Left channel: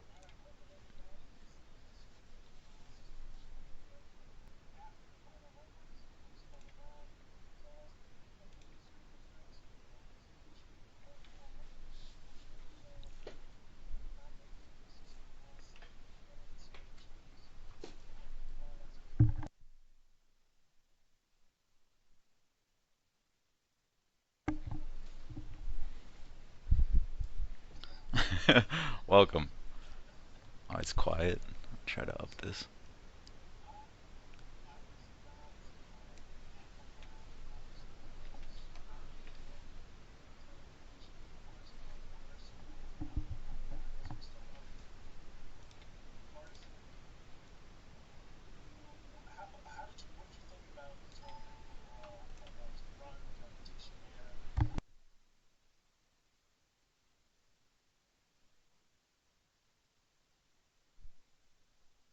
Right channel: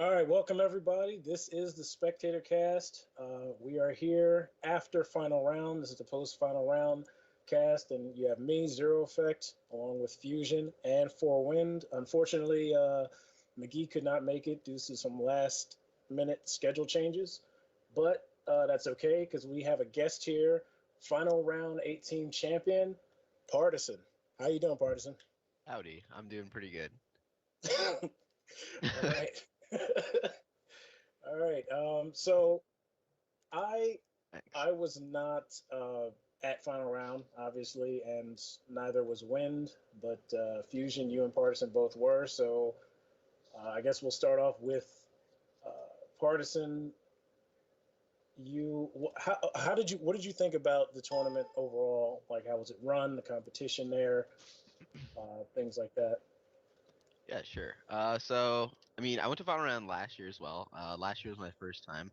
All right, welcome everybody. This is the SpectatorCast. We are here after final round. This is the post-final round cast, and you have me, Zero Effect, along with Fusion and Four Wind. Unfortunately, McGee could not make it due to some last-minute schedule changes, but that's okay because we have a guest here, final round 18 champion, Partisan. How you doing, Partisan? Howdy, I'm doing pretty good. All right. Welcome. Oh, it's quiet. All right. Try to up So this. I Thanks. I was not at final round, obviously, and neither was Wind, but Fusion, you and Partisan both were. So I guess we'll start off with Partisan. How did you what did you think about the tournament overall? Like, how was it run? The competition there, things like that. Yeah, sure. I went to Valorant last year as well. Last year was my first time.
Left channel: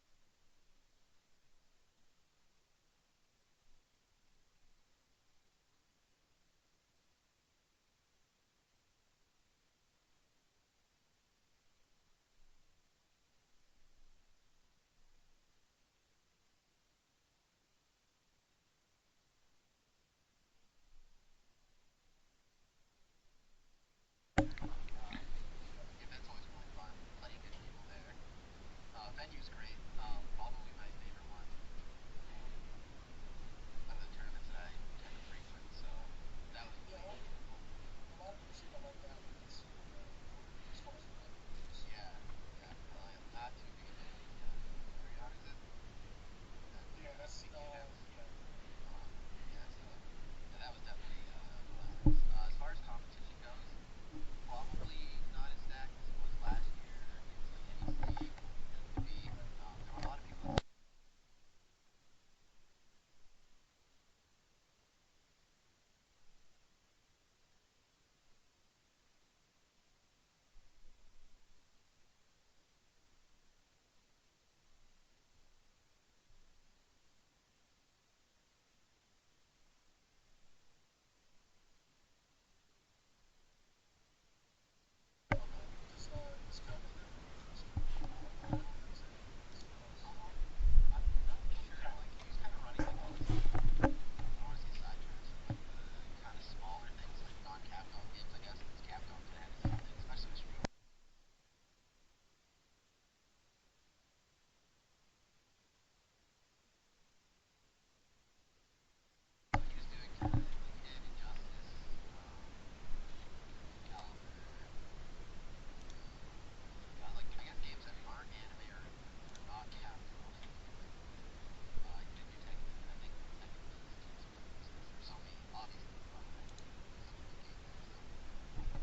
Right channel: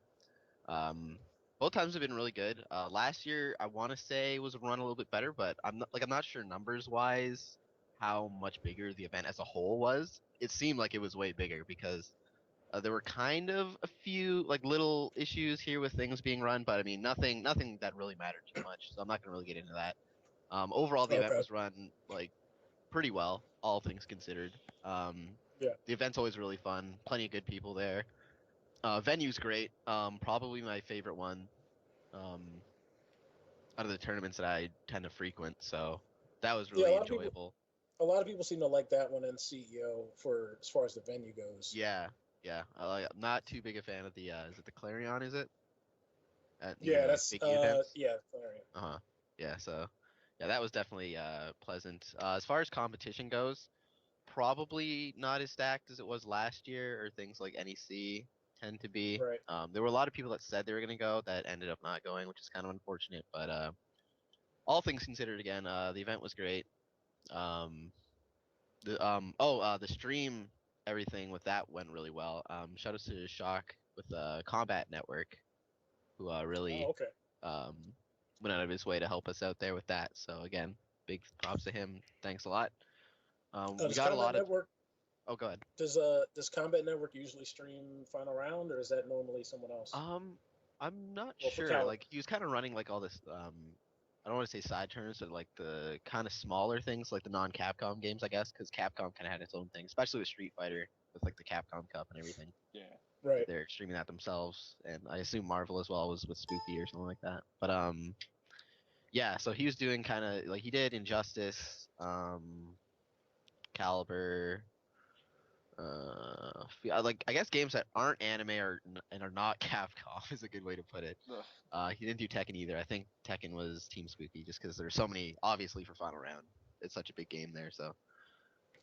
Um, Both times have been really good. Last year, I want to say was run a little bit better, but I'm not sure numbers wise how much bigger the event as a whole was. It seemed like it was way bigger because there were kind of a few like little issues here with things being run, but I mean nothing that really mattered too much. So I'm not gonna really get into that. Overall, the event Okay. was run like pretty well, all things considered. Yeah. The event's always really fun. Plenty of good people there. Venue's great. Probably my favorite one um, out of the tournaments that I tend to frequent. So that was Yeah. really enjoyable. A lot of people seem to like that one in CEO for as far as the venue goes. Yeah, yeah. I'm not too big a fan of the. Is it the Clarion? Is it at the Yeah. That's big E events? yeah. All right. Uh huh. Yeah. So yeah, that was definitely pleasant. As far as competition goes, probably not as stacked as it was last year, or things like NEC tend to be. Right. There were a lot of people that said they were going to go that ended up not going, which is kind of unfortunate. But all things considered, again, the event was great. Um, the stream, everything with that went really well. Shout out to Shock with Combat Network, who Oh, really okay. um, went out of his way to help us out there with that. So again, big props to him. Thanks a lot. We Does got a Combat lot of. Network Oh, go ahead. does Combat Network usually stream Final Round, or is that normally someone else? I'm not Well, for sure. Cal. Like he was kind of running like all this. I don't want to say side turns, but like the kind of smaller things, like the non-Capcom games, I guess, because Capcom kind of had its own thing, especially with Street Fighter, with like the Capcom Cup and everything. Right. They're streaming that themselves, and I assume Marvel as well was with Spooky or something like that. But yeah. So he was doing kind of like he did Injustice, Calibur, like I guess games that aren't anime and are not Capcom is a good way to put it. He didn't do Tekken either. I think Tekken was Team Spooky just because there's so many, obviously for Final Round. It's such a big game there. So,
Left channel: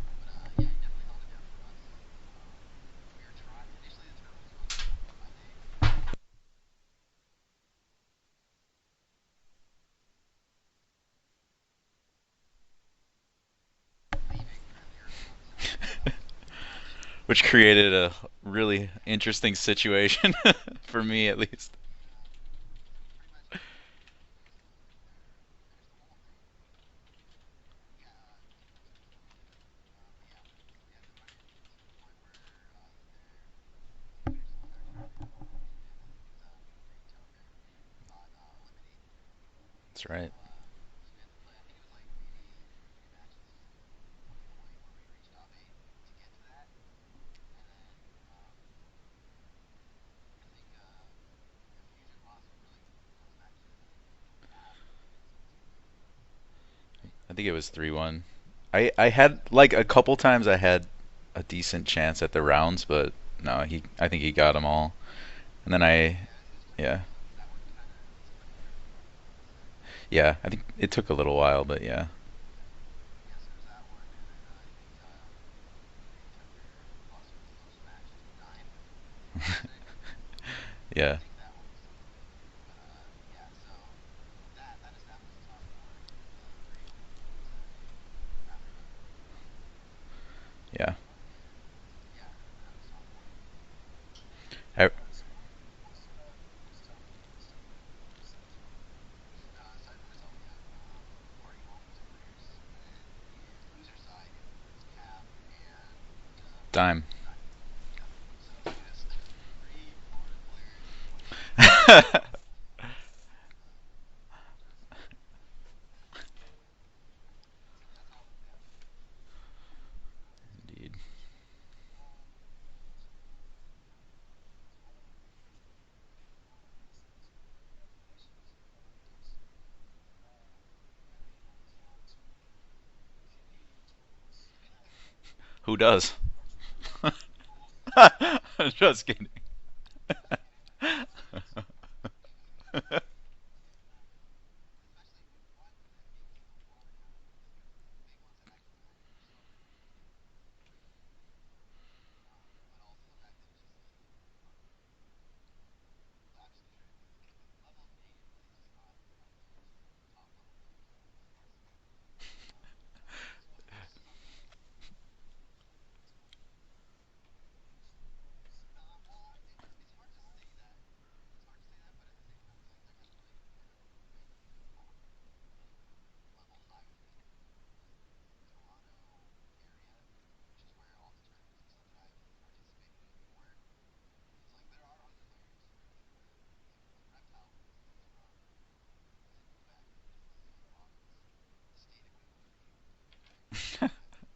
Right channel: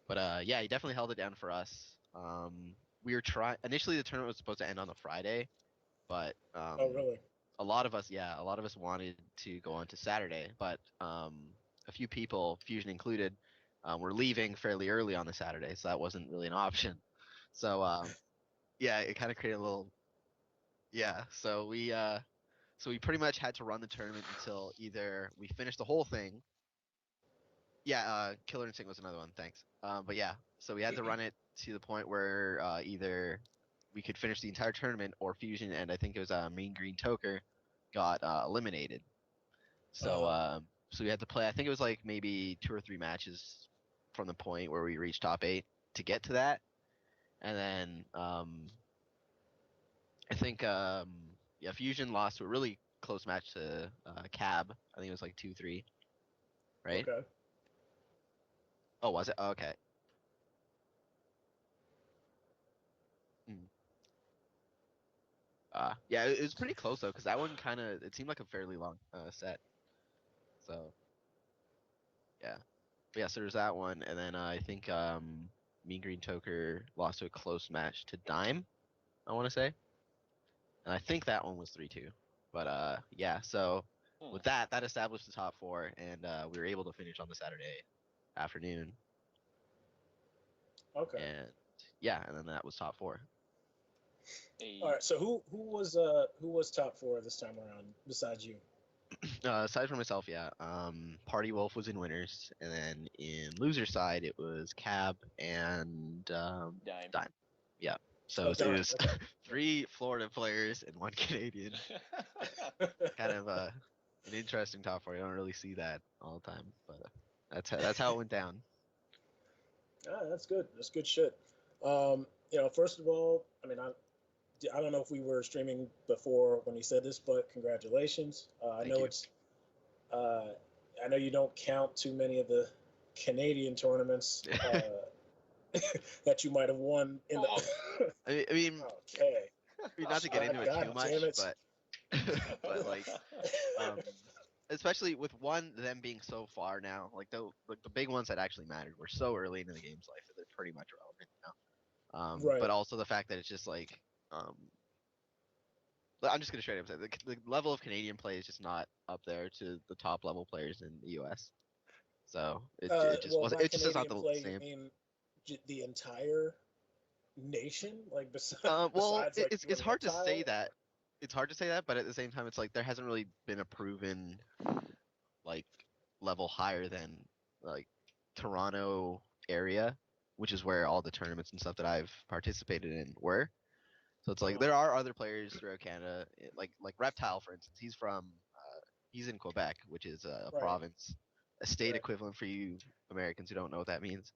but yeah, he definitely held it down for us. Um, we were trying initially the tournament was supposed to end on a Friday, but Oh, really? a lot of us wanted to go on to Saturday, but a few people, Fusion included, were leaving fairly early on the Saturday, so that wasn't really an option. Which So created a really yeah, it kind of interesting created a little situation for yeah. me at least. So we pretty much had to run the tournament until either we finished the whole thing. Yeah, Killer Instinct was another one. Thanks. But yeah, so we had to run it to the point where either we could finish the entire tournament or Fusion and I think it was Mean Green Toker got eliminated. That's So right. so we had to play. I think it was like maybe two or three matches from the point where we reached top eight to get to that, and then I think yeah, Fusion lost to a really close match to Cab. I think it was like 2-3, right? Okay. I think it was 3-1. I Oh, was it? had Oh, like okay. a couple times I had a decent chance at the rounds, but no, I think he got them all. And then Yeah, it was pretty close yeah. though, because that one kind of it seemed like a fairly long set. Yeah, I think So it took a little while, but yeah. yeah, but yeah. So there's that one, and then I think Mean Green Toker lost to a close match to Dime. I want to say, and I Yeah. think that one was 3-2. But yeah. So with that, that established the top four, and we were able to finish on the Saturday afternoon, Yeah. Okay. and yeah, and then that was top four. I, All right. So who was top four this time around besides you? Aside from myself, yeah. Party Wolf was in winners, and then in loser side it was Cab and Dime. Dime. Yeah. So it Okay. was Okay. three Florida players and one Canadian. So kind of an interesting top four. You don't really see that all the time, but that's how it went down. Ah, that's good. That's Indeed. good shit. First of all, I don't know if we were streaming before when he said this, but congratulations. Thank you. Uh, I know you don't count too many of the Canadian tournaments Who does? that you might have won in the. I mean, Just kidding. Okay. I mean, not to get into it God too damn much, it. but like, um, especially with one them being so far now, like the big ones that actually mattered were so early into the game's life that they're pretty much irrelevant now. Right. But also the fact that it's just like, I'm just gonna straight up say the level of Canadian play is just not up there to the top level players in the U.S. So it just Well, wasn't. by It just is not Canadian the play, you same. mean the entire nation? Like, Well, besides, like, it's one hard to reptile? say that. It's hard to say that, but at the same time, it's like there hasn't really been a proven like level higher than like Toronto area, which is where all the tournaments and stuff that I've participated in were. So it's like Uh-huh. there are other players throughout Canada, like Reptile, for instance. He's in Quebec, which is a Right. province, a state Right. equivalent for you Americans who don't know what that means.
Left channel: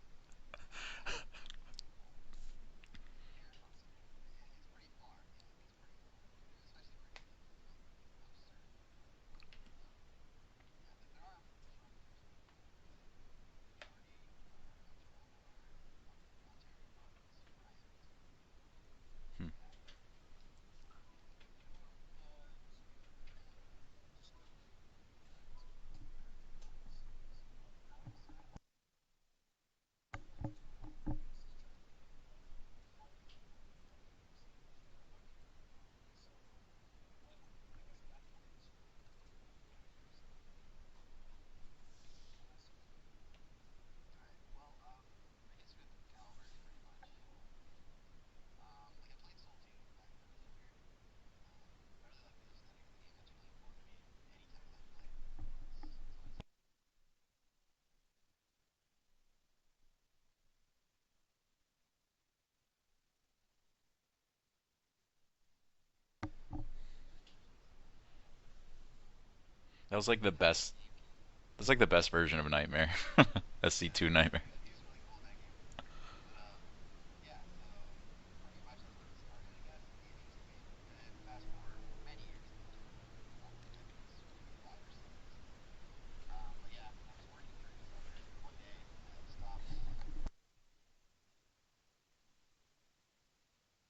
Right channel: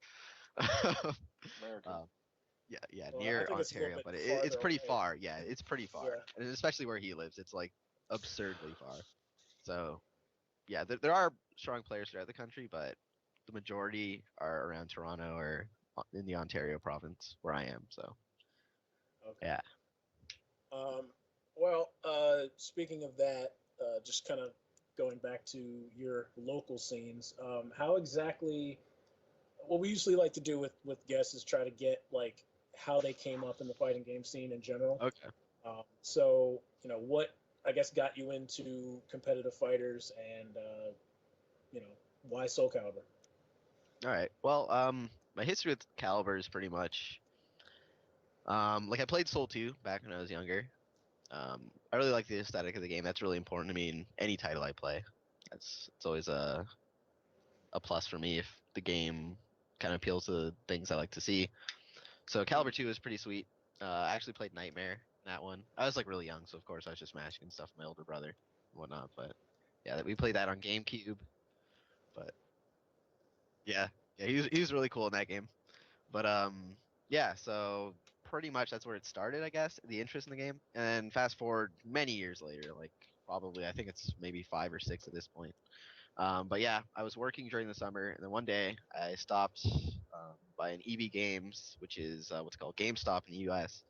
American. um, yeah, Well, I near think it's a little Ontario, bit but it's farther pretty away. far. Yeah, it's pretty far, Yeah. and especially where he lives, it's like absurdly far. So yeah, there are strong players throughout the country, but the majority are around Toronto or in the Ontario province where I am. So Okay. yeah. Um, Speaking of that, just kind of going back to your local scenes, how exactly? What we usually like to do with guests is try to get like how they came up in the fighting game scene in general. Okay. So what I guess got you into competitive fighters, and you know why Soul Calibur? All right. Well, my history with Calibur is pretty much like I played Soul 2 back when I was younger. I really like the aesthetic of the game. That's really important to me in any title I play. It's always a plus for me if the game kind of appeals to the things I like to see. So Calibur 2 is pretty sweet. I actually played Nightmare in that one. I was like really young, so of course I was just smashing and stuff with my older brother and whatnot. But That yeah, was we like the played that on best. GameCube. That's like the best Right. version of Nightmare. Yeah, SC2 yeah, he Nightmare. was he was really cool in that game. But yeah, so pretty much that's where it started, I guess, the interest in the game. And then fast forward many years later, like probably I think it's maybe 5 or 6 at this point. But yeah, I was working during the summer, and then one day I stopped by an EB Games, which is what's called GameStop in the U.S.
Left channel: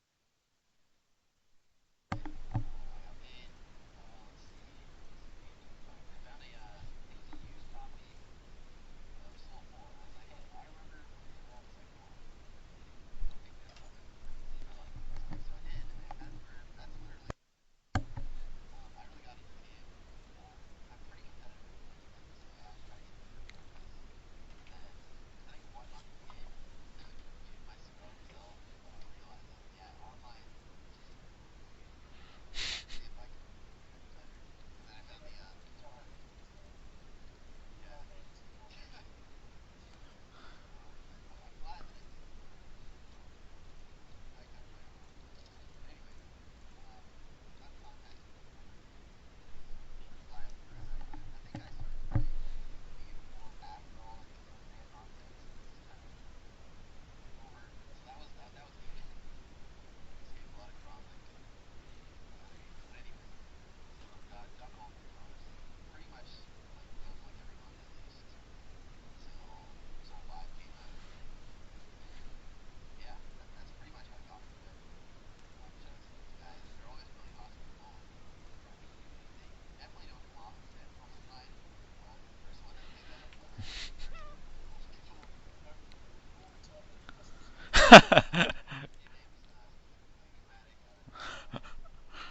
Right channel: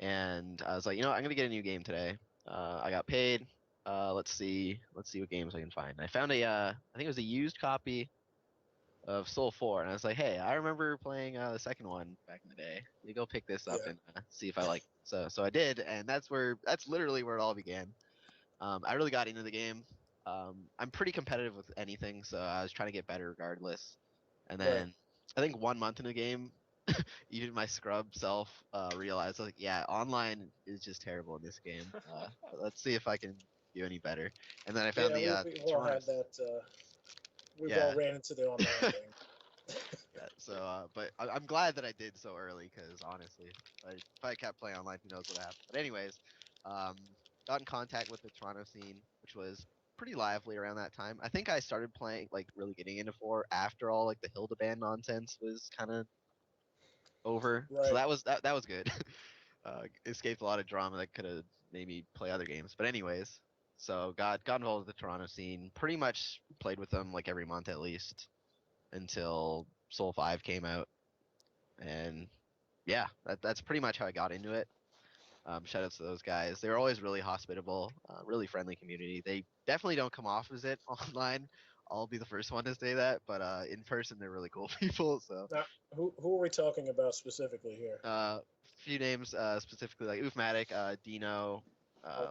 And I was like, I'm gonna get a new game today. I got paid. Let's see what games I can find. And I found I think it was a used copy of Soul 4, and I was like, hey, I remember playing the second one back in the day. Let me go pick this up Yeah. and see if I like it. So I did, and that's literally where it all began. I really got into the game. I'm pretty competitive with anything, so I was trying to get better regardless. And Right. then I think 1 month in the game, even my scrub self realized, like, yeah, online is just terrible in this game. Let's see if I can do any better. And then I found Yeah. the We've all Toronto had scene. that. We've all Yeah, ran into the online game. yeah. So, but I'm glad that I did so early because honestly, if I kept playing online, who knows what happened. But anyways, um, got in contact with the Toronto scene, which was pretty lively around that time. I think I started playing, like, really getting into four after all, like, the Hildebrand nonsense was kind of over. So Right. that was good. Escaped a lot of drama that could have made me play other games. But anyways, so got involved with the Toronto scene. Pretty much played with them like every month at least until Soul 5 came out. And yeah, that's pretty much how I got into it. Shout outs to those guys. They were always really hospitable, really friendly community. They definitely don't come off as it online. I'll be the first one to say that, but in person they're really cool people. So Now, who are we talking about specifically? a few names specifically like Oofmatic, Dino.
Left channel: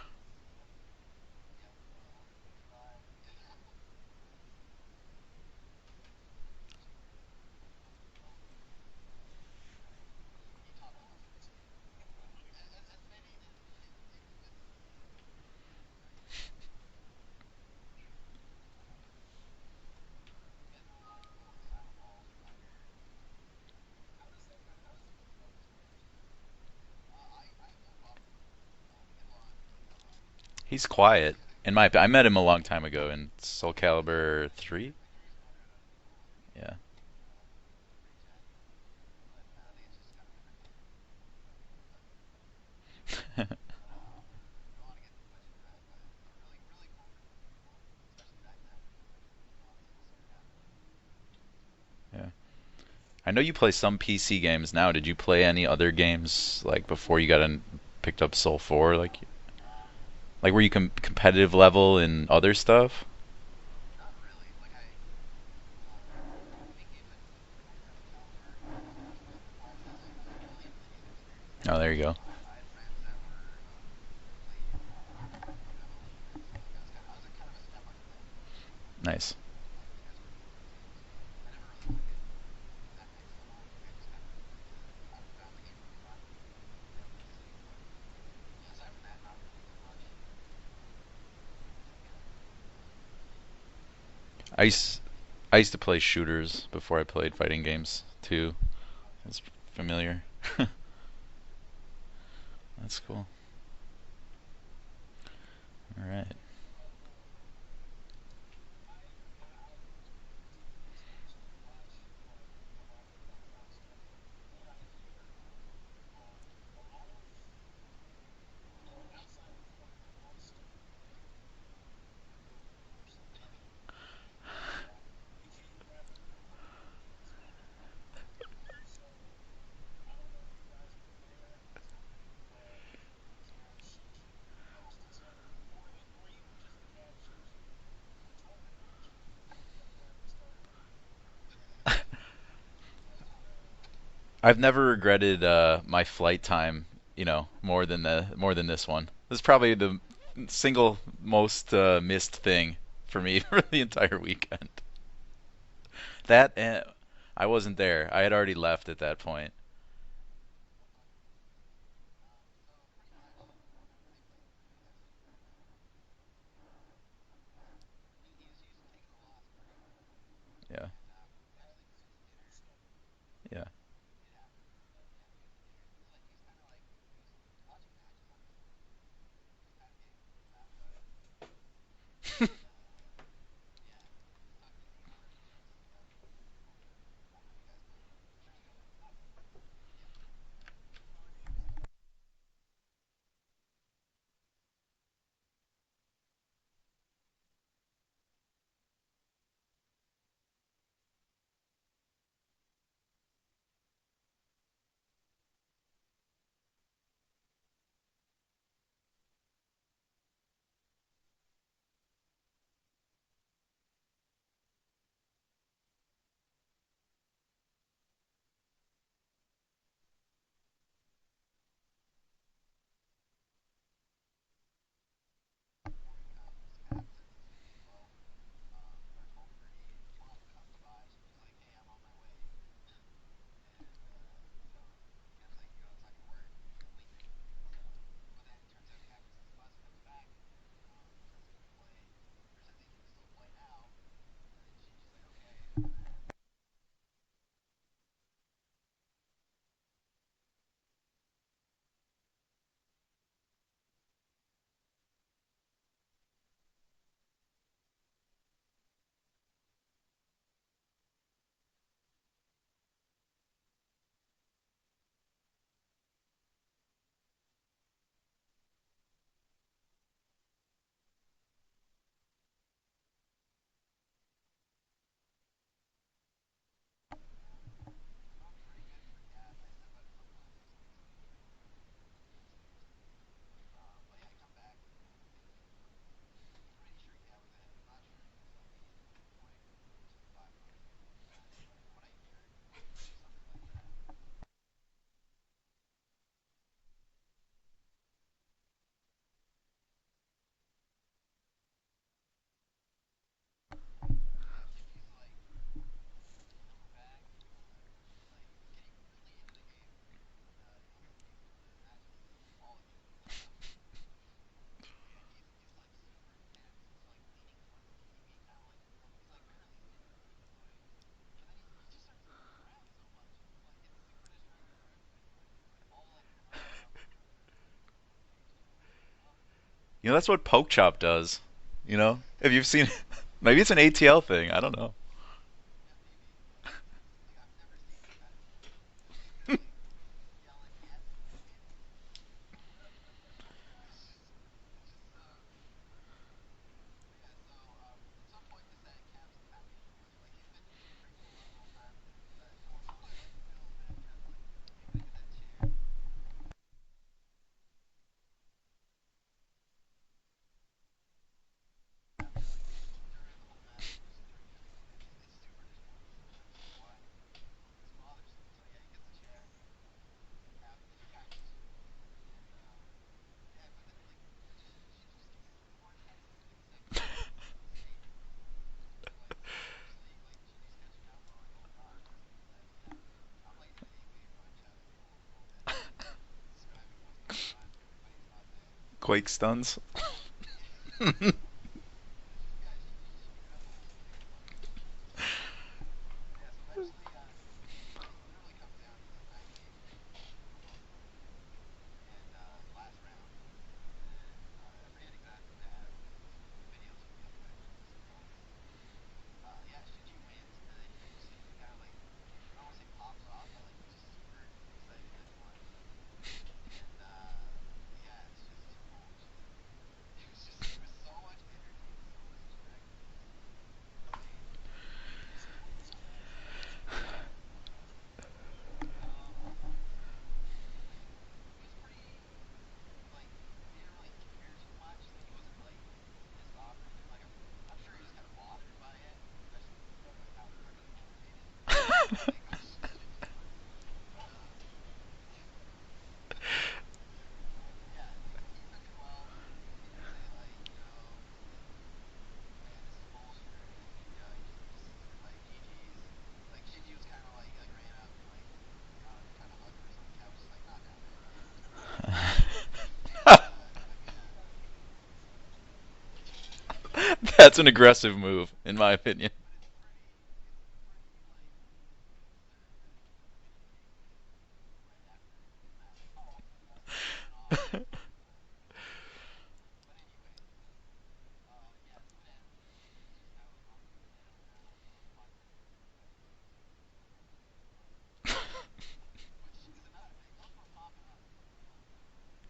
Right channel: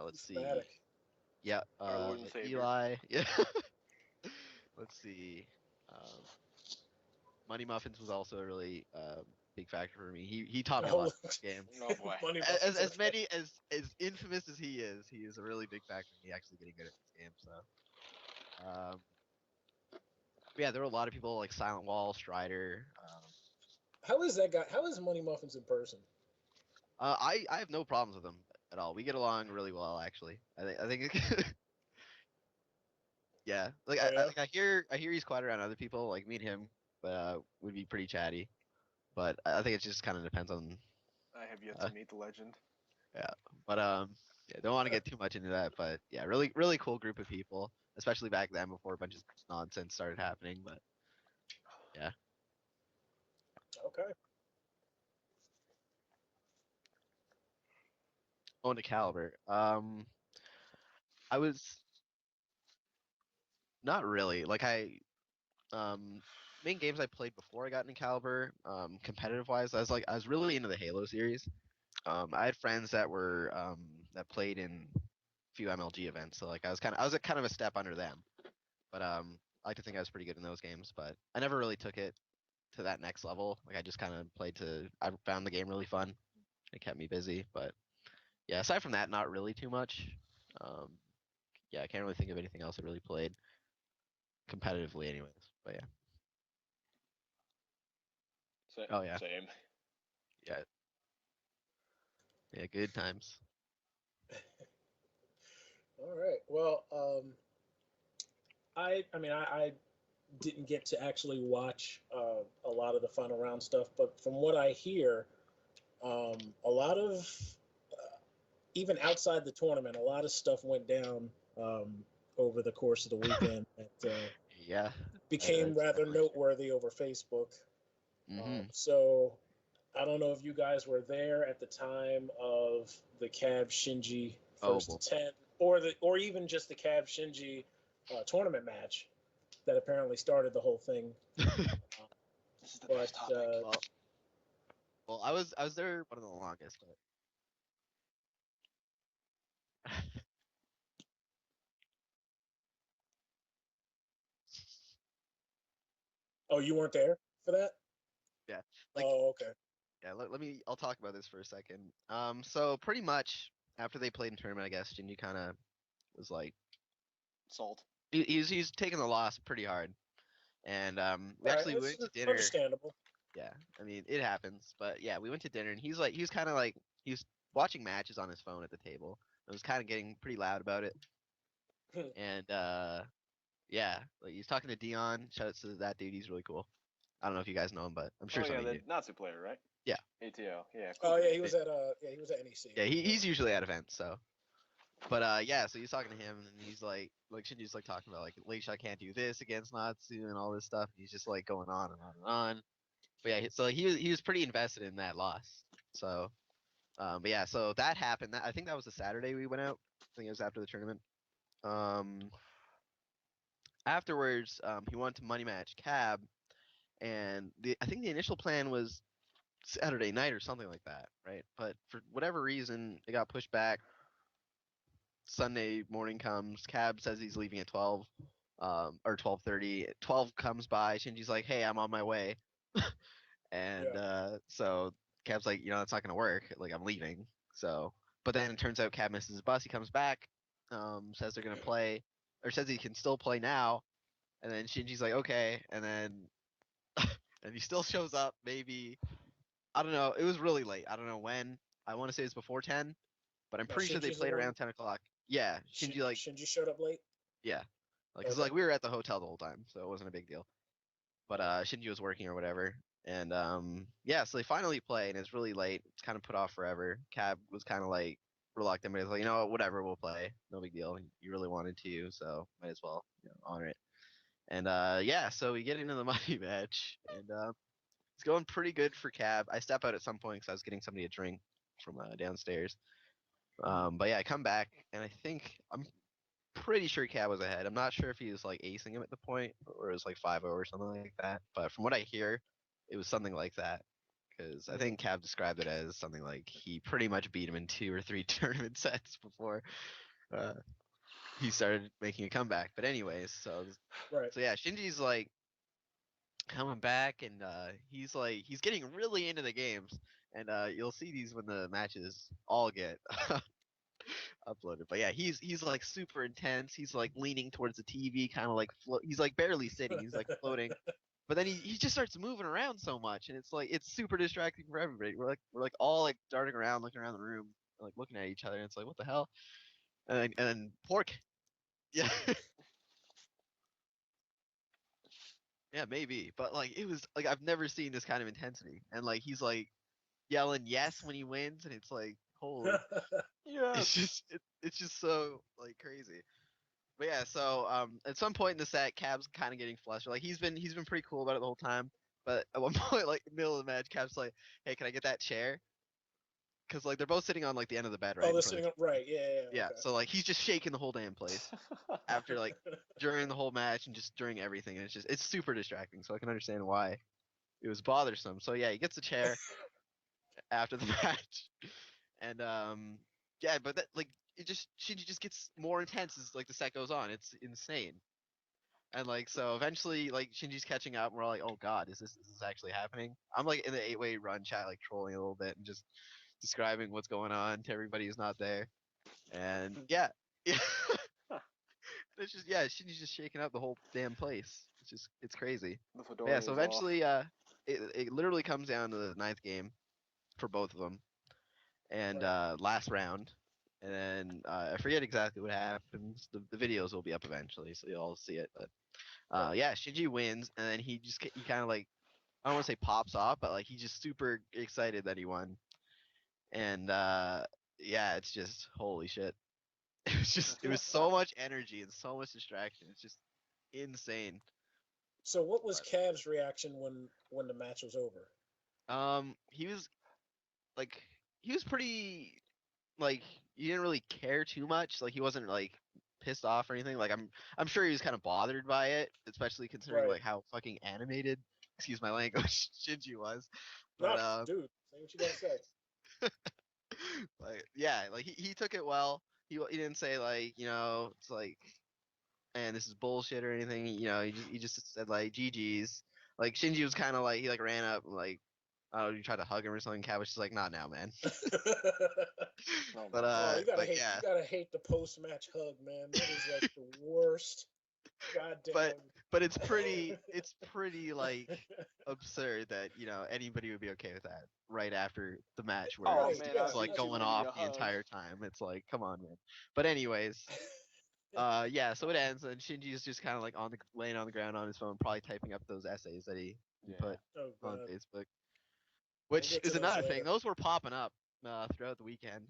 Let's see. Dramatic. Yeah, Our Lord and Savior. Eli. Yeah. Let's see. Um, Money Muffins was also a really big factor for me. He taught me a lot Oh, in the game. Oh boy. money As muffins. as Okay. many as infamous as he is a really big factor in me actually getting good at this game. So, um, but yeah, there were a lot of people like Silent Wall, Strider. How is that guy? How is money muffins in person? I have no problems with him at all. We get along really well, actually. He's I think quiet. In my opinion, I met him a long time ago in yeah. Soul Like I Calibur hear 3. he's quiet around other people. Like me and him, Yeah. would be pretty chatty. But I think it just kind of depends on I have yet uh, to meet the legend. yeah. But yeah, don't want to get too much into that. But yeah, really cool group of people, especially back then before a bunch of nonsense started happening. But yeah. Yeah. I know you play some Okay. PC games now. Did you play any other games like before you got in, picked up Soul Going to 4? Caliber. Like were you I competitive was level in other stuff? not really like main games I played before I got into Caliber, competitive wise, I was really into the Halo series. Oh, there you go. I had friends that were that played in a few MLG events, so like I was a kind of a step under them. But Nice. I like to think I was pretty good in those games, but I never really took it to that next level. Like I just kind of played to I found the game really fun. It kept me busy, but yeah, aside from that, not really too much. Um, yeah, I can't really think of anything else I really played I used, competitively, anyways. I used But to play shooters before I played fighting games too. yeah. Oh yeah, It's Same. familiar. yeah, good That's cool. times. All All right. right. Well, I mean, I didn't get to actually watch a lot of the final round stuff, but from what I hear, a lot of even outside the tournament, a lot of stuff went down um, over the course of the weekend that Yeah, became that's rather definitely. noteworthy over Facebook. Mm-hmm. So I don't know if you guys were there at the time of the Cab Shinji Oh first boy. to 10, or even just the Cab Shinji tournament match that apparently started the whole thing. But Well, I've never I regretted was there my a little flight longer, time, so more than this one. This is probably the single most missed thing for me for the entire weekend. That oh, you and weren't there I for that? wasn't there. I had already left at that Oh, okay. point. yeah. I'll talk about this for a second. So pretty much after they played in tournament, I guess Shinji kind of was like Salt. he's taking the loss pretty hard, Yeah. and All right, we it's went to dinner. understandable. Yeah, Yeah. I mean it happens, but yeah, we went to dinner, and he was kind of like he was watching matches on his phone at the table. It was kind of getting pretty loud about it, and yeah, like he's talking to Dion. Shout out to that dude, he's really cool. I don't know if you guys know him, but I'm Oh sure some yeah, of you the do. Nazi player, right? Yeah, ATL. Yeah, cool Oh dude. yeah, he was at NEC. yeah, Yeah. he's usually at events, so. But yeah, so he's talking to him, and he's like Shinji's like talking about like Leisha can't do this against Natsu and all this stuff. And he's just like going on and on and on. But yeah, so he was pretty invested in that loss. So, but yeah, so that happened. I think that was the Saturday we went out. I think it was after the tournament. Um, Afterwards, he wanted to money match Cab, and I think the initial plan was Saturday night or something like that, right? But for whatever reason, it got pushed back. Sunday morning comes. Cab says he's leaving at 12, or 12:30. 12 comes by. Shinji's like, "Hey, I'm on my way," and Yeah. so Cab's like, "That's not gonna work. Like, I'm leaving." So, but then it turns out Cab misses his bus. He comes back, says they're gonna play, or says he can still play now, and then Shinji's like, "Okay," and then and he still shows up. Maybe I don't know. It was really late. I don't know when. I want to say it's before 10, but I'm Now pretty sure they Shinji's the played one. around 10 o'clock. Yeah, Shinji like Shinji showed up late. yeah, like cause Okay. like we were at the hotel the whole time, so it wasn't a big deal. But Shinji was working or whatever, and yeah, so they finally play, and it's really late. It's kind of put off forever. Cab was kind of like reluctant, but he's like, whatever, we'll play, no big deal. You really wanted to, so might as well honor it. And yeah, so we get into the money match, and it's going pretty good for Cab. I step out at some point because I was getting somebody a drink from downstairs. But yeah, I come back, and I'm pretty sure Cab was ahead. I'm not sure if he was like acing him at the point or it was like 5-0 or something like that. But from what I hear, it was something like that. Because I Mhm. think Cab described it as something like he pretty much beat him in 2 or 3 tournament sets before uh, he started making a comeback. But anyways, Right. so yeah, Shinji's like coming back, and he's getting really into the games. And you'll see these when the matches all get uploaded. But yeah, he's like super intense. He's like leaning towards the TV, kind of like he's like barely sitting. He's like floating. But then he just starts moving around so much, and it's super distracting for everybody. We're like all like darting around, looking around the room, like looking at each other, and it's like, what the hell? You know, that's what And Poke then Chop Port, does. You know, if you've seen, maybe it's an ATL thing. I don't know. yeah, maybe, but like it was like I've never seen this kind of intensity, and like he's like yelling yes when he wins, and it's like holy, Yeah. it's just so like crazy. But yeah, so at some point in the set, Cab's kind of getting flustered. Like he's been pretty cool about it the whole time. But at one point, like middle of the match, Cab's like, "Hey, can I get that chair?" Because like they're both sitting on like the end of the bed, right? Oh, In they're front sitting of up right. Yeah, Yeah. okay. So like he's just shaking the whole damn place after like during the whole match and just during everything, and it's super distracting. So I can understand why it was bothersome. So yeah, he gets a chair after the match, and yeah, but that like it just Shinji just gets more intense as like the set goes on. It's insane. And like so eventually like Shinji's catching up and we're all like, oh god, is this actually happening? I'm like in the 8-way run chat like trolling a little bit and just describing what's going on to everybody who's not there. Quake And stuns. yeah. Yeah. It's just yeah, Shinji's just shaking out the whole damn place. It's crazy. The But fedora yeah, is so off. eventually it literally comes down to the ninth game for both of them. And last round. And then I forget exactly what happens. The videos will be up eventually, so you'll all see it. But yeah, Shinji wins, and then he kind of like I don't want to say pops off, but like he's just super excited that he won, and yeah, it's just holy shit. It was so much energy and so much distraction. It's just insane. So what was Cav's reaction when the match was over? He was like he was pretty like he didn't really care too much. Like he wasn't like pissed off or anything. Like I'm sure he was kind of bothered by it, especially considering Right. like how fucking animated, excuse my language, Shinji was. No, But dude, what you gotta say? like yeah, like he took it well. He didn't say like it's like man this is bullshit or anything. He just said like GG's. Like Shinji was kind of like he like ran up and like I don't know, you tried to hug him or something. Cat was just like, not now, man. But Oh, yeah. you gotta hate the post-match hug, man. That is like the That's worst. an aggressive move, God in damn. my opinion. But it's pretty like absurd that anybody would be okay with that right after the match where Oh, Right, man, yeah. it's like going off the entire time. It's like, come on, man. But anyways, yeah. So it ends, and Shinji's just kind of like laying on the ground on his phone, probably typing up those essays that he put Oh on god. Facebook. We'll Which get to is those another later. thing. Those were popping up throughout the weekend.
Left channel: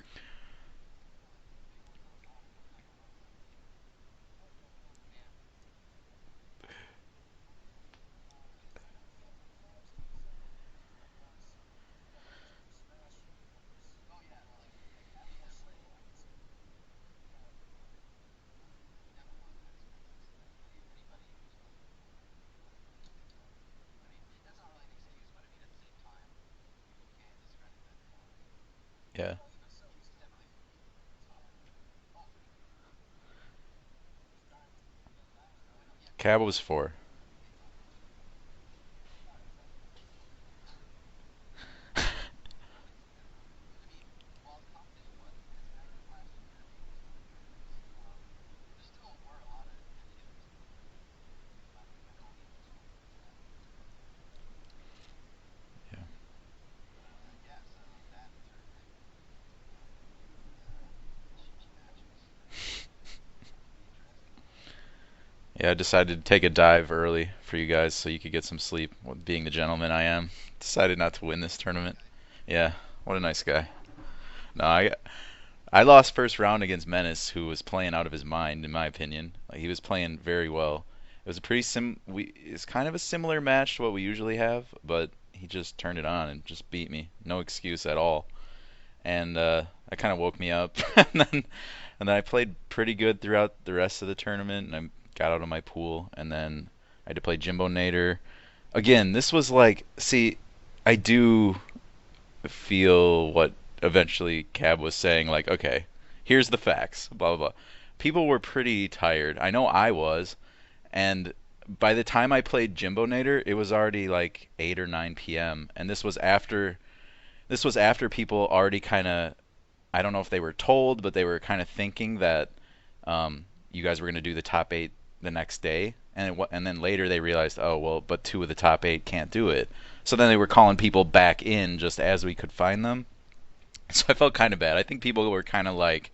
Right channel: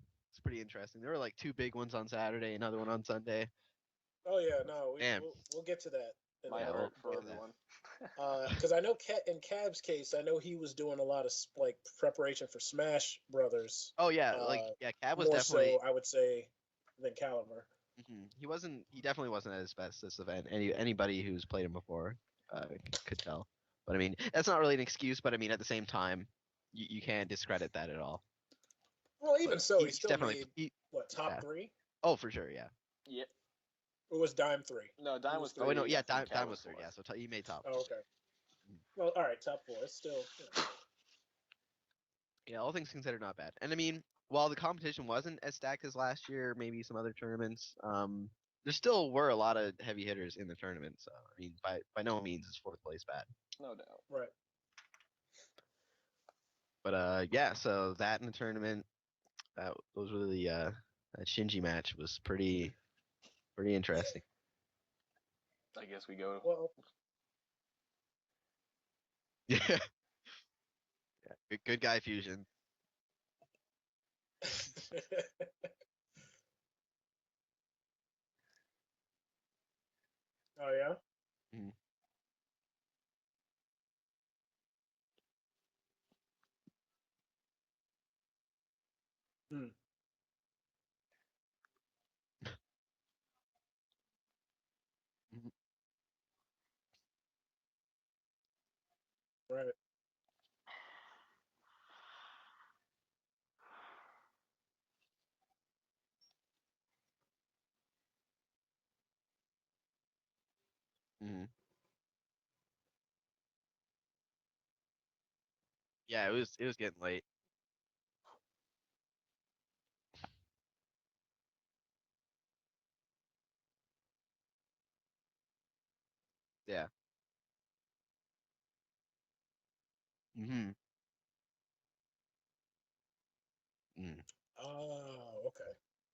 It's pretty interesting. There were like two big ones on Saturday, another one on Sunday. Oh yeah, no, Damn. we'll get to that. In My a hope minute. for Yeah. everyone. Because I know in Cav's case, I know he was doing a lot of like preparation for Smash Brothers. Oh yeah, like yeah, Cab was More definitely. so, I would say, than calibur. He wasn't. He definitely wasn't at his best this event. Anybody who's played him before could tell. But I mean, that's not really an excuse. But I mean, at the same time, you can't discredit that at all. Yeah. Well, even so, he He's still definitely. made what top Yeah. three? Oh, for sure, yeah. Yeah. It was Dime three. No, Dime was Oh wait, no, 3. yeah. Cab Dime was three, 4. So he made top. Oh, okay. Well, all right, top four. It's still. Yeah, all things considered, not bad. And I mean, while the competition wasn't as stacked as last year, maybe some other tournaments, there still were a lot of heavy hitters in the tournament. So I mean, by no means is fourth place bad. No doubt. Right. But yeah. So that in the tournament, those were that Shinji match was pretty interesting. Yeah, I decided to take a dive early for you guys so you could get some sleep. Being the gentleman I am, decided not to win this Good tournament. guy Fuzion. Yeah, what a nice guy. No, I lost first round against Menace, who was playing out of his mind, in my opinion. Like, he was playing very well. Oh, yeah? It was a pretty it's kind of a similar match to what we usually have, but he just turned it on and just beat me. No excuse at all. And that kind of woke me up. and then I played pretty good throughout the rest of the tournament, and I got out of my pool, and then I had to play Jimbo Nader. Again, this was like, see, I do feel what eventually Cab was saying, like, okay, here's the facts, blah, blah, blah. People were pretty tired. I know I was, and by the time I played Jimbo Nader, it was already like 8 or 9 p.m., and this was Yeah, after it was getting late. this was after people already kind of, I don't know if they were told, but they were kind of thinking that you guys were going to do the top 8 the next day, and then Yeah. later they realized, oh well, but 2 of the top 8 can't do it. So then they were calling people back in just as we could find them. So I felt kind of bad. I think people were kind of like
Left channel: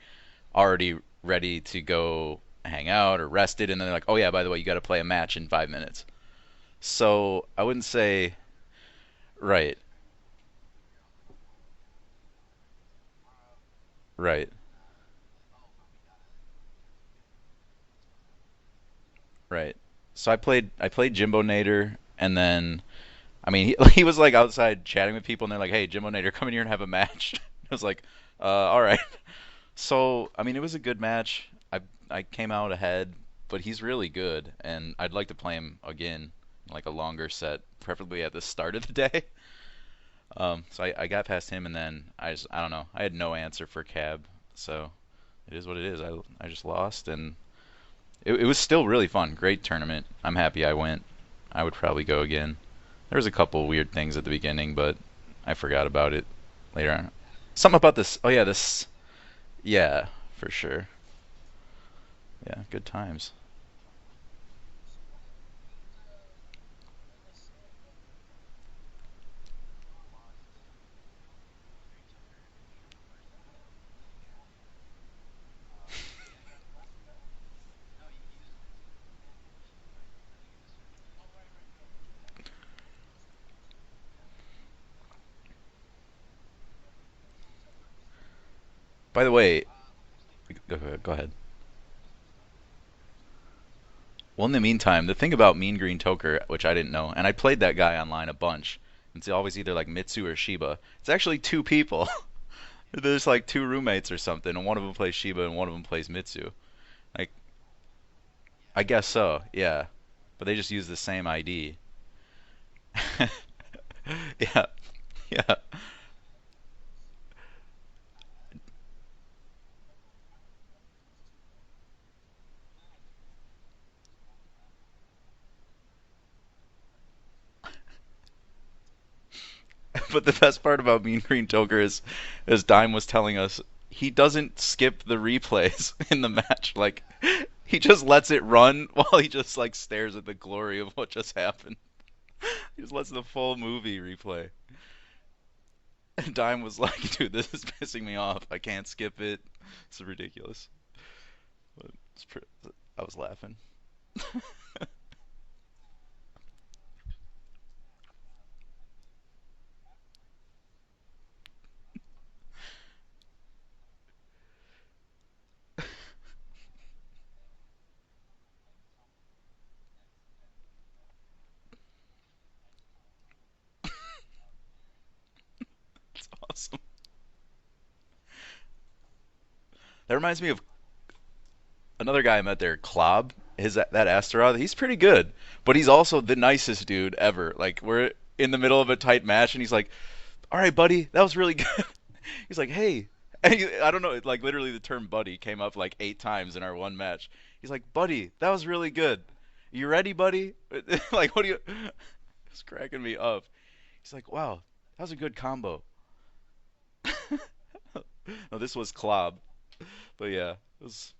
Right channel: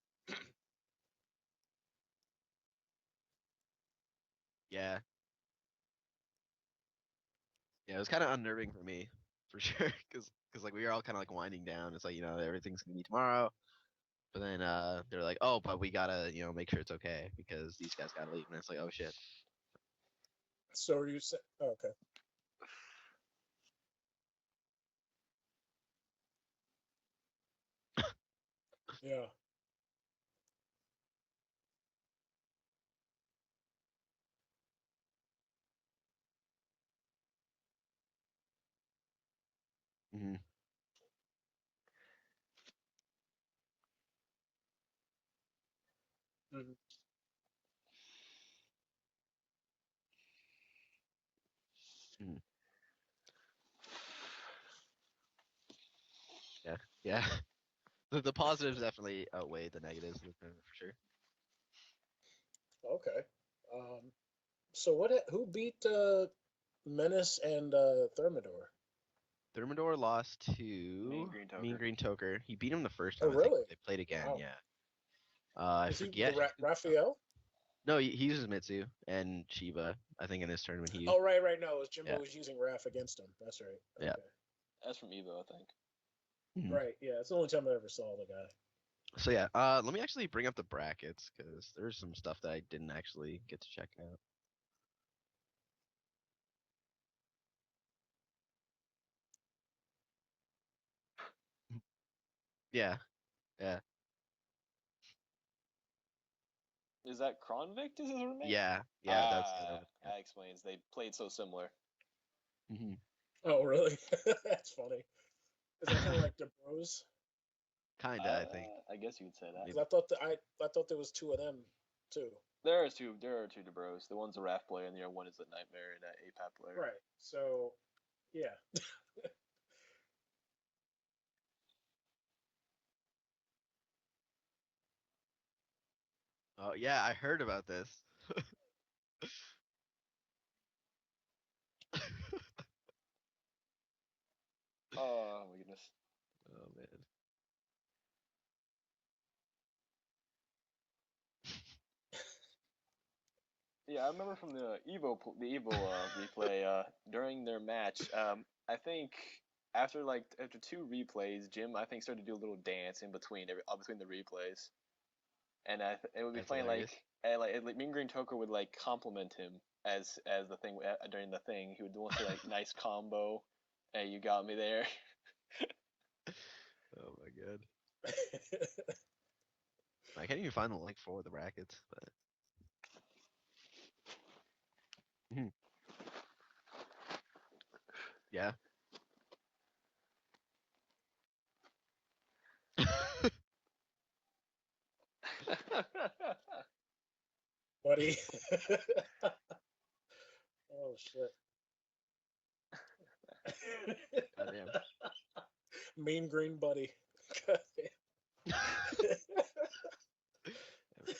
already ready to go hang out or rested, and then they're like, oh yeah, by the way, you got to play Yeah. a match in 5 minutes. So I wouldn't Yeah, it was kind say of unnerving for me. right, Because like we were all kind of like winding down. It's like everything's gonna be tomorrow, and right, then they're like, oh, but we gotta make sure it's okay because these guys gotta leave, and it's like, oh shit. right. So I played So Jimbo oh, okay. Nader, and then I mean he was like outside chatting with people, and they're like, hey, Jimbo Nader, come in here and have a match. I was like, all right. Yeah. So I mean it was a good match. I came out ahead, but he's really good, and I'd like to play him again, like a longer set, preferably at the start of the day. Hmm. So I got past him, and then I don't know. I had no answer for Cab, so it is what it is. I just lost, and it was still really fun. Great tournament. I'm happy I went. I would probably go again. There was a couple weird things at the beginning, but I forgot about it Yeah, later on. yeah. Something about this. Oh The yeah, positives this. definitely outweigh the Yeah, negatives in for the sure. major. Yeah, good Okay. times. So who beat Menace and Thermidor? Thermidor lost to Green Green Toker. Toker. He beat him the first Oh, time, I think. really? They played again, Wow. yeah. I Is he forget. Raphael? No, he uses Mitsu and Shiba. I think in this tournament he used. Oh, right. No, it was Jimbo Yeah. was using Raph against him. That's right. Yeah. Okay. That's from Evo, I think. Mhm. Right. Yeah, it's the only time I ever saw the guy. By the So way, yeah, let me actually bring up the go ahead. brackets Go ahead. because there's some stuff that I didn't actually get to check out. Well, in the meantime, the thing about Mean Green Toker, which I didn't know, and I played that guy online a bunch. It's always either like Mitsu or Shiba. It's actually 2 people. Yeah. There's like 2 Yeah. roommates or something, and one of them plays Shiba and one of them plays Mitsu. Is Like- that Kronvik? Is his roommate? Yeah. I guess so, Ah, yeah. that But they explains just it. use the Played same so ID. Mhm. Oh, really? Yeah. That's funny. Yeah. Is that kind of like the Bros? Kinda, I think. I guess you'd say that. 'Cause I thought there was 2 of them too. There are two DeBros. The one's a RAF player, and the other one is the Nightmare, that APAP player. Right. So, yeah. But the best part about Mean Green Toker is, as Dime was telling us, he doesn't skip the replays in the match. Oh, Like yeah, I heard about he this. just lets it run while he just like stares at the glory of what just happened. He just lets the full movie replay. Oh my goodness. And Dime was like, dude, this is pissing me off. I can't skip it. It's ridiculous. But I was laughing. Yeah, I remember from the Evo replay during their match. I think after 2 replays, Jim I think started to do a little dance in between the replays, and it would be That's playing hilarious. Mean Green Toker would compliment him as the thing during the thing. He would say nice combo. Hey, you got me there. It's awesome. Oh my god. That reminds me of Final like 4 of the brackets. another guy I met there, Klob. That Astaroth, he's pretty good, but he's also the nicest dude ever. Like we're Yeah. in the middle of a tight match, and he's like, "All right, buddy, that was really good." He's like, "Hey," and I don't know, like literally the term "buddy" came up like 8 times in our one match. He's like, "Buddy, that was really good. You ready, buddy?" Like, what do you? It's cracking me up. He's like, "Wow, Damn. that was a good combo." Mean Green Buddy. No, this was Klob, but yeah, it was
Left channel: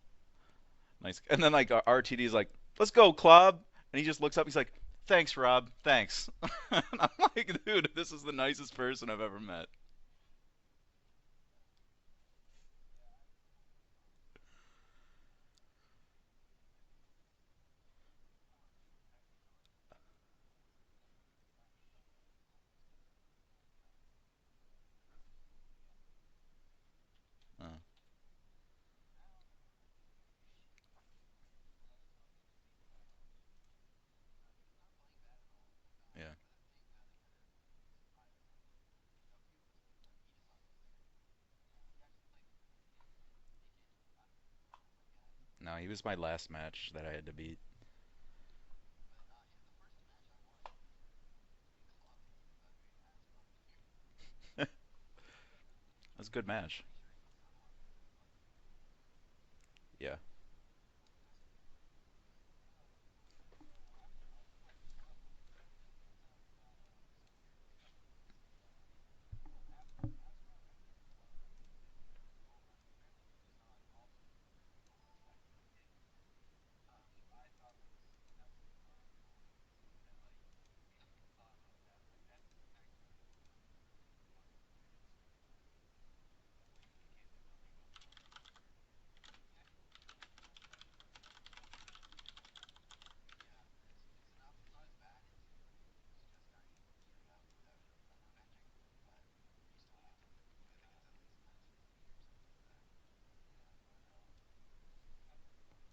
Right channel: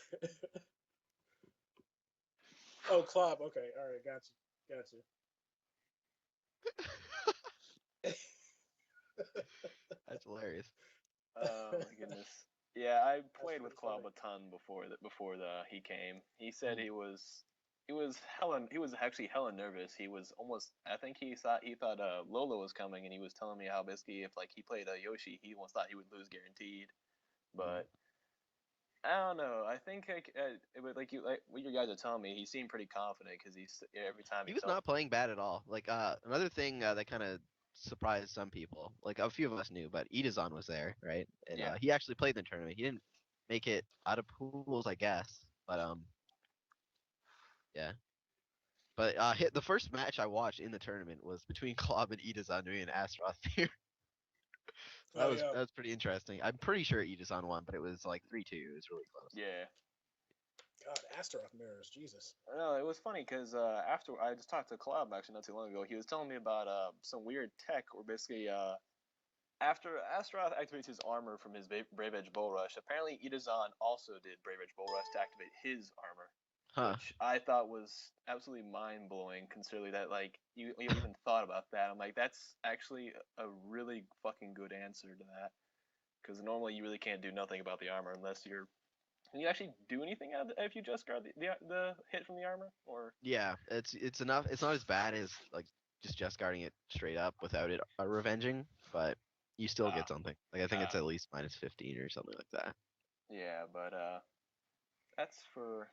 nice. And then like RTD's like, "Let's Oh, go, Klob," Okay, all right, and he just gotcha, looks up. He's like, gotcha. "Thanks, Rob. Thanks." And I'm like, "Dude, this is the nicest person I've ever met." That's hilarious. Oh my goodness. Yeah, I played with pretty Club a ton before he came. He said he was actually hella nervous. He was almost, I think he thought Lola was coming, and he was telling me how basically if he played Yoshi, he almost thought he would lose guaranteed. But I don't know. I think what your guys are telling me, he seemed pretty confident because every time He was not playing bad at all. Like another thing that kind of surprised some people. Like a few of us knew, but Idazan was there, right? And Yeah. he actually played in the tournament. He didn't make it out of pools, I guess. No, he was my last match that I had to beat. Yeah. But the first match I watched in the tournament was between Klob and Idazan doing an Astaroth here. That Oh, was yeah. that was pretty interesting. good I'm match. pretty sure Idazan won, but it was like 3-2. It was really close. Yeah. God, Astaroth mirrors, Jesus. No, it was funny because after I just talked to Club actually not too long ago, he was telling me about some weird tech where basically after Astaroth activates his armor from his Brave Edge Bull Rush, apparently Idazan also did Brave Edge Bull Rush to activate his armor. Huh. which I thought was absolutely mind blowing, considering that like you even thought about that. I'm like, that's actually a really fucking good answer to that, because normally you really can't do nothing about the armor unless you're. Can you actually do anything if you just guard the hit from the armor? Or Yeah, it's enough. It's not as bad as like just guarding it straight up without it revenging, but you still ah get something. Like I think it's ah at least -15 or something like that. yeah, but that's for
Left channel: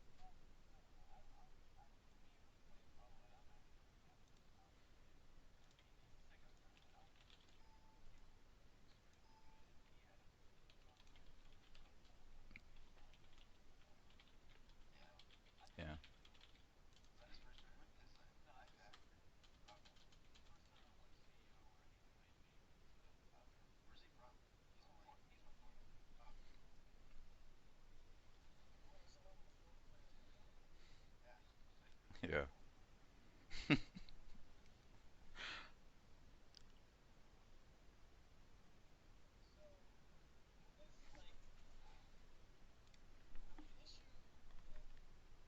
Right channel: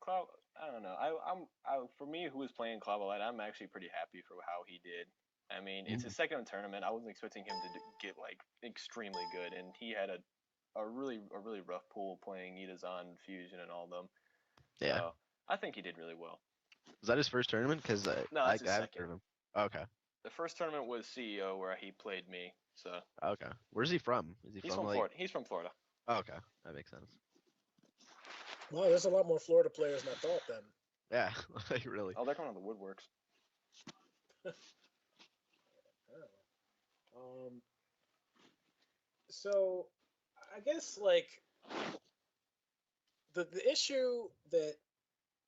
Cloud. I don't know. For me, who was playing Cloud Light, I'm actually pretty happy for how he did. I mean, it's his second tournament. I wasn't expecting him to get like extremely good, and he had a really rough pool playing Itazan, Fusion, and all of them. Yeah. So I think he Yeah. did really well. Was that his first tournament? Because No, I that's his haven't second. heard of him. Okay. The first tournament was CEO where he played me. So Okay. Where's he from? Is he he's from from like? Florida. He's from Florida. Oh, okay, that makes sense. Wow, there's a lot more Florida players than I thought. Then. Yeah, like really. Oh, they're Yeah. going to the woodworks. Um, so I guess like the issue that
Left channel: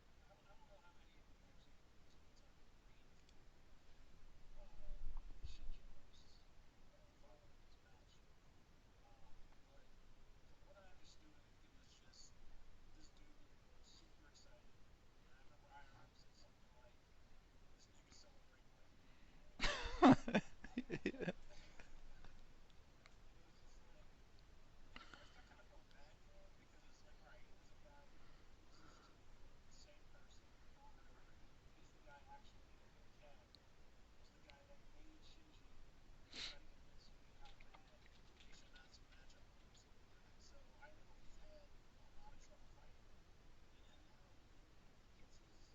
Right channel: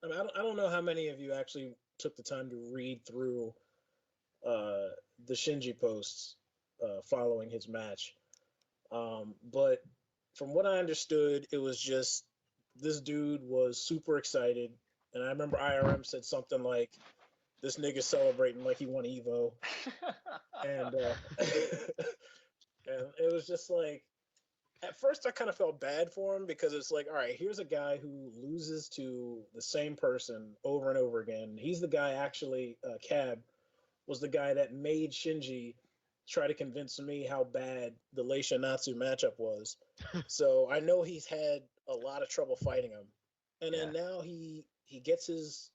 I don't know how many of you actually took the time to read through uh, the Shinji posts following his match, but from what I understood, it was just this dude was super excited, and I remember IRM said something like, "This nigga celebrating like he won Evo," and and it was just like at first I kind of felt bad for him because it's like, all right, here's a guy who loses to the same person over and over again. He's the guy actually, Cab was the guy that made Shinji try to convince me how bad the Leisha Natsu matchup was. So I know he's had a lot of trouble fighting him, and then now he gets his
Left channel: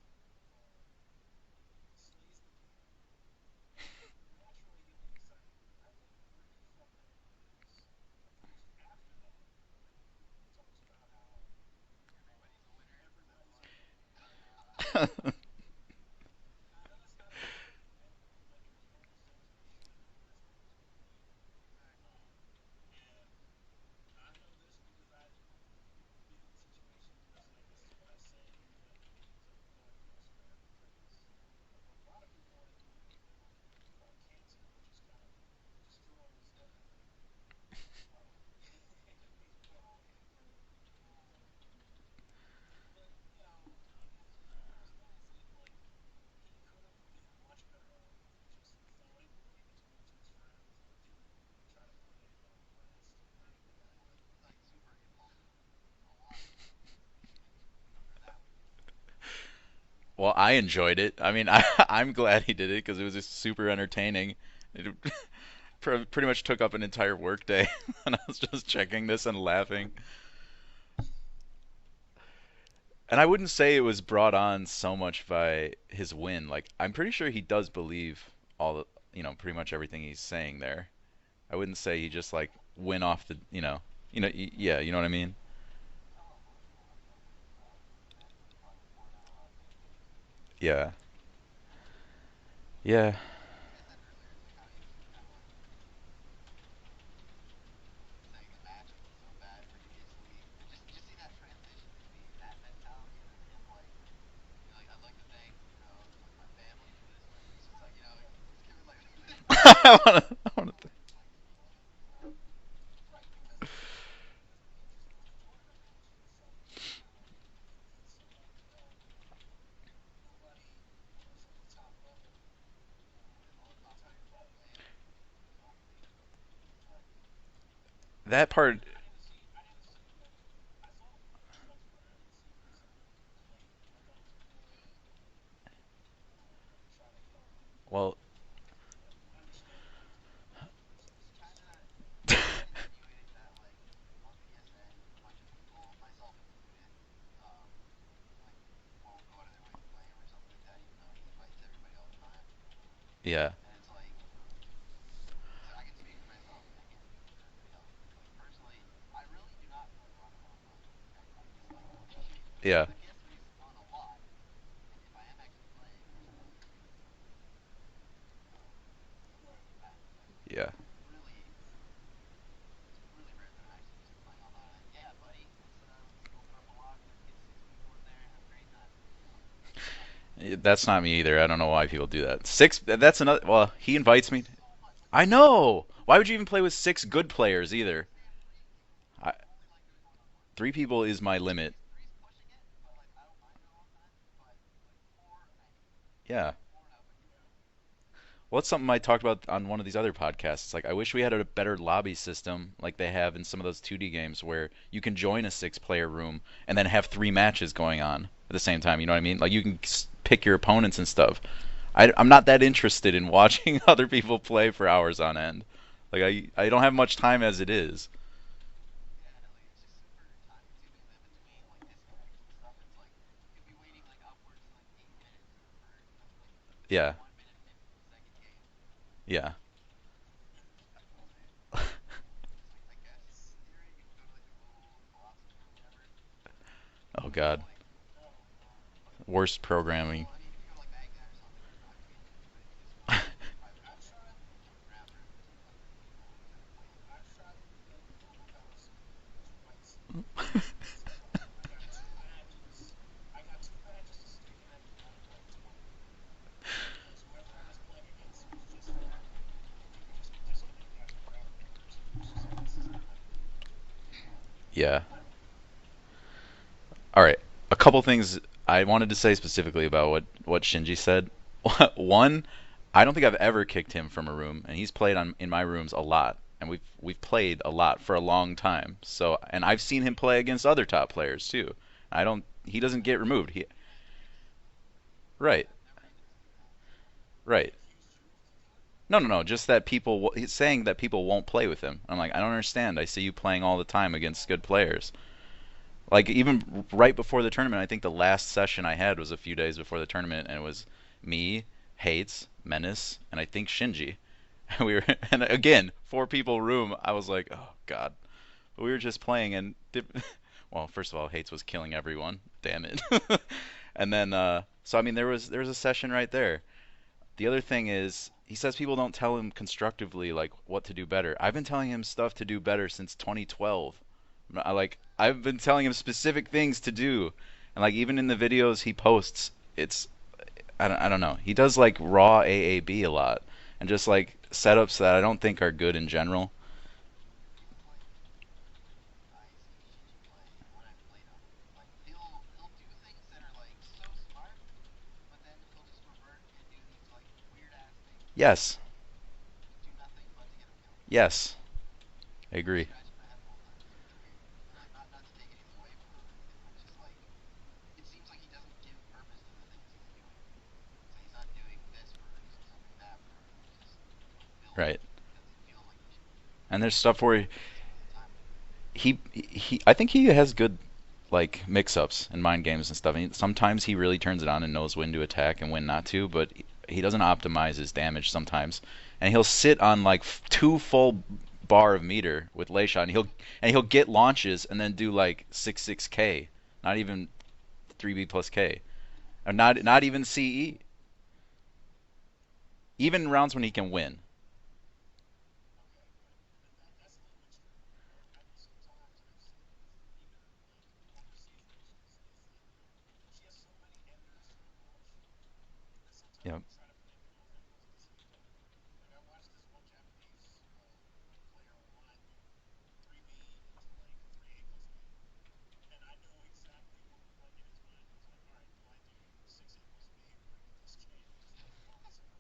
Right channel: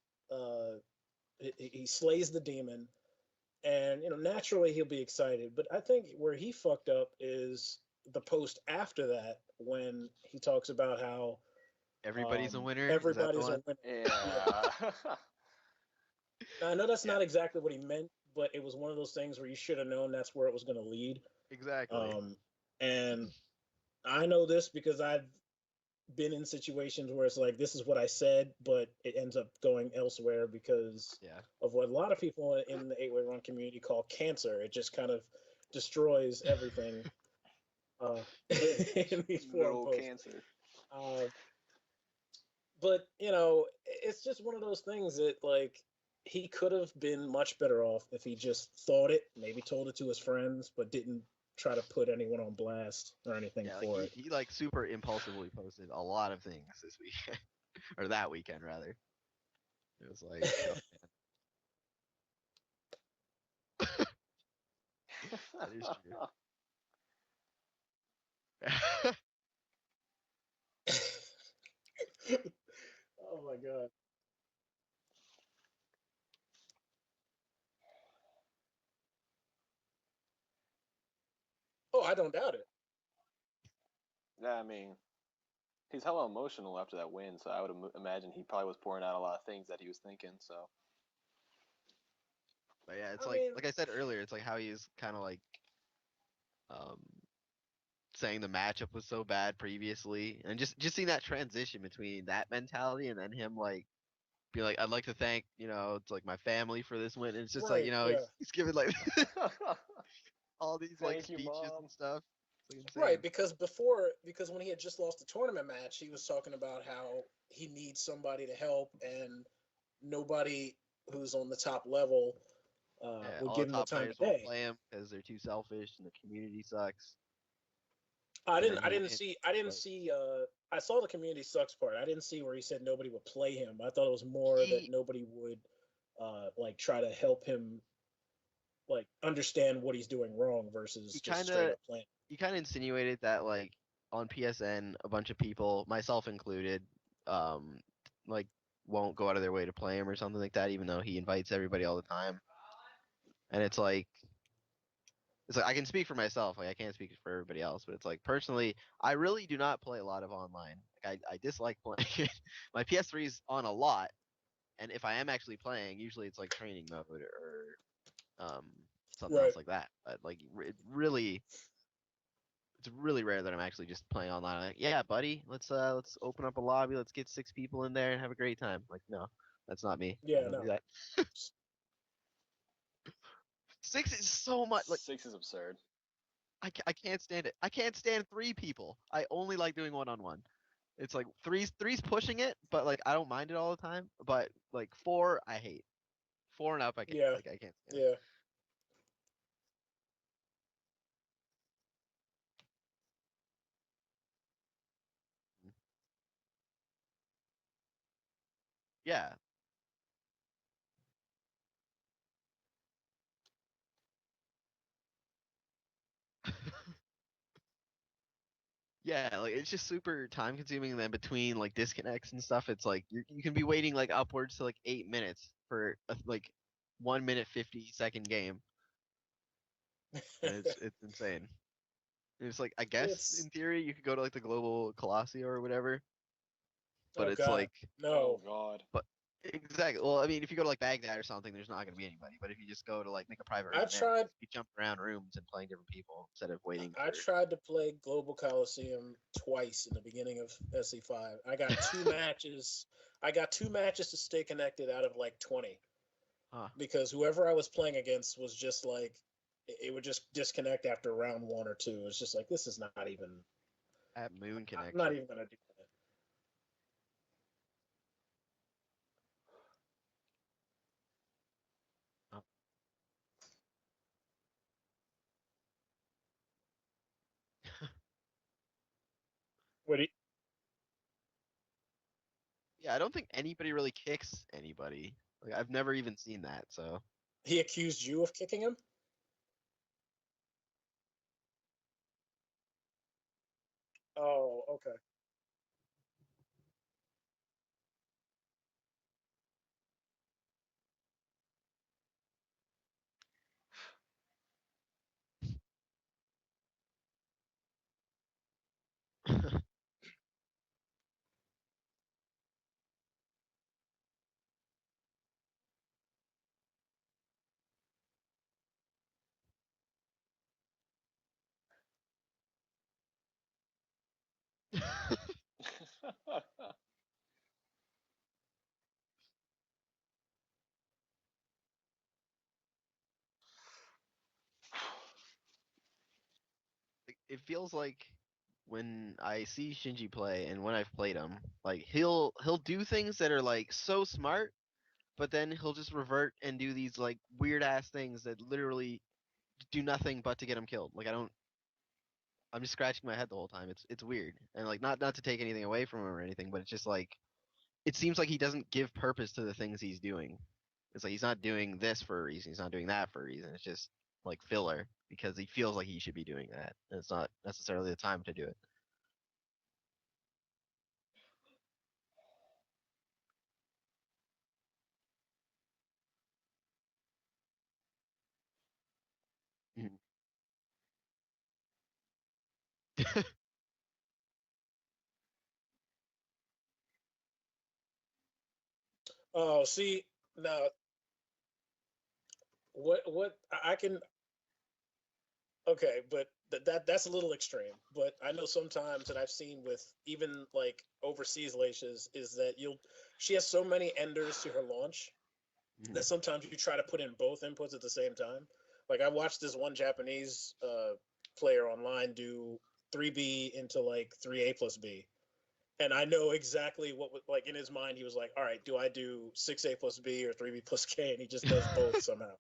he slays the demon, and naturally he'll be excited. But I think where he fucked up is the post after that when he talks about how Everybody's a winner. Is that the everybody's a one? winner. Yeah. Now, I know that's Yeah. not exactly what he meant, but it was one of those things where you should have known that's where it was going to lead. Exactly. And I know this because I've been in situations where it's like this is what I said, but it ends up going elsewhere because Yeah. of what a lot of people in the 8-way run community call cancer. It just kind of destroys everything in these forum Little posts. cancer. Uh, but it's just one of those things that like he could have been much better off if he just thought it, maybe told it to his friends, but didn't try to put anyone on blast or anything Yeah, like for he, it. he like super impulsively posted a lot of things this weekend, or that weekend rather. It was Well, I crazy. enjoyed it. I mean, I'm glad he did it because it was just super entertaining. It That is true. pretty much took up an entire workday, and I was just checking this and laughing. And I wouldn't Oh say it god. was brought on so much by his win. Like, I'm pretty sure he does believe all the, pretty much everything he's saying there. I wouldn't say Oh, he I just don't like doubt it. went off the, Yeah, I yeah, mean, you know what I mean? he's hella emotional after that win, so I would imagine he probably was pouring out a lot of things that he was thinking. So Yeah, Yeah, yeah, it's I like mean, like I said earlier, it's like how he's kind of like um saying the matchup was so bad previously, and just seeing that transition between that mentality and then him like be like, I'd like to thank it's like my family for this win. And it's just like right, yeah, he's giving like I wanna- all these like thank you, speeches mom. and stuff. It's like right. insane. Because when he had just lost the tournament match, he was talking about how he needs somebody to help, and nobody who's on the top level Yeah, would all give the him the top time players of won't day. play him because they're too selfish and the community sucks. that I part, didn't. I He didn't wins, see. I didn't but see. I saw the community sucks part. I didn't see where he said nobody would play him. I thought it was more that he nobody would, like, try to help him, well, like, understand what he's doing wrong he versus just kind straight of up playing. he kind of insinuated that like on PSN a bunch of people, myself included, um, like won't go out of their way to play him or something like that, even though he invites everybody all the time. yeah, And it's like I can speak for myself, like I can't speak for everybody else, but it's like personally, I really do not play a lot of online. Like I dislike playing. My yeah, PS3 is on a lot, and if I am actually playing, usually it's like training mode or something Right. else like that. But like yeah. really, it's really rare that I'm actually just playing online. I'm like, yeah, buddy, let's open up a lobby, let's get 6 people in there and have a great time. Like, no, that's not me. Yeah, no. That's not me either. I don't know why people do that. Six. That's another. Well, he Six is invites me. so much. Like, I Six is know. Why would you even play with I six can't good stand. I players can't either? stand 3 people. I I, only like doing one-on-one. 3 people It's is like my limit. three's pushing it, but like I don't mind it all the time. But like 4, I hate. Yeah. 4 and up, I can't. Yeah, Like I can't stand. yeah. Well, that's something I talked about on one of these other podcasts. It's like I wish we had a better lobby system like they have in some of those 2D games where you can join a 6-player room and then have 3 matches going on at the same time. You know what I Yeah. mean? Like you can pick your opponents and stuff. I'm not that interested in watching other people play for hours on end. Like I don't have much time as it is. Yeah, like it's just super time consuming. And then between like disconnects and stuff, it's like you can be waiting like upwards to like 8 minutes for like Yeah, 1 minute 50-second game, yeah. and it's insane. And it's like I guess It's in theory you could go to like the global Colosseum or whatever, but Oh it's God, like no. Oh God. but worst exactly. Well, I programming. mean, if you go to like Baghdad or something, there's not gonna be anybody. But if you just go to like make a private room I've there, tried. you jump around rooms and playing different people instead of waiting I for. tried to play Global Coliseum twice in the beginning of SE5. I got 2 matches. I got 2 matches to stay connected out of like 20 Oh, because whoever I was playing against was just like it would just disconnect after round 1 or 2. It's just like this is not even. at Moon can. I'm Yeah. not even gonna do All right. A couple things I wanted to say specifically about what Shinji said. One, I don't think I've ever kicked him from a room, and he's played in my rooms a lot, and we've played a lot for a long time. So, and I've seen But him play against other top players too. I don't. He Yeah, I doesn't don't get think removed. anybody really kicks anybody. Like Right. I've never even seen that. So he Right. accused you of kicking him? No, no, no. Just that people. He's saying that people won't play with him. I'm like, I don't understand. I see you playing all the time against good Oh. players. Like even right before the tournament, I think the last session I had was a few days before the tournament, and it was me, Hates, Menace, and I think Shinji. And we were, and again, 4 people room. I was like, oh God. But we were just playing, and well, first of all, Hates was killing everyone. Damn it. And then, so I mean, there was a session right there. The other thing is, he says people don't tell him constructively like what to do better. I've been telling him stuff to do better since 2012. I've been telling him specific things to do, and like even in the videos he posts, it's I don't know. He does like raw AAB a lot, and just like setups that I don't think are good in general. it feels like when I see Shinji play and when I've played him, like he'll do things that are like so smart, but then he'll just revert and do these like weird ass things that Yes, literally do nothing but to get him killed. Like I don't. yes, I I'm just agree. scratching my head the whole time. It's weird and like not to take anything away from him or anything, but it's just like it seems like he doesn't give purpose to the things he's doing. It's like he's not doing this for a reason. He's not doing that for a reason. It's just like filler Right. because he feels like he should be doing that. And there's It's stuff not where necessarily the time to do it. he I think he has good like mix-ups in mind games and stuff. And sometimes he really turns it on and knows when to attack and when not to, but he doesn't optimize his damage sometimes. And he'll sit on like 2 full bar of meter with lay shot, and he'll get launches and then do like 6K, not even 3B plus K, or Oh, not see, even now CE, what even rounds when he I can can. win. Okay, but that's a little extreme. But I know sometimes that I've seen with even like overseas leashes is that she has so many enders to her launch that sometimes you Yeah. can try to put in both inputs at the same time. Like I watched this one Japanese player online do 3B into like 3A plus B, and I know exactly what like in his mind he was like, all right, do I do 6A plus B or 3B plus K, and he just does both somehow.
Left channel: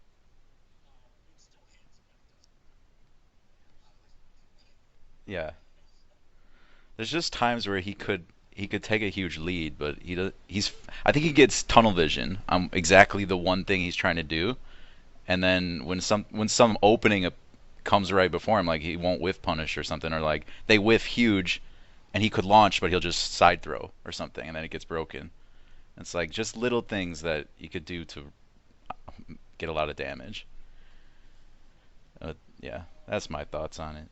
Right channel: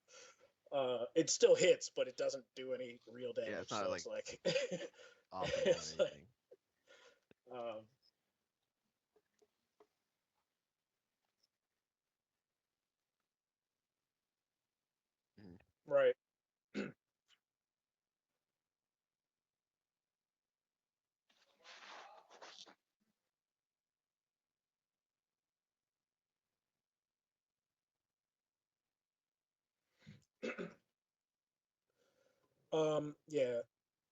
It still hits, but it doesn't do any real damage. Yeah, it's So not it's like, Yeah. it's like There's just times where uh, he could take a huge lead, but he's I think he gets tunnel vision on exactly the one thing he's trying to do, and then right. when some opening comes right before him, like he won't whiff punish or something, or like they whiff huge, and he could launch, but he'll just side throw or something, and then it gets broken. It's like just little things that you could do to get a lot of damage. Yeah, that's my Yeah. thoughts on it.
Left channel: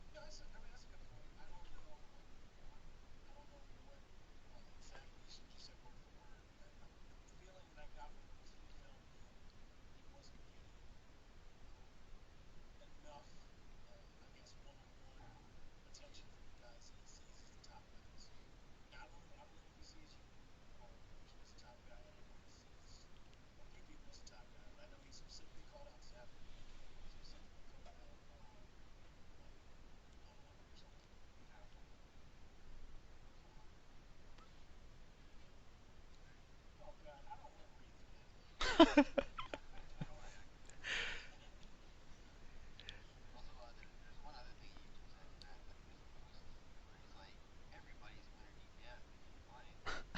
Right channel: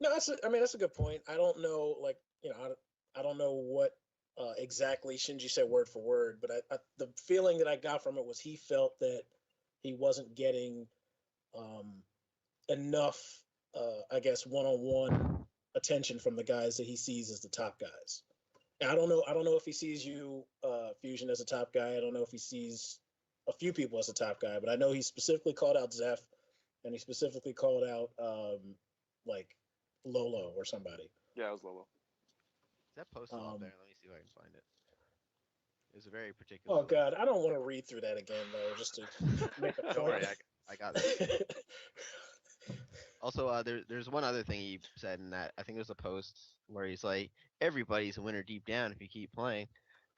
No, I mean that's a good point. I don't know, like I don't know what exactly Shinji said word for word, but the feeling that I got from it was he felt that he wasn't getting um, enough I guess, one-on-one attention from the guys that he sees as the top guys. And I don't know. I don't know if he sees you, Fusion, as a top guy. I don't know if he sees a few people as a top guy, but I know he specifically called out Zeph, and he specifically called out like Lolo or somebody. Yeah, it was Lolo. Is that posted up Um, there? Let me see if I can find it. It's a very particular oh one. God, I don't want to read through that again though, just to make a Don't worry, point. I got it. Also, there's one other thing he said in that I think it was a post where he's like, everybody's a winner deep down if you keep playing.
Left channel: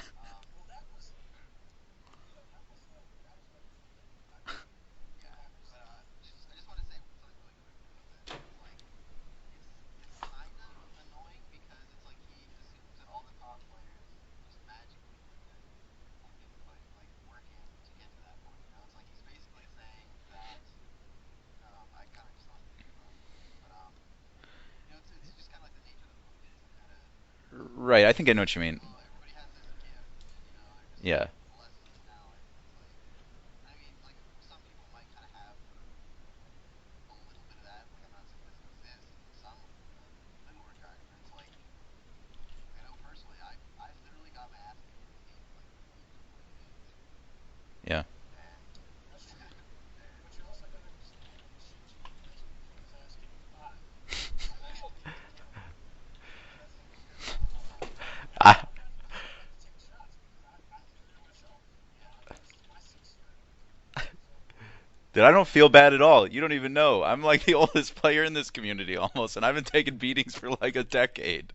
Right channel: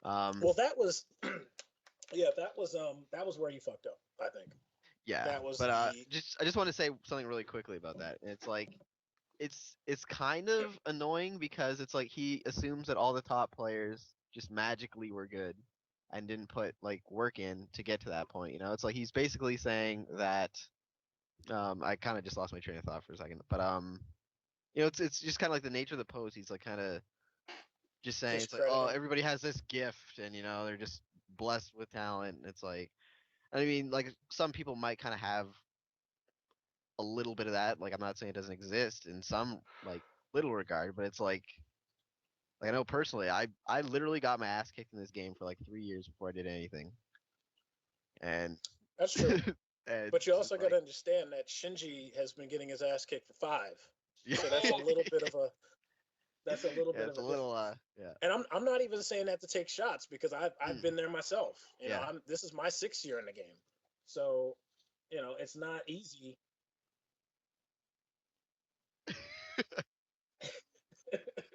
Well, that was yeah, that was where you fucked up. I think Yeah, that was but the just I just want to say something really quickly about that. It's like it's kind of annoying because it's like he assumes that all the top players just magically were good and didn't put like work in to get to that point. You know, it's like he's basically saying that. I kind of just lost my train of thought for a second, but you know, it's just kind of like the nature of the pose. He's like kind of Right, I just think I know saying what you like, mean. oh, everybody has this gift, and you know, they're just Yeah. blessed with talent. It's like, I mean, like some people might kind of have a little bit of that. Like I'm not saying it doesn't exist in some like little regard, but it's like I know personally, I literally got my ass kicked in this game for like 3 years before I did anything, Yeah. and that's true. and But you it's also got like to understand that Shinji has been getting his ass kicked for 5, yeah, so that's a little bit of a yeah, it's a difference. little yeah. And I I'm not even saying that to take shots because I've been there myself. You know, Yeah. this is my 6th year in the game, so Dude, I don't it's feel not bad at easy. all. You don't even know. I'm like the oldest player in this community almost, and I've been taking beatings for like a decade.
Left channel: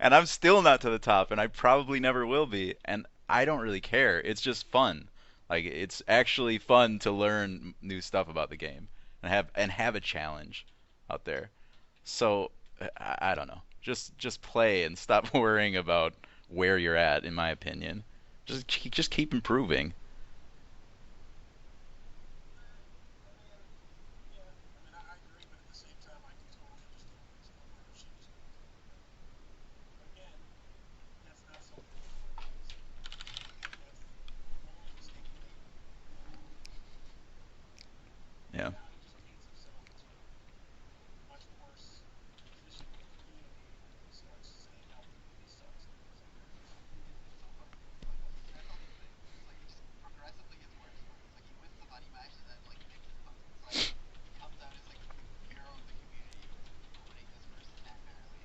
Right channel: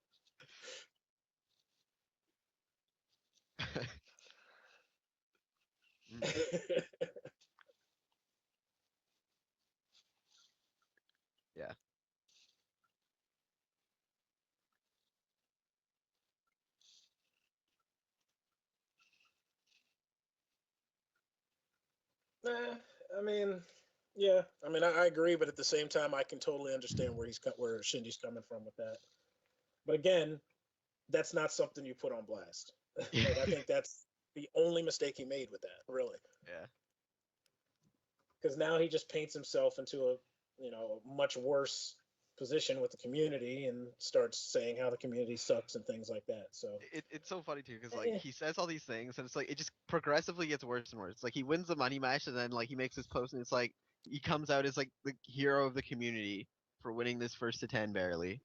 And I'm still not to the top, and I probably never will be. And I don't really care. It's just fun. Like it's actually fun to learn new stuff about the game and have a challenge out there. Yeah. So I don't know. Just play and stop worrying about where you're at. In my opinion, just keep improving. Nah, I mean, yeah, I mean, I agree, but at the same time, I can totally understand where Shinji's coming from with that. But again, that's not something you put on blast. Like I think that's the only mistake he made with that, really, Yeah. because Yeah. now he just paints himself into a much worse position with the community and starts saying how the community sucks and things like that. So, It's so funny too because like eh, he says all these things and it's like it just progressively gets worse and worse. Like he wins the money match and then like he makes his post and it's like he comes out as like the hero of the community for winning this first to 10 barely,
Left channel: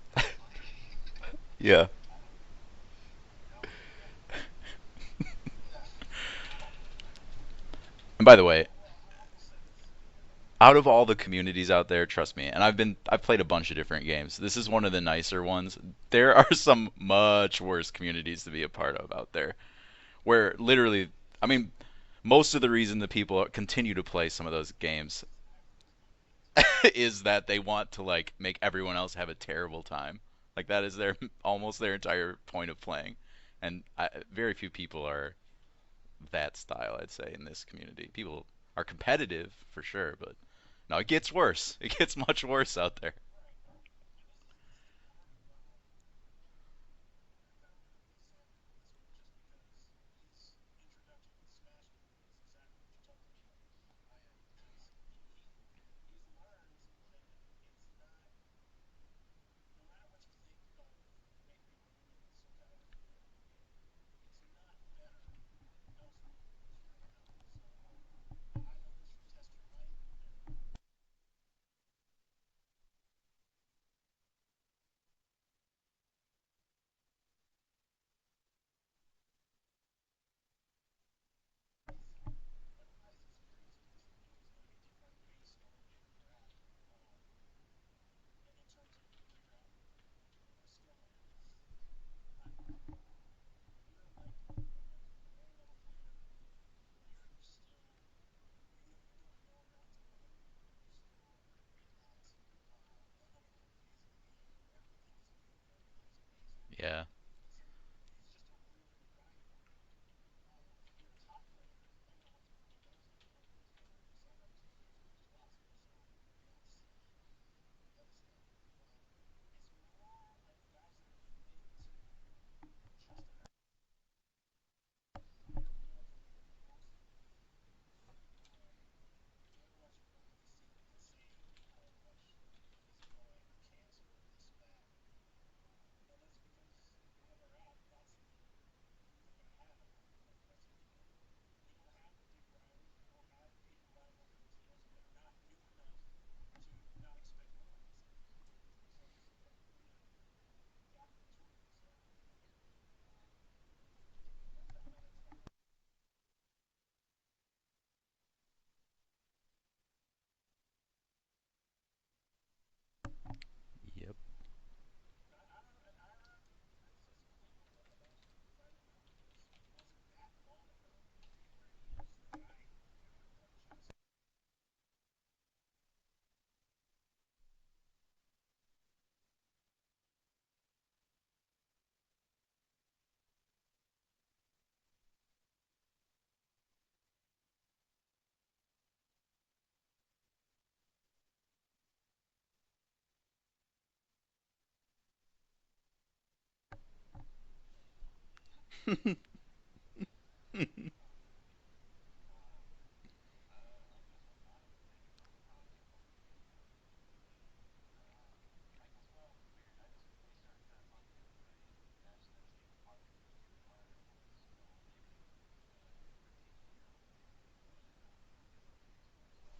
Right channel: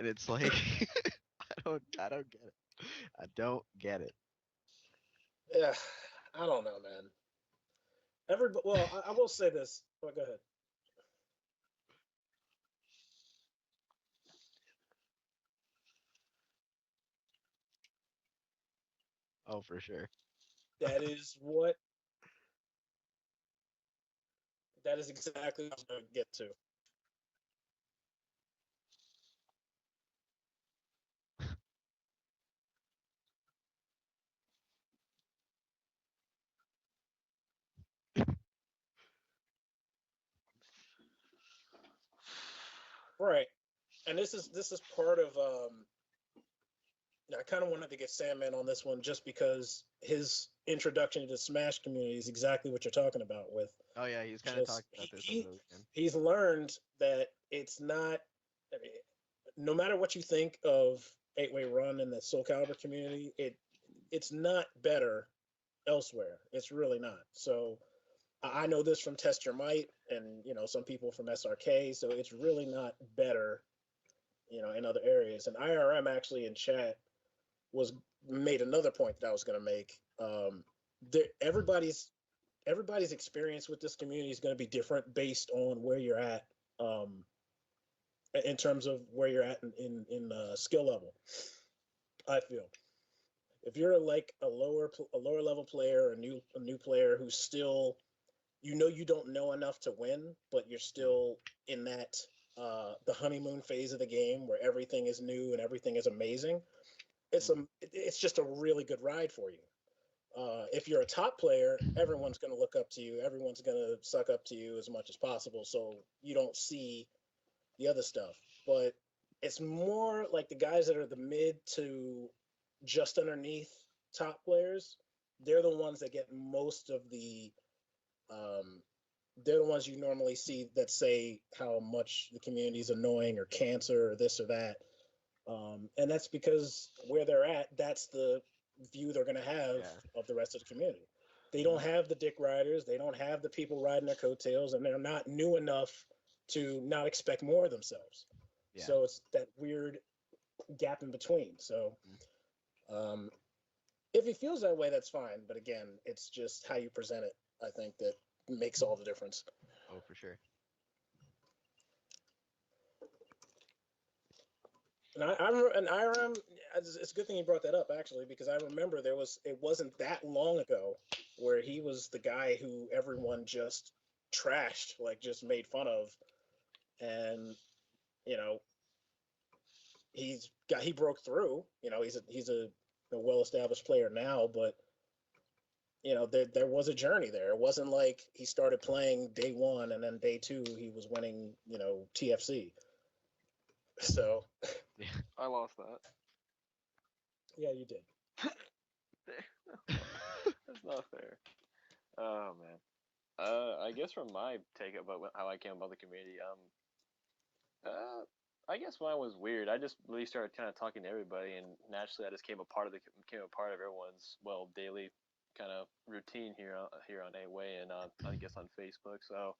and it's like Yeah. I don't get it. I don't get it. yeah, I don't know, man. And by the But way, well, I will say this. Oh, go ahead. out of all the communities out there, trust me, and I've played a bunch of different games. This is one of the nicer ones. There are some much worse communities to be a part of out there, Oh, for sure. where That literally, is I mean, what most of the reason that people continue to play some of those that is games exactly what I was going to get to. is that they want to like make everyone else have a terrible time. Like that is their almost their entire point of playing, and very few people are that style. I'd say in this community, people are competitive for sure, but no, it gets worse. It gets much worse out there. Right. And this is part of I kind of wanted to get Sandman on this one just because his introduction to the Smash community is exactly what you're talking about with Oh yeah, he's kind of just talked about this over he the weekend. he's learned that it's not I mean, no matter what you think of 8-way run and the Soul Calibur community, it's not better elsewhere. It's really not. So I know this from Test Your Might and some people from SRK. So it's really not better, in other areas. And IRM actually in chat was made another point that I was going to make. Everybody's experience with this community is going to be different based on where you're at, um, in terms of where you're at in skill level. I feel if you're like a lower level player, a new player who's still you don't know enough to win, but you're still in that the honeymoon phase of the game where everything is new and everything is amazing. Yeah. It's just a really good ride for you. If you're a top player, everyone's going to look up to you. Everyone's going to suck up to you as much as possible, so you don't see the other stuff. But it's more like the guys that are the mid to just underneath top players. They're the ones that get most of um, they're the ones you normally see that say how much the community is annoying or cancer or this or that. And that's because where they're at, that's the view they're going to have Yeah. of the rest of the community. They don't Mhm. have the dick riders, they don't have the people riding their coattails, and they're not new enough to not expect more of themselves. Yeah. So it's that weird gap in between. So Mhm. um, if he feels that way, that's fine. But again, it's just how you present it. I think that makes all the difference. Oh, for sure. Yep. And IRM, it's a good thing you brought that up actually, because I remember it wasn't that long ago where he was the guy who everyone just trashed, like just made fun of, and you know he broke through. He's a well established player now, but there was a journey there. It wasn't like he started playing day one and then day two he was winning TFC. So Yeah. I lost that. yeah, you did. That's not fair. Oh man. I guess from my take about how I came about the community, uh, I guess when I was weird, I just really started kind of talking to everybody, and naturally, I just became a part of everyone's daily kind of routine here on A Way and I guess on Facebook. So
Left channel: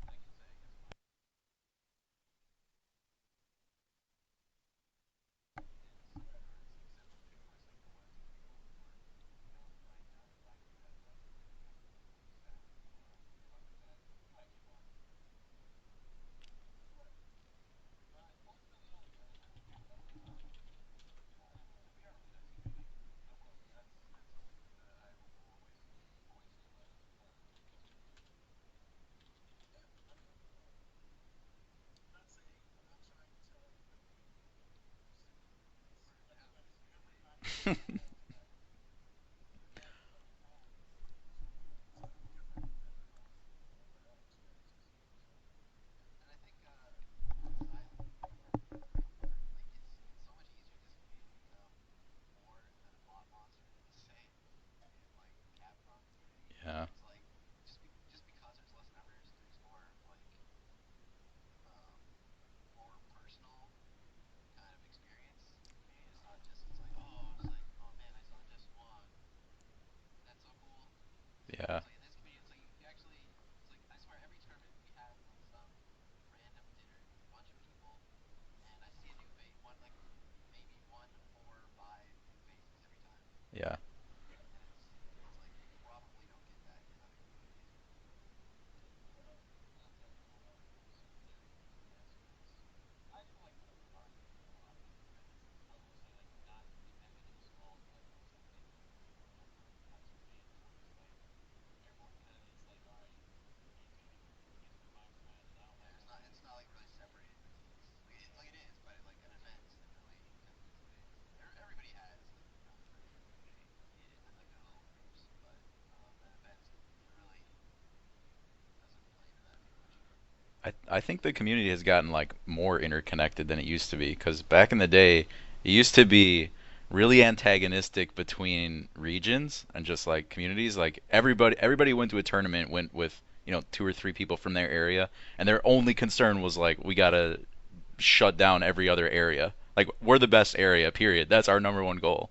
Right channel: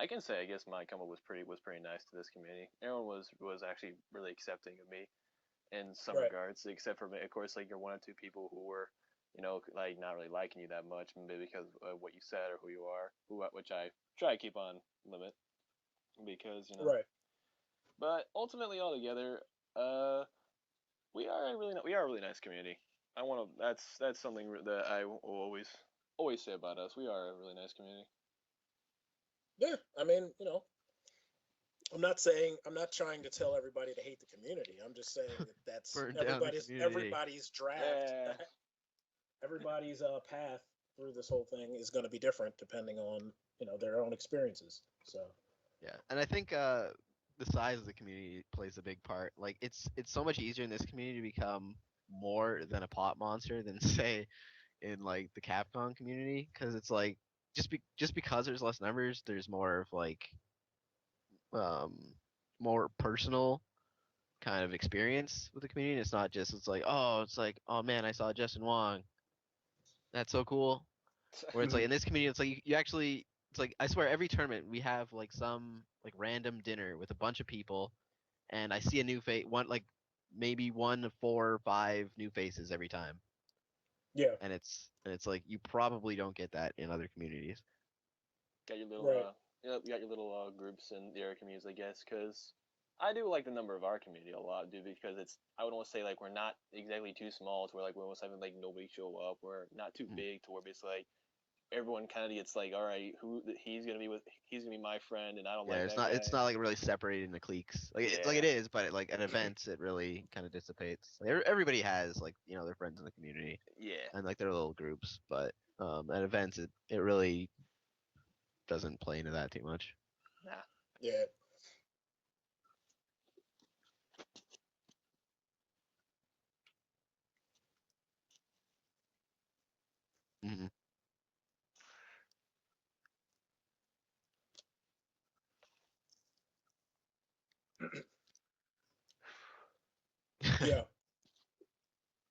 I can say I guess my come up was pretty nice to this community. Everyone was actually really accepting of me in some Right. regards, except for of course like your one or two people who were like not really liking you that much, maybe because of what you said or who you are, which I try to keep on limit because Right. But ultimately, altogether, uh, we are a really nice community. I want to. That's something that I will always say about us. We are a really nice community. Yeah. I mean, I'm not trying to tell everybody to hate the community. I'm just saying that that's Burn down the community. everybody's draft, Yeah. everybody's path through this whole thing is going to be different depending on their own experiences. So Yeah, and I think the size of the community plays a big part. Like it's so much easier in this community to become more than a pot monster than say in like the Capcom community, because Yeah. it's like just because there's less numbers, there's more of like um more personal kind of experience with the community. It's not just it's like oh man, I saw Justin Wong, that's so cool. Where it's Yeah. like in this community, it's like you actually, it's like I swear every tournament we have like some like random dinner with a bunch of people, and I see a new face, one like maybe one to four or five new faces every time, Yeah. yeah, and it's like you probably don't get that in other communities. right, you got your little groups in the area communities, I guess, because I do like the number of our community a lot, dude, because I would almost say like we're not exactly too small to where like we're almost having like nobody show up. We're not too Mm. big to where it's like everyone kind of gets like, all right, he's gonna be my friend, and I don't Yeah, like that guy. it's not like really separated into cliques. Like Yeah, it is, but like at events, it really kind of dissipates. Like, everybody has like their friends in the community yeah, and like their little groups, but at events, it really doesn't play into that too much. nah, I think yeah, the community has gotten like more interconnected than it used to be because back in the day, it used to be really antagonistic between regions and just like Mm. communities. Like everybody went to a tournament went with two or three people from their area, and their only concern was like we gotta shut down every other area. Like we're the best yeah, area, period. That's our number one goal.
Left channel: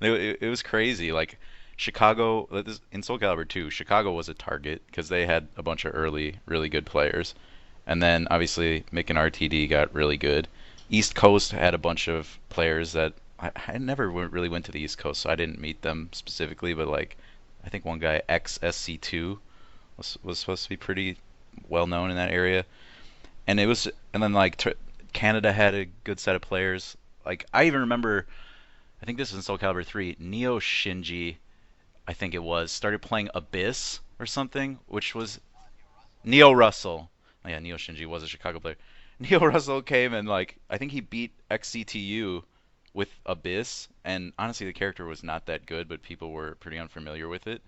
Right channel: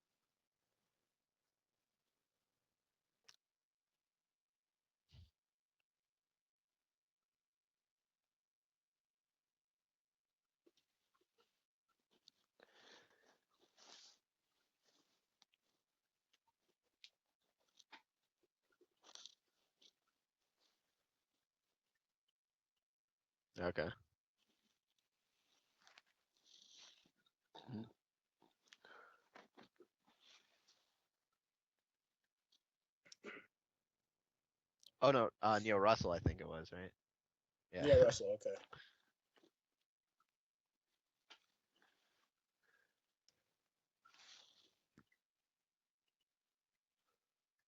It was crazy. Like Chicago in Soul Calibur 2, Chicago was a target because they had a bunch of early really good players. And then obviously Mick and RTD got really good. East Coast had a bunch of players that I never really went to the East Coast, so I didn't meet them specifically. But like, I think one guy XSC2 was supposed to be pretty well known in that area. And it was, Okay. and then like Canada had a good set of players. Like I even remember, I think this is in Soul Calibur 3. Neo Shinji, I think it was, started playing Abyss or something, Oh which no, was Neil Russell, I think Neo was his name. Russell. Oh, yeah, Neo Yeah. yeah. Shinji was a Russell. Chicago player. Neo Russell came and like I think he beat XCTU with Abyss, and honestly the character was not that good, but people were pretty unfamiliar with it.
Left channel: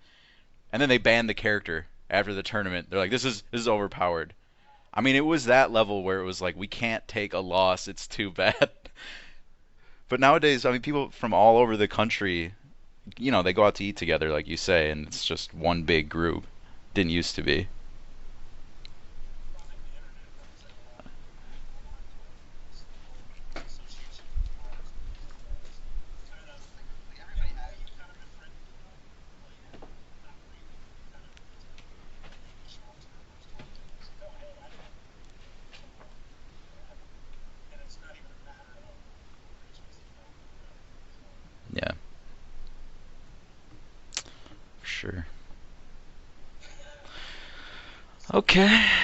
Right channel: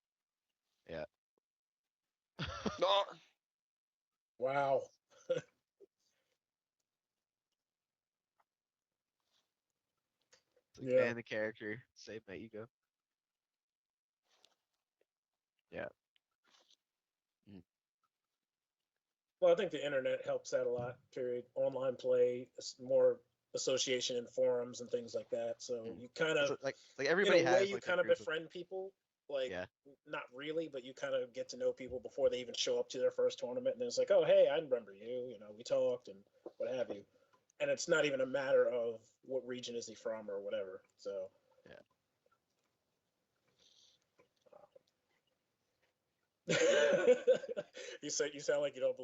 And then they Yeah. banned the character after the tournament. They're like, this is overpowered. Wow. I mean, it was that level where it was like we can't take a loss. It's too bad. But nowadays, I mean, Just people Yeah, ban the from all character over and the say thank country, you. they go out to eat together, like you say, and it's just one Yeah. big group. Didn't used to be. Well, I think the internet helps that a lot. Period. Online play, more association in forums and things like that. So you kind It's of, like in a everybody way, has you like their kind of group of befriend people. Like, yeah. not really, but you kind of get to know people before they even show up to their first tournament. And it's like, oh, hey, I remember you. You know, we talked and what have you. And it's not even a matter of what region is he from or whatever. So. Yeah, for sure. You say you sound like Okay. Fred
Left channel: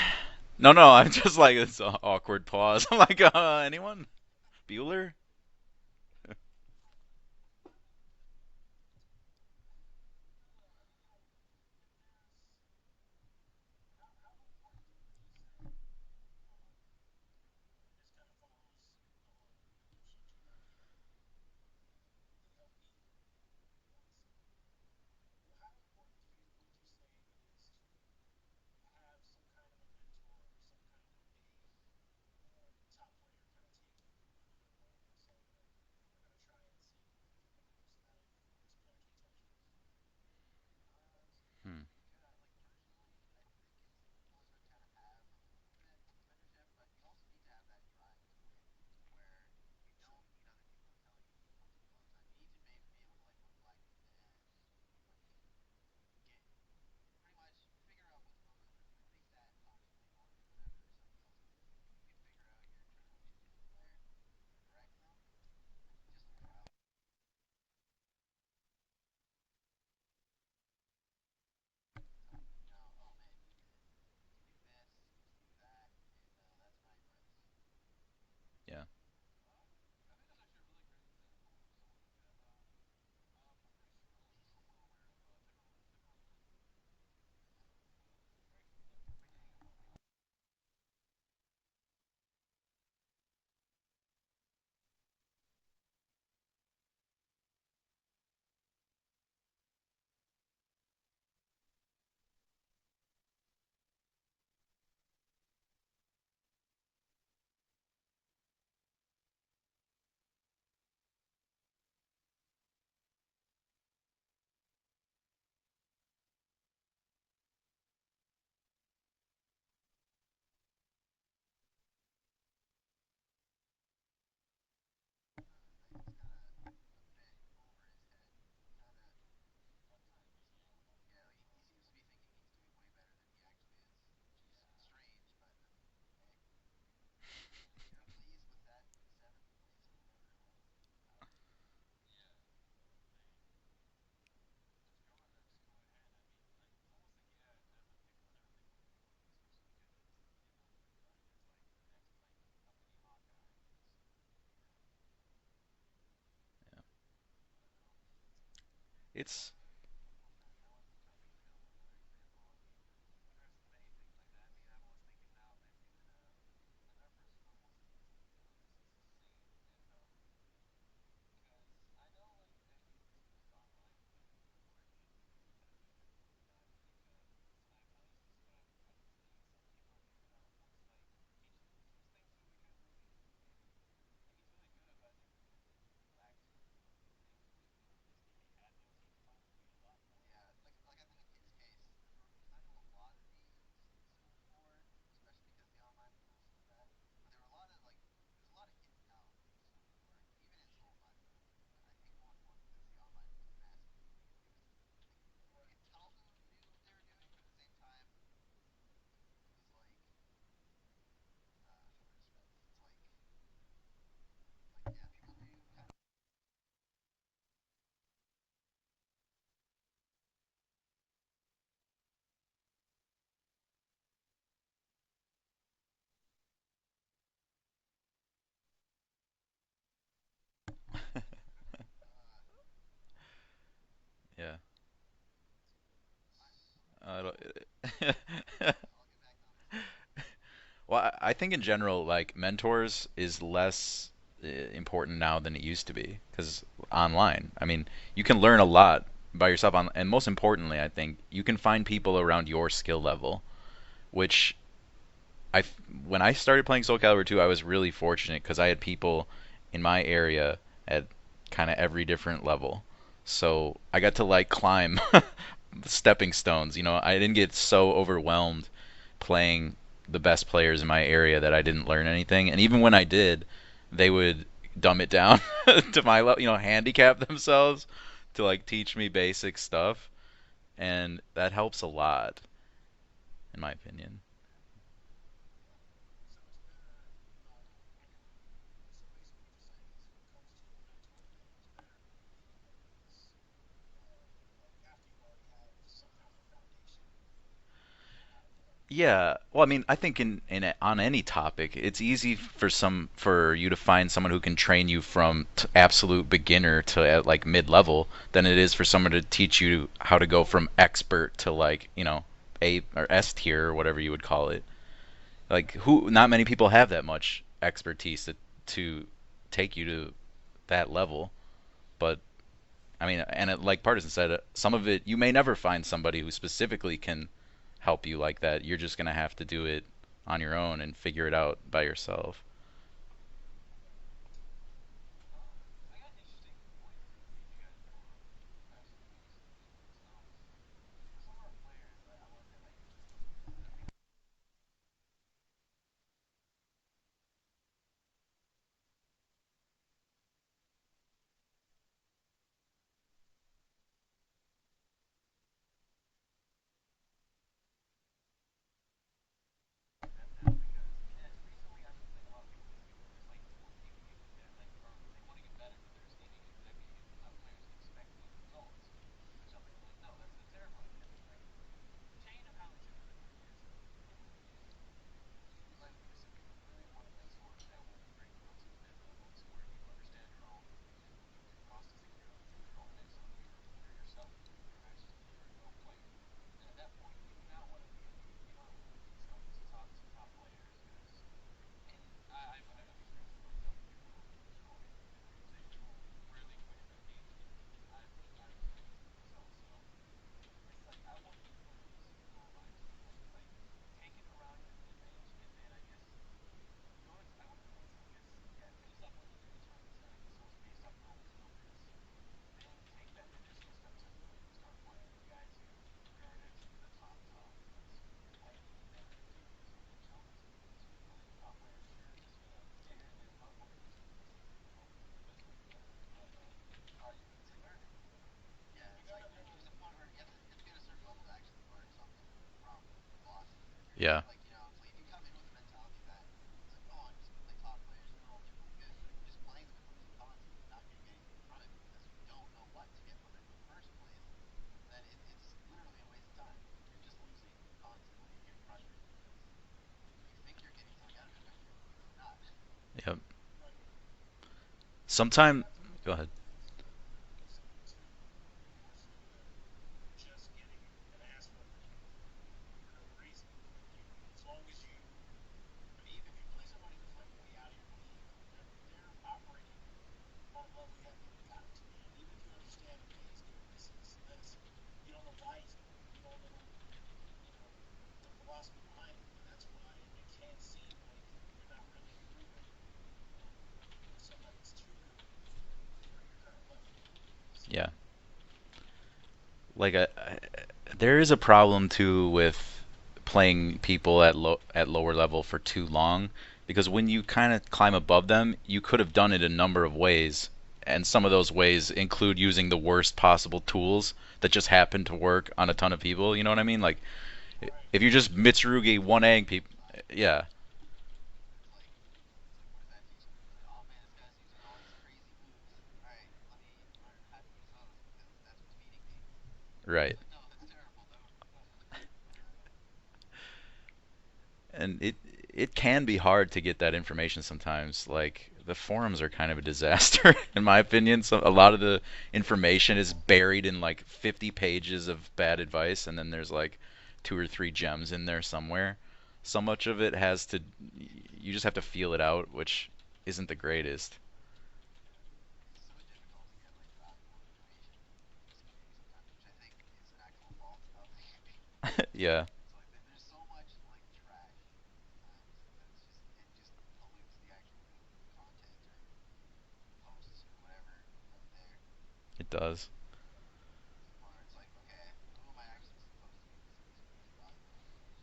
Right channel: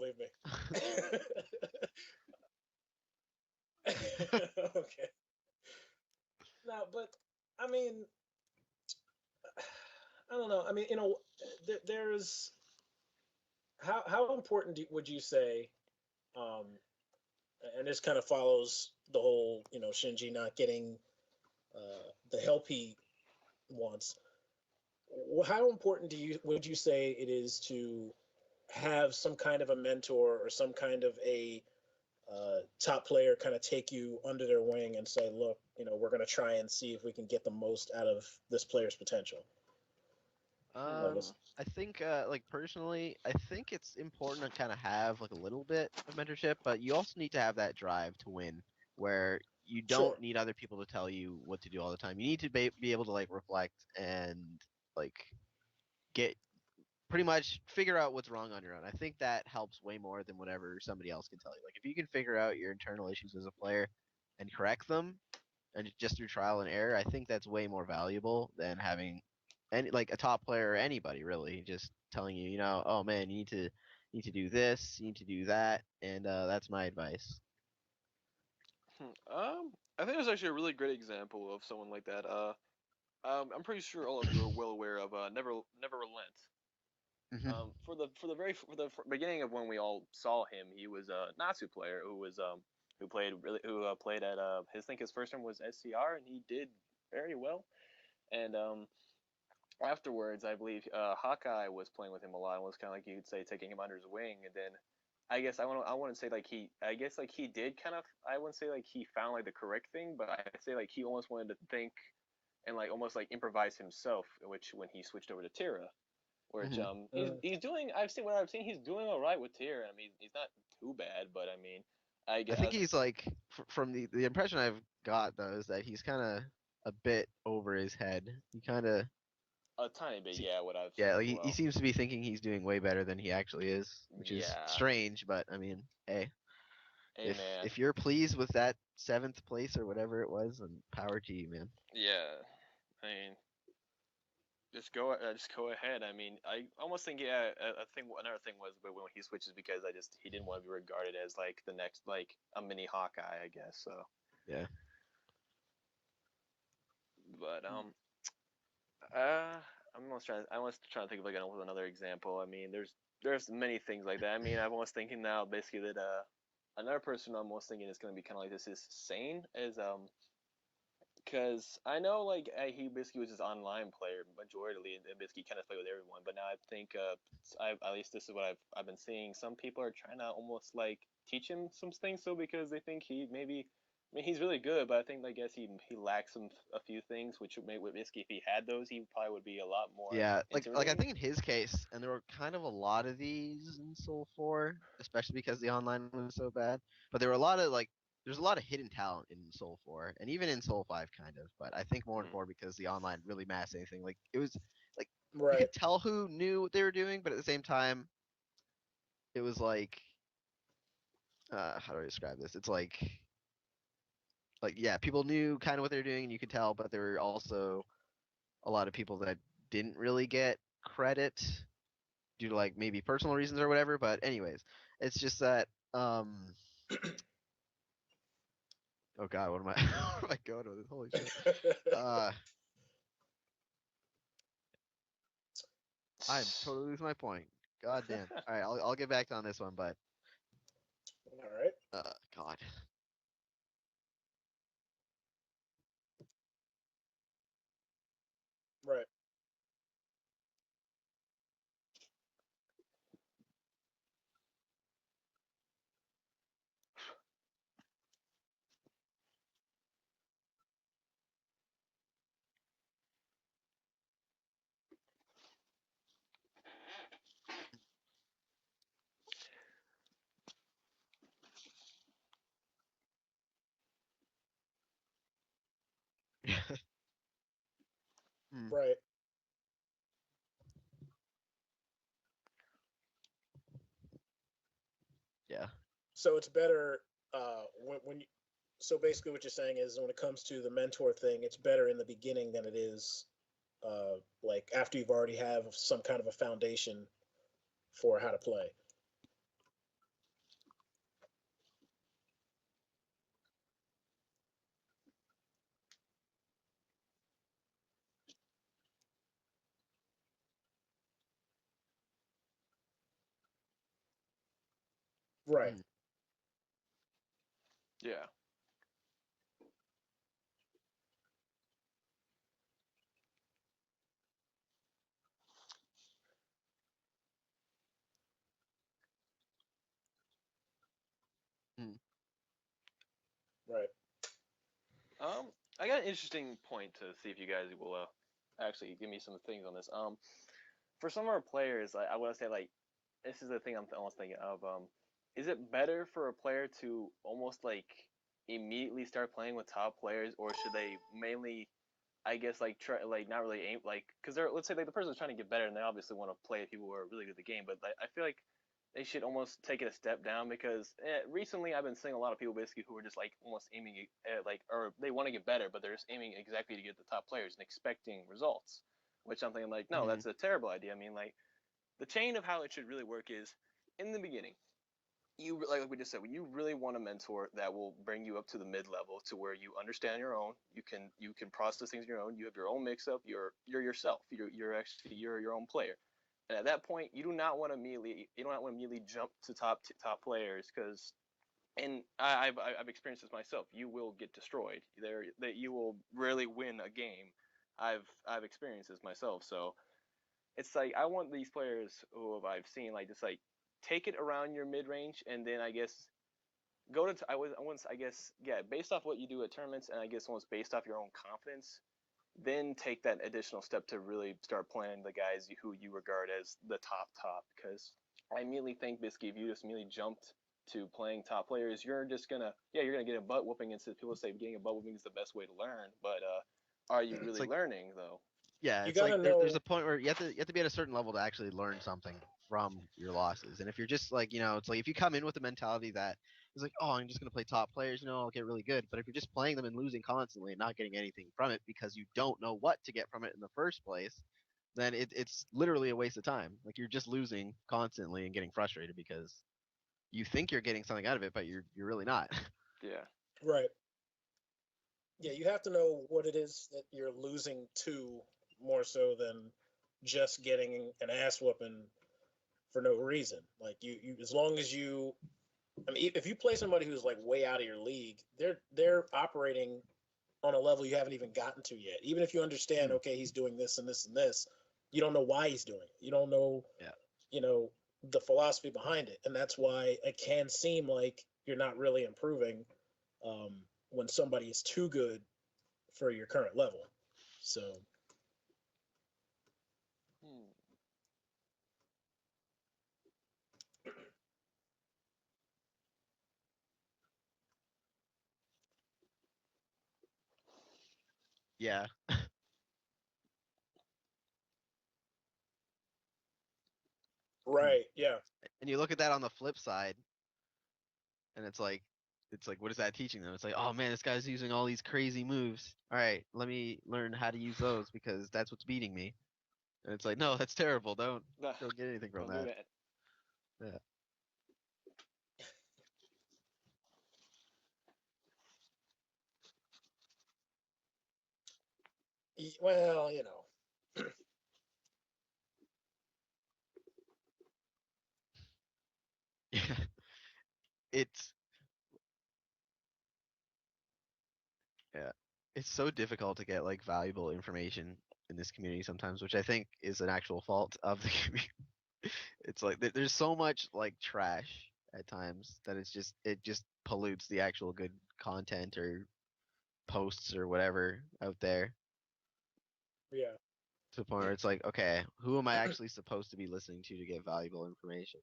No, no, I'm just like it's an awkward pause. I'm like, anyone? Yeager. Bueller? No, but I mean, I don't know. I mean, there's how important would you say, um, and this kind of follows the whole, Shinji not getting the help he wants. How important would you say it is to have some kind of a mentor or some kind of a top player kind of take you under their wing and say, look, we're going to try and see if we can get the most out of this player's potential. Like, Um, it's, I Hmm. think, like personally, I think it's important to kind of have like a little bit of mentorship, but you also need to have that drive to win, where you sure, don't need other people to tell you what to do all the time. You need to be able to like reflect and like get pretty much figure out what's wrong on your own. I think that helps way more than whatever somebody else can tell you. Like if you can figure out your internal issues as a player and correct them, and just through trial and error, I think that's way more valuable than having any like a top player or anybody really just telling you, oh man, you need to do this, you need to do that, and that's my advice. Yeah. I think there's actually a really great example of someone like that. I'm pretty sure all of you are well aware of Never Relent. Hmm. For the beginning of when we all saw him, he was a Natsu player who played at his I think his first term was SCR, and he did very well. And afterwards, I believe Hawkeye was playing with him a lot and was kind of like you could say taking him under his wing. And then I want to say like I guess like he did kind of I wouldn't say like he found like the correct thing, but I say like he almost wanted to think and like almost like improvise himself, which when he switched over to Tira, which Hmm. he's doing. I've seen he's doing all right with Tira. I mean he's not too bad, but I mean I I think guess he's like from the impression I've got though is that he's kind of a bit over his head. He kind of a tiny bit, yeah, what I've seen yeah, like as he well. seems to be thinking he's doing way better than he actually is, which is Yeah, strange. But I mean, hey, hey if man, if you're pleased with that seventh place or whatever it was, then power to you, man. yeah. I mean, just go ahead. I mean, I almost think yeah. I think another thing was, but when he switches because he didn't want to be regarded as like the next like a mini Hawkeye, I guess. So, Yeah. but It's uh, I was trying to think of like another example. I mean, there's many things like that. I mean, I'm almost thinking now basically that another person I'm almost thinking is gonna be kind of like this is Sane as because I know like he basically was just online player majorly and basically kind of played with everyone. But now I think at least this is what I've been seeing. Some people are trying to almost like teach him some things, so because they think he maybe. I mean, he's really good, but I think I guess he lacks a few things, which would make basically if he had those, he probably would be a lot more Yeah, like I intimidating. think in his case, and there were kind of a lot of these in Soul 4, especially because the online was so bad. But there were a lot of like there's a lot of hidden talent in Soul 4 and even in Soul 5 kind of, but I think more in Mm. 4 because the online really masked anything. Like it was like you right. could tell who knew what they were doing, but at the same time it was how do I describe this? It's like yeah, people knew kind of what they were doing and you could tell, but there were also a lot of people that didn't really get credit due to like maybe personal reasons or whatever. But anyways, it's just that oh god, what am I where am I going with this? Holy shit. Uh yeah. I'm totally losing my I don't. point. God damn. Alright, I'll get back on this one, but Well, I think in All right. general, uh like mentors is less important now than it used to be because online. I mean, you can learn a lot Right. by yourself on, and most importantly, I think you can find people around your skill level, which when I started playing Soul Calibur 2, I was really fortunate because I had people in my area at kind of every different level. So I got to like climb stepping stones. I didn't get so overwhelmed playing the best players in my area that I didn't learn anything, and even when I did, they would dumb it down to my level, handicap themselves to like Mm. teach Right. me basic stuff, and that helps a lot, in my opinion. Yeah. So it's better when you, so basically what you're saying is when it comes to the mentor thing, it's better in the beginning than it is like after you've already have some kind of a foundation for how to play. Yeah, well, I mean, I think on any topic, it's easy for you to find someone who can train you from absolute beginner to like mid-level than it is for someone to teach you how to go from expert to like, A or S tier or whatever you would call it. Like Right. not many people have that much Yeah. expertise to take you to that level, but I mean, and like Partisan said, some of it you may never find somebody who specifically can help you like that. You're just gonna have to do it on your own and figure it out by yourself. Right. I got an interesting point to see if you guys will actually give me some things on this. For some of our players, I want to say like this is the thing I'm almost thinking of. Is it better for a player to almost like immediately start playing with top players, or should they mainly, I guess, like try like not really aim like because they're let's say like the person's trying to get better and they obviously want to play people who are really good at the game, but like, I feel like they should almost take it a step down because recently I've been seeing a lot of people basically who are just like almost aiming at like or they want to get better but they're just aiming exactly to get the top players and expecting results, which I'm thinking like no, Mm-hmm. that's a terrible idea. I mean like the chain of how it should really work is in the beginning you like we just said you really want a mentor that will bring you up to the mid level to where you understand your own, you can process things on your own, you have your own mix up, you're yourself, you're actually you're your own player. And at that point you don't want to immediately jump to top players because and I've experienced this myself. You will get destroyed. That you will rarely win a game. I've experienced this myself. So it's like I want these players who I've seen like just like take it around your mid range, and then I guess go to I was once I guess yeah based off what you do at tournaments, and I guess once based off your own confidence, then take that additional step to really start playing the guys who you regard as the top. Because I immediately think basically if you just immediately jumped to playing top players, you're just gonna yeah you're gonna get a butt whooping. And since people say getting a butt whooping is the best way to learn, but are you It's really like learning though? yeah, You it's like gotta there's know. a point where you have to be at a certain level to actually learn something from your losses. And if you're just Yeah. like, it's like if you come in with the mentality that it's like, oh, I'm just gonna play top players, I'll get really good. But if you're just playing them and losing constantly and not getting anything from it because you don't know what to get from it in the first place, then it's literally a waste of time. Like you're just losing constantly and getting frustrated because you think you're getting something out of it, but you're really not. Yeah. Yep. Right. Yeah, you have Sometime. to know Go what ahead. it is that you're losing to more so than just getting an ass whooping for no reason. Like you as long as you I mean if you play somebody who's like way out of your league, they're operating on a level you haven't even gotten to yet. Even if you understand, Hmm. okay, he's doing this and this and this, you don't know why he's doing it. You don't know, Yeah. you know, the philosophy behind it, and that's why it can seem like you're not really improving um, when somebody is too good for your current level. So Yeah. Like there is a problem too with playing people at lower level for too long because when you kind of climb above them, you could have done it a number of ways, and some of those Yeah. ways include using the worst possible tools that just happen to work on a ton of people. You know what I mean? Like right, if you yeah, just And you look at Mitsurugi that on one the egg flip people, side, yeah, and it's like what is that teaching them? It's like, oh man, this guy's using all these crazy moves. All right, let me learn how to use those because that's what's beating me. And it's right. like, no, that's terrible. Don't get anything from Don't do that. that. Yeah. And it can be hard to get that information sometimes. Like the forums are kind of a disaster in my opinion. So a lot of the information well, is buried in like 50 pages of bad advice, and then there's like two or three gems in there somewhere. So Yeah. much of it has to It's you just have to feel it out, which isn't the greatest. yeah. It's so difficult to get like valuable information in this community sometimes, which I think is an actual fault of the community. Yeah, It's like there's so much like trash at times that it just pollutes the actual good content or posts or whatever out there it does. yeah, to the point where it's like, okay, who am I actually supposed to be listening to get valuable information?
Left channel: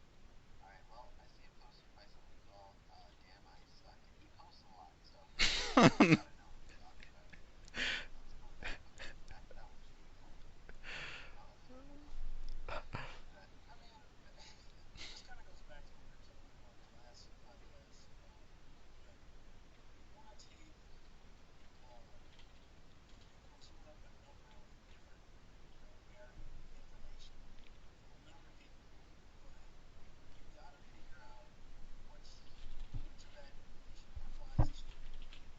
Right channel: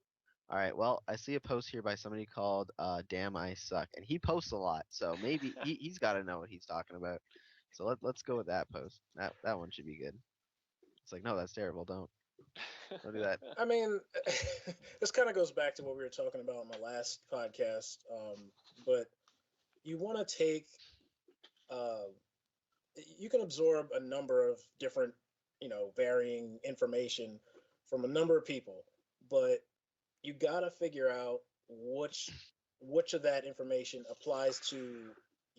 All right. Well, I see a post here by somebody called "Damn I Suck," and he posts a lot, so maybe he's got to know what he's talking about. So let's go with that post. That one should be good. It's like, no, that's terrible. Don't do that. I mean, this kind of goes back to what we were talking about on the last podcast. But you want to take, uh, you can absorb a number of different, varying information from a number of people, but you got to figure out which which of that information applies to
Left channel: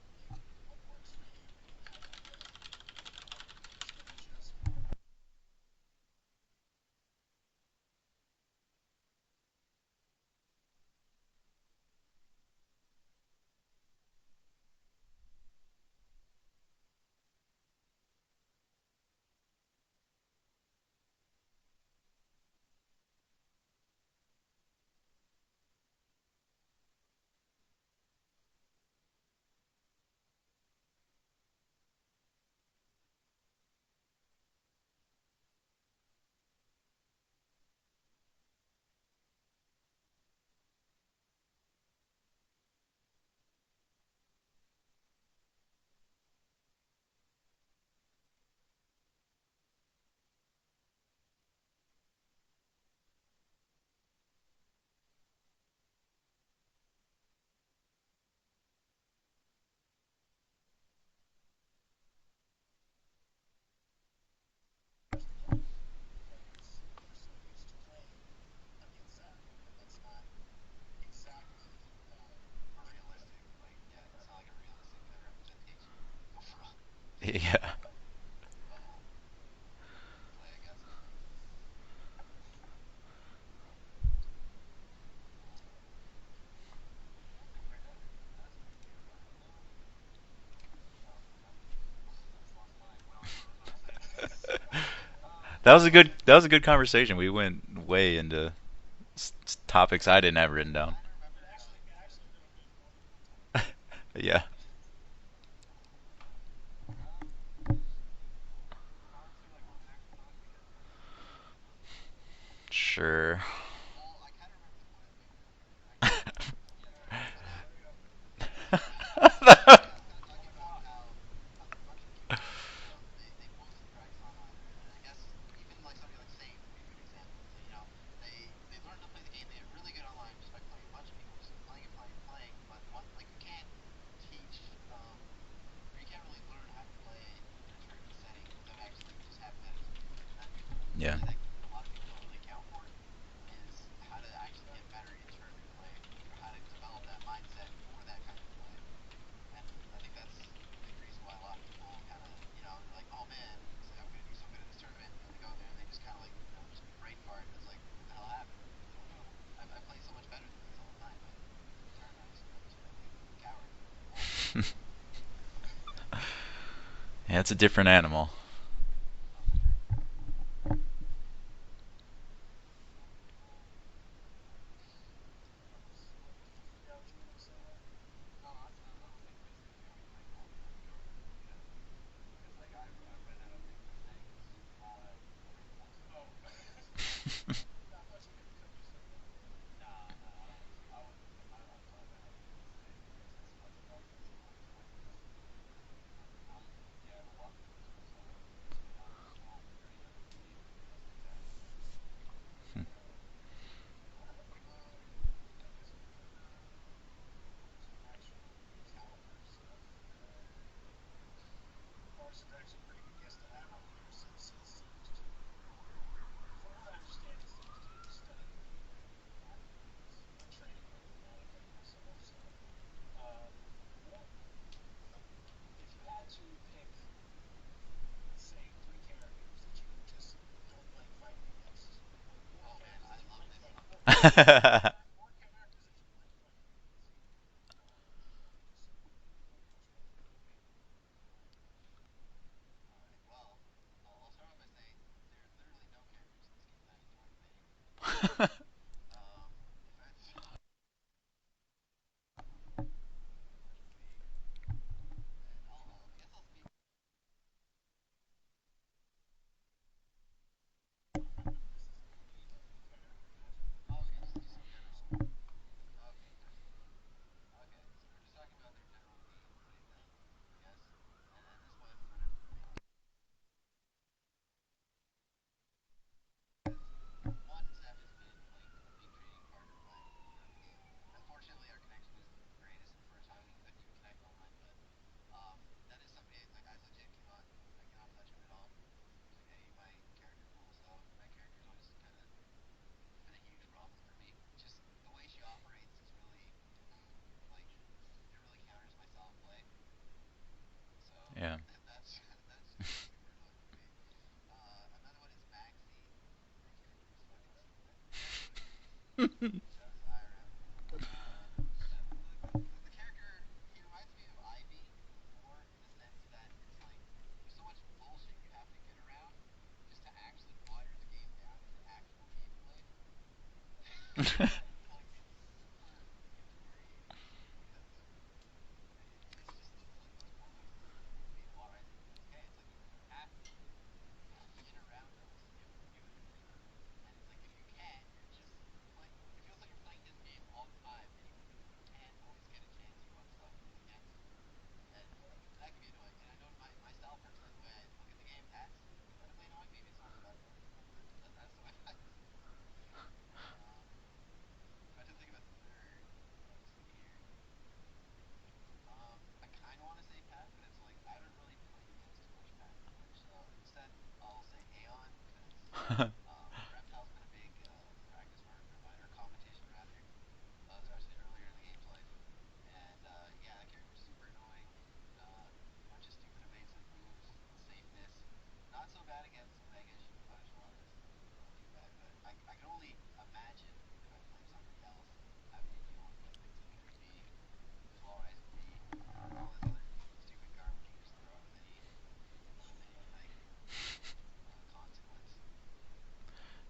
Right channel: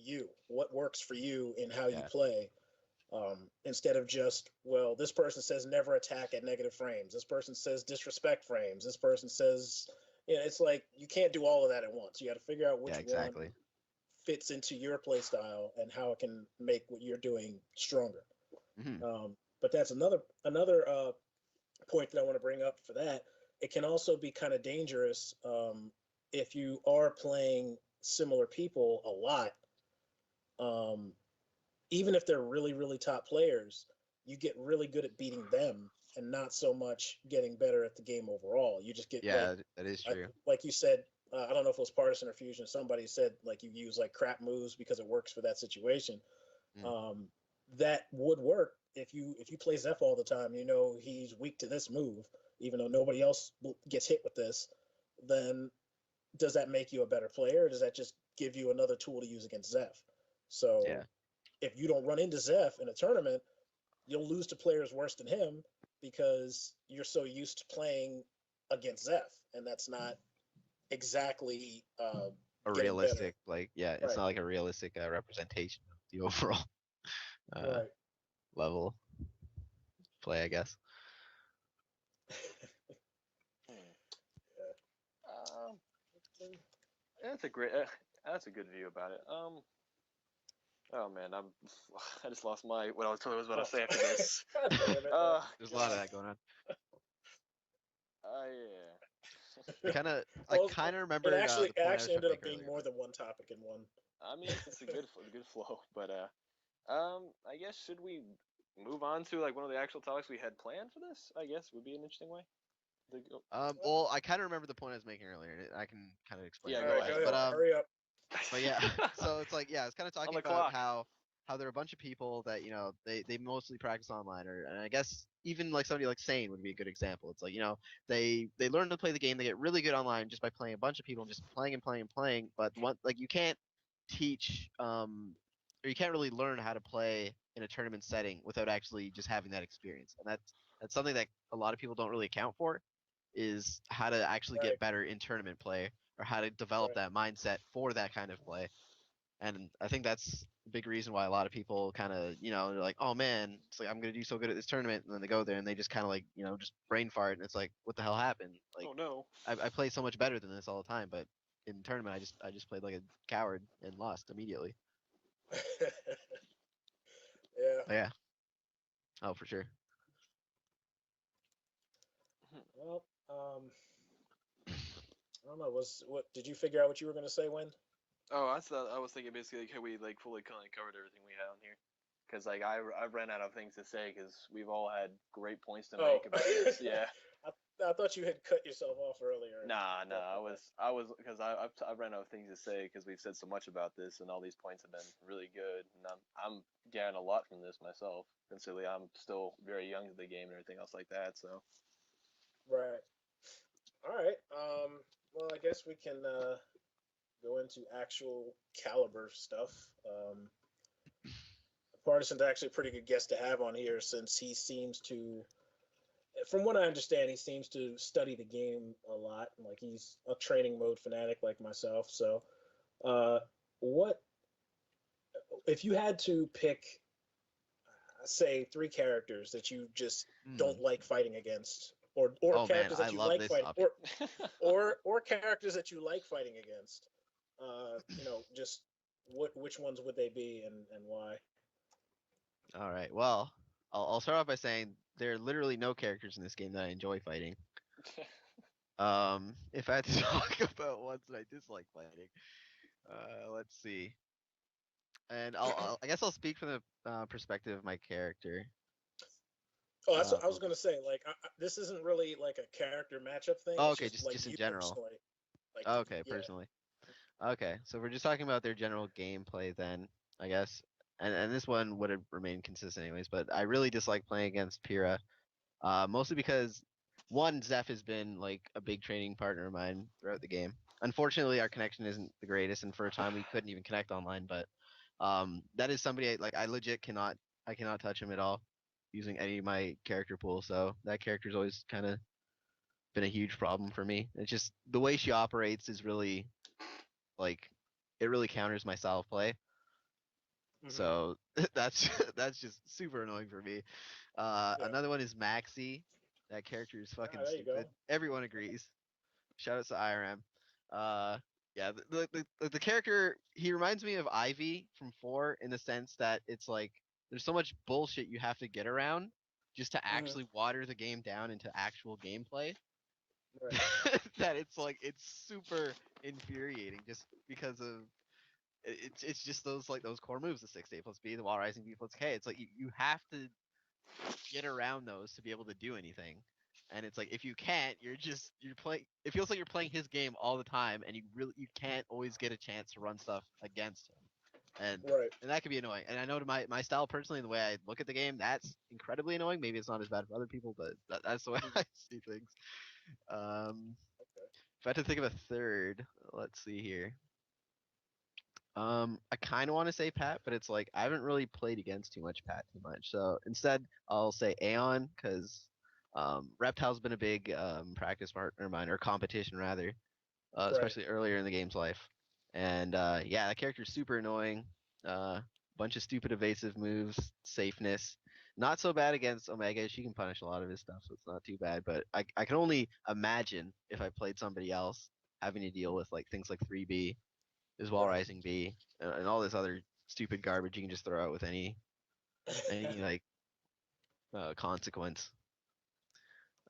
you, what works for you in how you Yeah. play, instead of just, well, this person says never attack at negative frames, this person says disrespect frames, this person says, it's like you can't do all of that at once. You got to figure out which Yeah. one Exactly. fits into your play style and how it can make what you're doing stronger. Hmm. But that's another point that I want to bring up for that. It can also be kind of dangerous, if you are playing similar people a lot. Um, Even if they're really really top players, you get really good at beating them and not so much getting better at the game overall. You just get Yeah, that is true. like you said. I don't know if it was Partisan or Fusion. Somebody said like you use like crap moves because it works for that situation. Mm. Um, that would work if you play Zeph all the time. You know he's weak to this move, even though nobody else gets hit with this. Then does that make you a better player, or does that just give you another tool to use against Zeph? So Yeah. if you don't run into Zeph in a tournament, you'll lose to players worse than him because you're so used to playing against Zeph, and that's not exactly A getting better. realistic, like, yeah, it's Right, not like a realistic representation of the overall Yeah. right. level play, I guess. Yeah. Um, that's a great. That's a good view about it. Oh man, I just lost my what I was about Oh, to say after this. God damn it. That There's a was a lot else good going that on. was a good conversation. We went way into Yeah. I It, topics kind I of, didn't have I written well, down. kind of it remembered actually the it point I was actually trying to ended up make being earlier, more but than one topic in one. Yeah. It's a good flow. But I guess should we move on to like one of the actual topics we had planned for this? I guess would be an interesting way. Sure. well, I kind of remember the point I was making earlier. I can kind of explain Yeah, it All real right, go go quick, ahead. ahead. but Hurry up. yeah. So it's like, I was kind of On talking the about clock. how there are a bunch of people that they mostly practice online, or and I guess even like somebody like Sane would be a good example. It's like, they learn to play the game, they get really good online just by playing a bunch of people and just playing and playing and playing. But one, like, you can't teach, or you can't really learn how to play in a tournament setting without actually just having that experience, and that's something Yeah. that a lot of people don't really account for, is how to actually Right, get better in tournament play, or how to develop right. that mindset for that kind of play. And I think that's a big reason why a lot of people kind of, they're like, oh man, it's like, I'm gonna do so good at this tournament, and then they go there and they just kind of like, just brain fart, and it's like, what the hell happened? Like, Oh no. I play so much better than this all the time, but in the tournament, I just played like a coward and lost immediately. Yeah, it's a Right. different Yeah. animal. Oh, for sure. Well, I don't know. What did you figure out what you were going to say, when? Oh, I was thinking basically like, we like fully kind of covered everything we had on here. Because like I ran out of things to say because we've all had great points to Oh, make about this. Yeah. I thought you had cut yourself off earlier. Nah. Okay. I was because I ran out of things to say because we've said so much about this and all these points have been really good and I'm getting a lot from this myself. Considering I'm still very young to the game and everything else like that. So Right. All right. Well, I guess we can go into actual caliber stuff. Um, Partisan's actually a pretty good guest to have on here since he seems to, from what I understand, he seems to study the game a lot. Like he's a training mode fanatic like myself. So, uh, what if you had to pick, say, three characters that you just Hmm. don't like fighting against, or Oh man, characters I that you love like this fighting, topic. or characters that you like fighting against? Just which ones would they be, and why? All right. Well, I'll start off by saying there are literally no characters in this game that I enjoy fighting. If I had to talk about ones that I dislike fighting, let's see. And I guess I'll speak from the perspective of my character. Oh, that's what I was Um, gonna say. Like, this isn't really like a character matchup thing. oh, It's okay, just just like just in you general. personally. Like, Okay, yeah. personally. Okay, so we're just talking about their general gameplay then, I guess. And this one would have remained consistent anyways, but I really dislike playing against Pyrrha. Mostly because one, Zeph has been like a big training partner of mine throughout the game. Unfortunately, our connection isn't the greatest, and for a time we couldn't even connect online. But that is somebody I legit cannot touch him at all using any of my character pool. So that character's always kind of been a huge problem for me. It's just the way she operates is really like it really counters my style of play. Hmm. So Yeah. that's that's just super annoying for me. Yeah. Another one is Maxi. That character is Ah, fucking there you go. stupid. Everyone agrees. Shout out to IRM. Yeah, the character he reminds me of Ivy from 4 in the sense that it's like there's so much bullshit you have to get around just to Hmm. actually water the game down into actual gameplay Right. that it's like it's super infuriating just because of it's just those like those core moves, the 6A plus B, the wall rising B plus K. It's like you have to get around those to be able to do anything. And it's like if you can't, you're playing. It feels like you're playing his game all the time, and you can't always get a chance to run stuff against him, and Right. and that can be annoying. And I know to my style personally, the way I look at the game, that's incredibly annoying. Maybe it's not as bad for other people, but that's the way I Hmm. see things. Um, if I had to think of a third, let's see here. I kind of want to say Pat, but it's like I haven't really played against too much Pat too much. So instead, I'll say Aeon because Reptile's been a big practice partner of mine, or competition rather, Right. especially earlier in the game's life. And yeah, that character's super annoying. Bunch of stupid evasive moves, safeness. Not so bad against Omega. She can punish a lot of his stuff, so it's not too bad. But I can only imagine if I played somebody else having to deal with like things like 3B is wall Right. rising B, and all this other stupid garbage you can just throw out with any like consequence.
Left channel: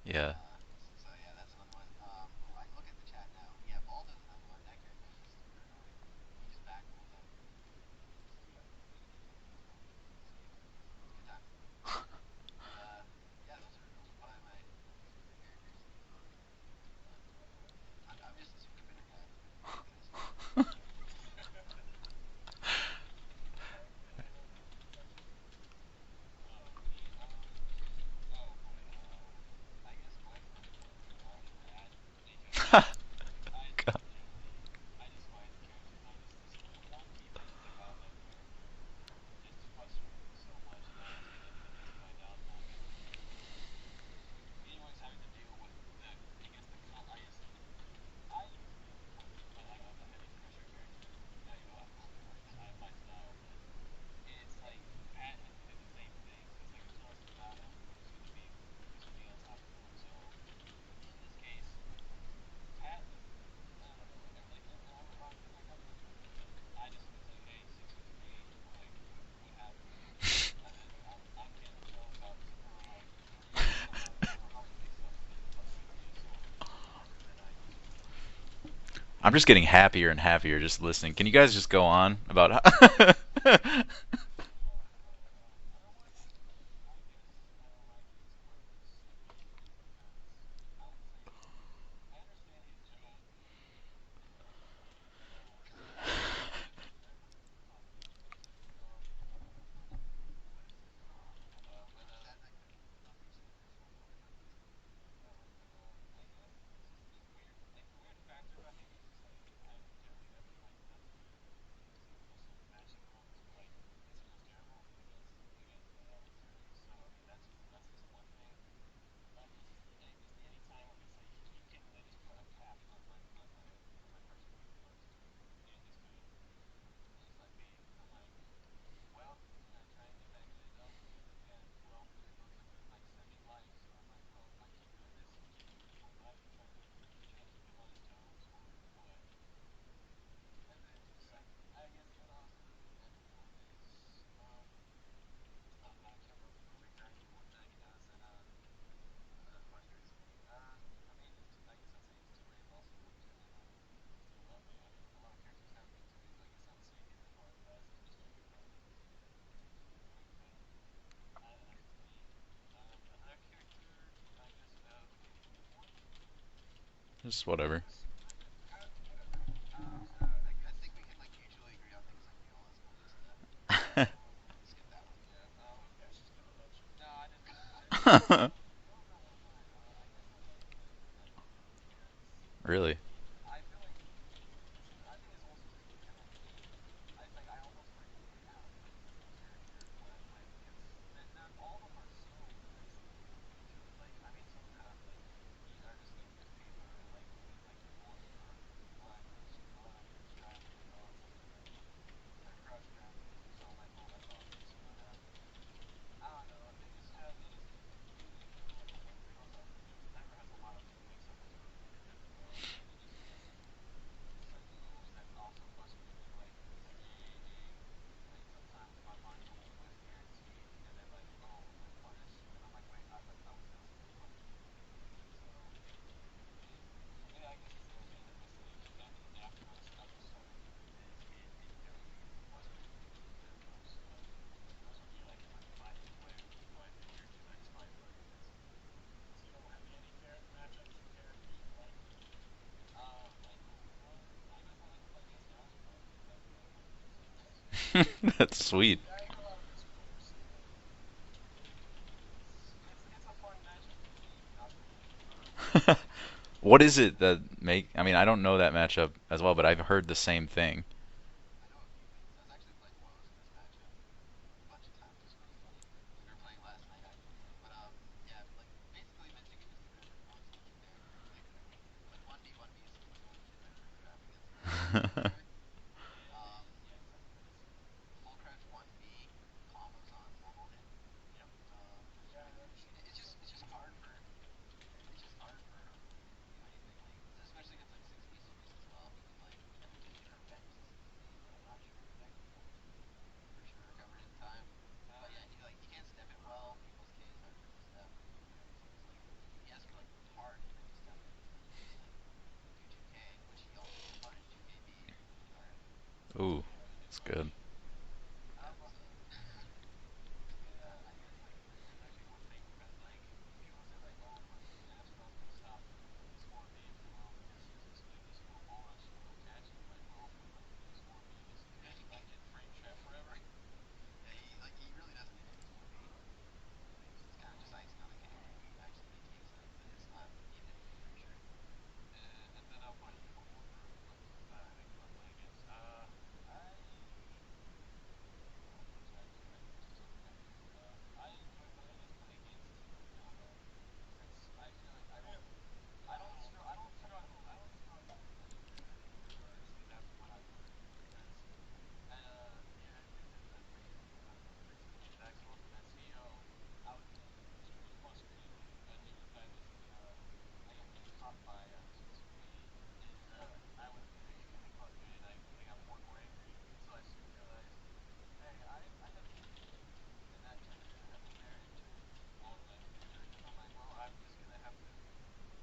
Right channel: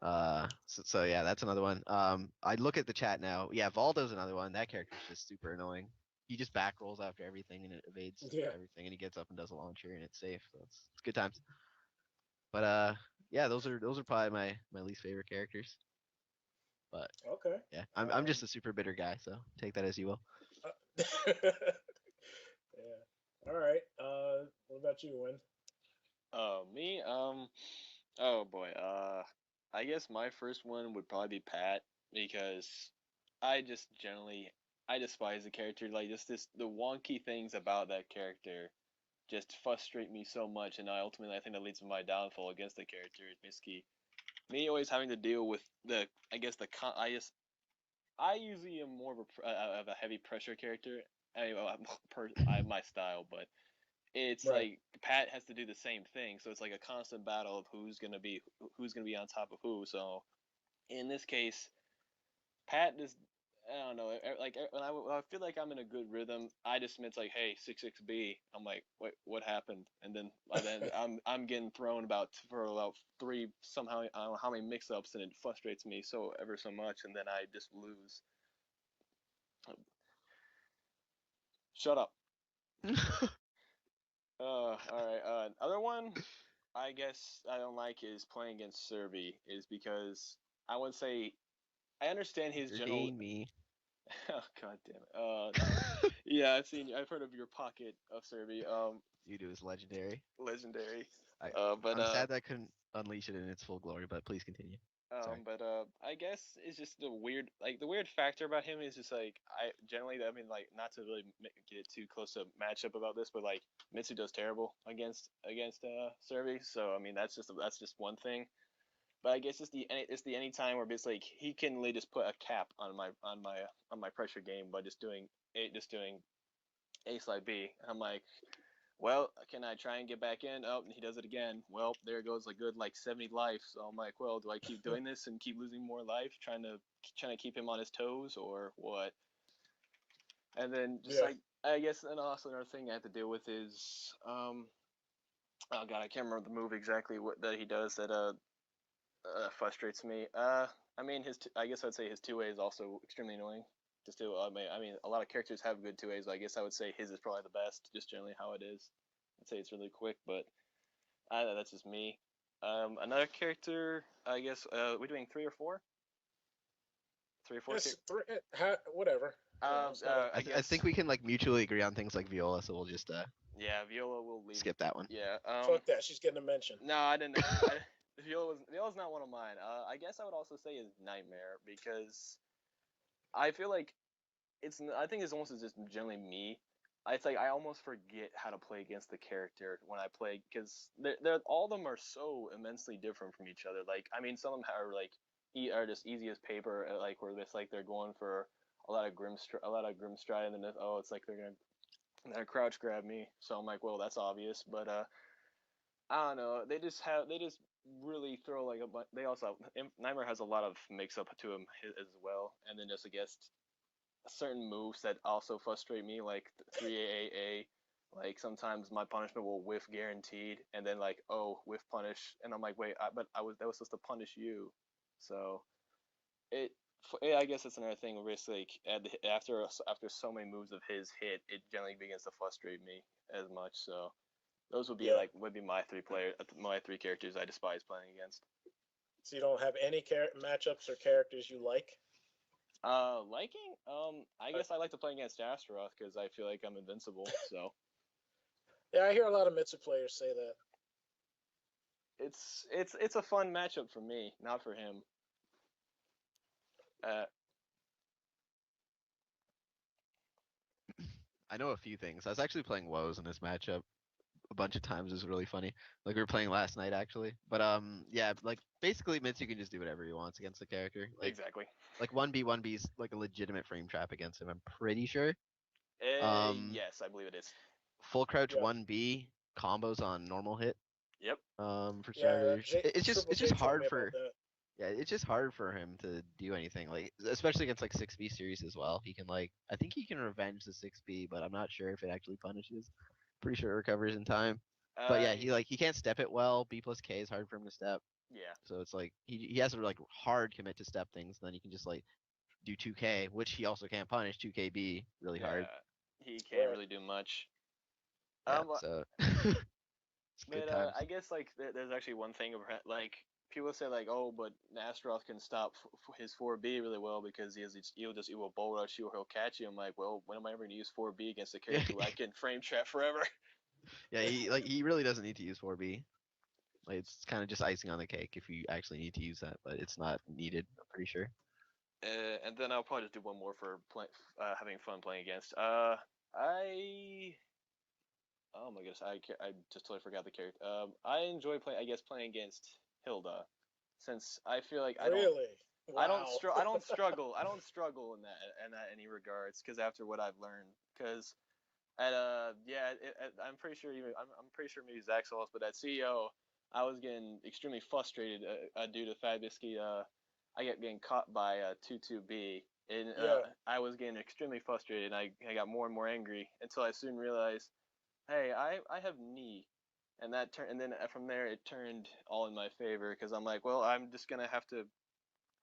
Yeah. So yeah, that's another one. I look at the chat now. Yeah, Valdo's another one. That character's just super annoying. He just back rolls after everything and it evades Yeah. everything, and he gets up and does a launcher and it's safe. So it's good times. But yeah, those are probably my least favorite characters. But Okay. yeah, I'm just a super bitter guy, so take that as you will. All right. What about you, Lynn? Oh, me? Oh boy. I guess my first one would probably be Pat because I just generally I despise the character. Like this the wonky things about that character just frustrate me so much, and ultimately I think that leads to my downfall against the character. Niski. Me always having to deal with the I guess the I usually am more of a heavy pressure character. I mean, my style, but it's Right. like Pat has to do the same thing, so it's like a constant battle of who's gonna be on top of who. So in this case, Pat is I don't know. When I feel like I'm in a good rhythm, I just admit like, hey, 6-6B. I'm like, what happened? And then by then I'm getting thrown for about three somehow I don't know how many mix-ups, and it frustrates me so ever so much, and then I just lose. I'm just getting happier and happier just listening. Can you guys just go So, on about All right. Other one I guess I don't like is playing against Serby is because I would say I understand his You're general. dating me. Oh god damn it. Yeah, I've heard of your pocket of Serby. You do is legendary. Legendary. I But I'm sad that I couldn't unleash it in its full glory, but please continue. Sorry. I guess it's just the weird factor about him is just like I generally I mean like not to really get too close to matchup about this, but like Mitsu does terrible against Serby, so I mean that's just one thing. But I guess it's the any time where it's like he can literally just put a cap on my pressure game by just doing A slide B. I'm like, well, can I try and get back in? Oh, he does it again. Well, there goes a good like 70 life. So I'm like, well, do I keep doing this and keep losing more life, trying to keep him on his toes, or what? And then just yeah. like I guess, and also another thing I have to deal with is oh god, I can't remember the move exactly what that he does that frustrates me. I mean I guess I'd say his 2A is also extremely annoying. Just do I mean a lot of characters have good 2As, but I guess I would say his is probably the best, just generally how it is. I'd say it's really quick, but that's just me. Another character, I guess. We're doing 3 or 4. Just Three or four whatever. Three, characters. whatever. It's not I I guess. think we can like mutually agree on things like Viola, so we'll just Yeah, Viola will leave. skip that one. Yeah. fuck that. She's getting a mention. No, I didn't. Viola's not one of mine. I guess I would also say is Nightmare because Really? I feel like I think it's almost just generally me. It's like I almost forget how to play against the character when I play because all of them are so immensely different from each other. Like I mean, some of them are like are just easy as paper. Like where it's like they're going for a lot of grim stride, and then it's like they're crouch grab me. So I'm like, well, that's obvious. But I don't know. They just really throw like a bunch. They also Nightmare has a lot of mix up to him as well, and then just I guess certain moves that also frustrate me, like 3AAA. Like sometimes my punishment will whiff guaranteed, and then like whiff punish, and I'm like wait, but that was supposed to punish you, so it. I guess it's another thing where it's like after so many moves of his hit, it generally begins to frustrate me as much. So those Yeah. would be my 3 characters I despise playing against. So you don't have any matchups or characters you like? Liking? I guess I like to play against Astaroth because I feel like I'm invincible. So That's sweet. Yeah, I hear a lot of Mitsu players say that. it's a fun matchup for me, not for him. What is it Uh, that make? I mean, I don't know that matchup as well, but I've heard the same thing. I know a few things. I was actually playing Woes in this matchup a bunch of times. It was really funny. Like we were playing last night actually. But yeah, like basically Mitsu can just do whatever he wants against the character. exactly. Like 1B is like a legitimate frame trap against him. I'm pretty sure. Yes, I believe it is. Full crouch Yeah. 1B combos on normal hit. Yep. For Yeah, starters, it's just Triple it's J just told hard me about for that. yeah, it's just hard for him to do anything like especially against like 6B series as well. He can like I think he can revenge the 6B, but I'm not sure if it actually punishes. Pretty sure it recovers in time. But yeah, he can't step it well. B plus K is hard for him to step. Yeah. So it's like he has to like hard commit to step things, and then he can just like do 2K, which he also can't punish 2KB really hard. Yeah. He Ooh, can't really do that's much. good. Yeah, Um, so it's good but times. I guess like there's actually one thing about like people say like but Astaroth can stop his 4B really well because he will bull rush you or he'll catch you. I'm like, well, when am I ever gonna use 4B against a character who I can frame trap forever? Yeah, he really doesn't need to use 4B. Like it's kind of just icing on the cake if you actually need to use that, but it's not needed. I'm pretty sure. And then I'll probably just do one more for having fun playing against. I Oh my gosh, I just totally forgot the character. I enjoy playing against Hilda, since I feel like Really? Wow. I don't struggle in any regards because after what I've learned because I'm pretty sure I'm pretty sure maybe Zach saw this, but at CEO I was getting extremely frustrated due to Fabisky I get getting caught by 22B. And Yeah. I was getting extremely frustrated, and I got more and more angry until I soon realized, hey, I have me, and then from there it turned all in my favor because I'm like, well, I'm just gonna have to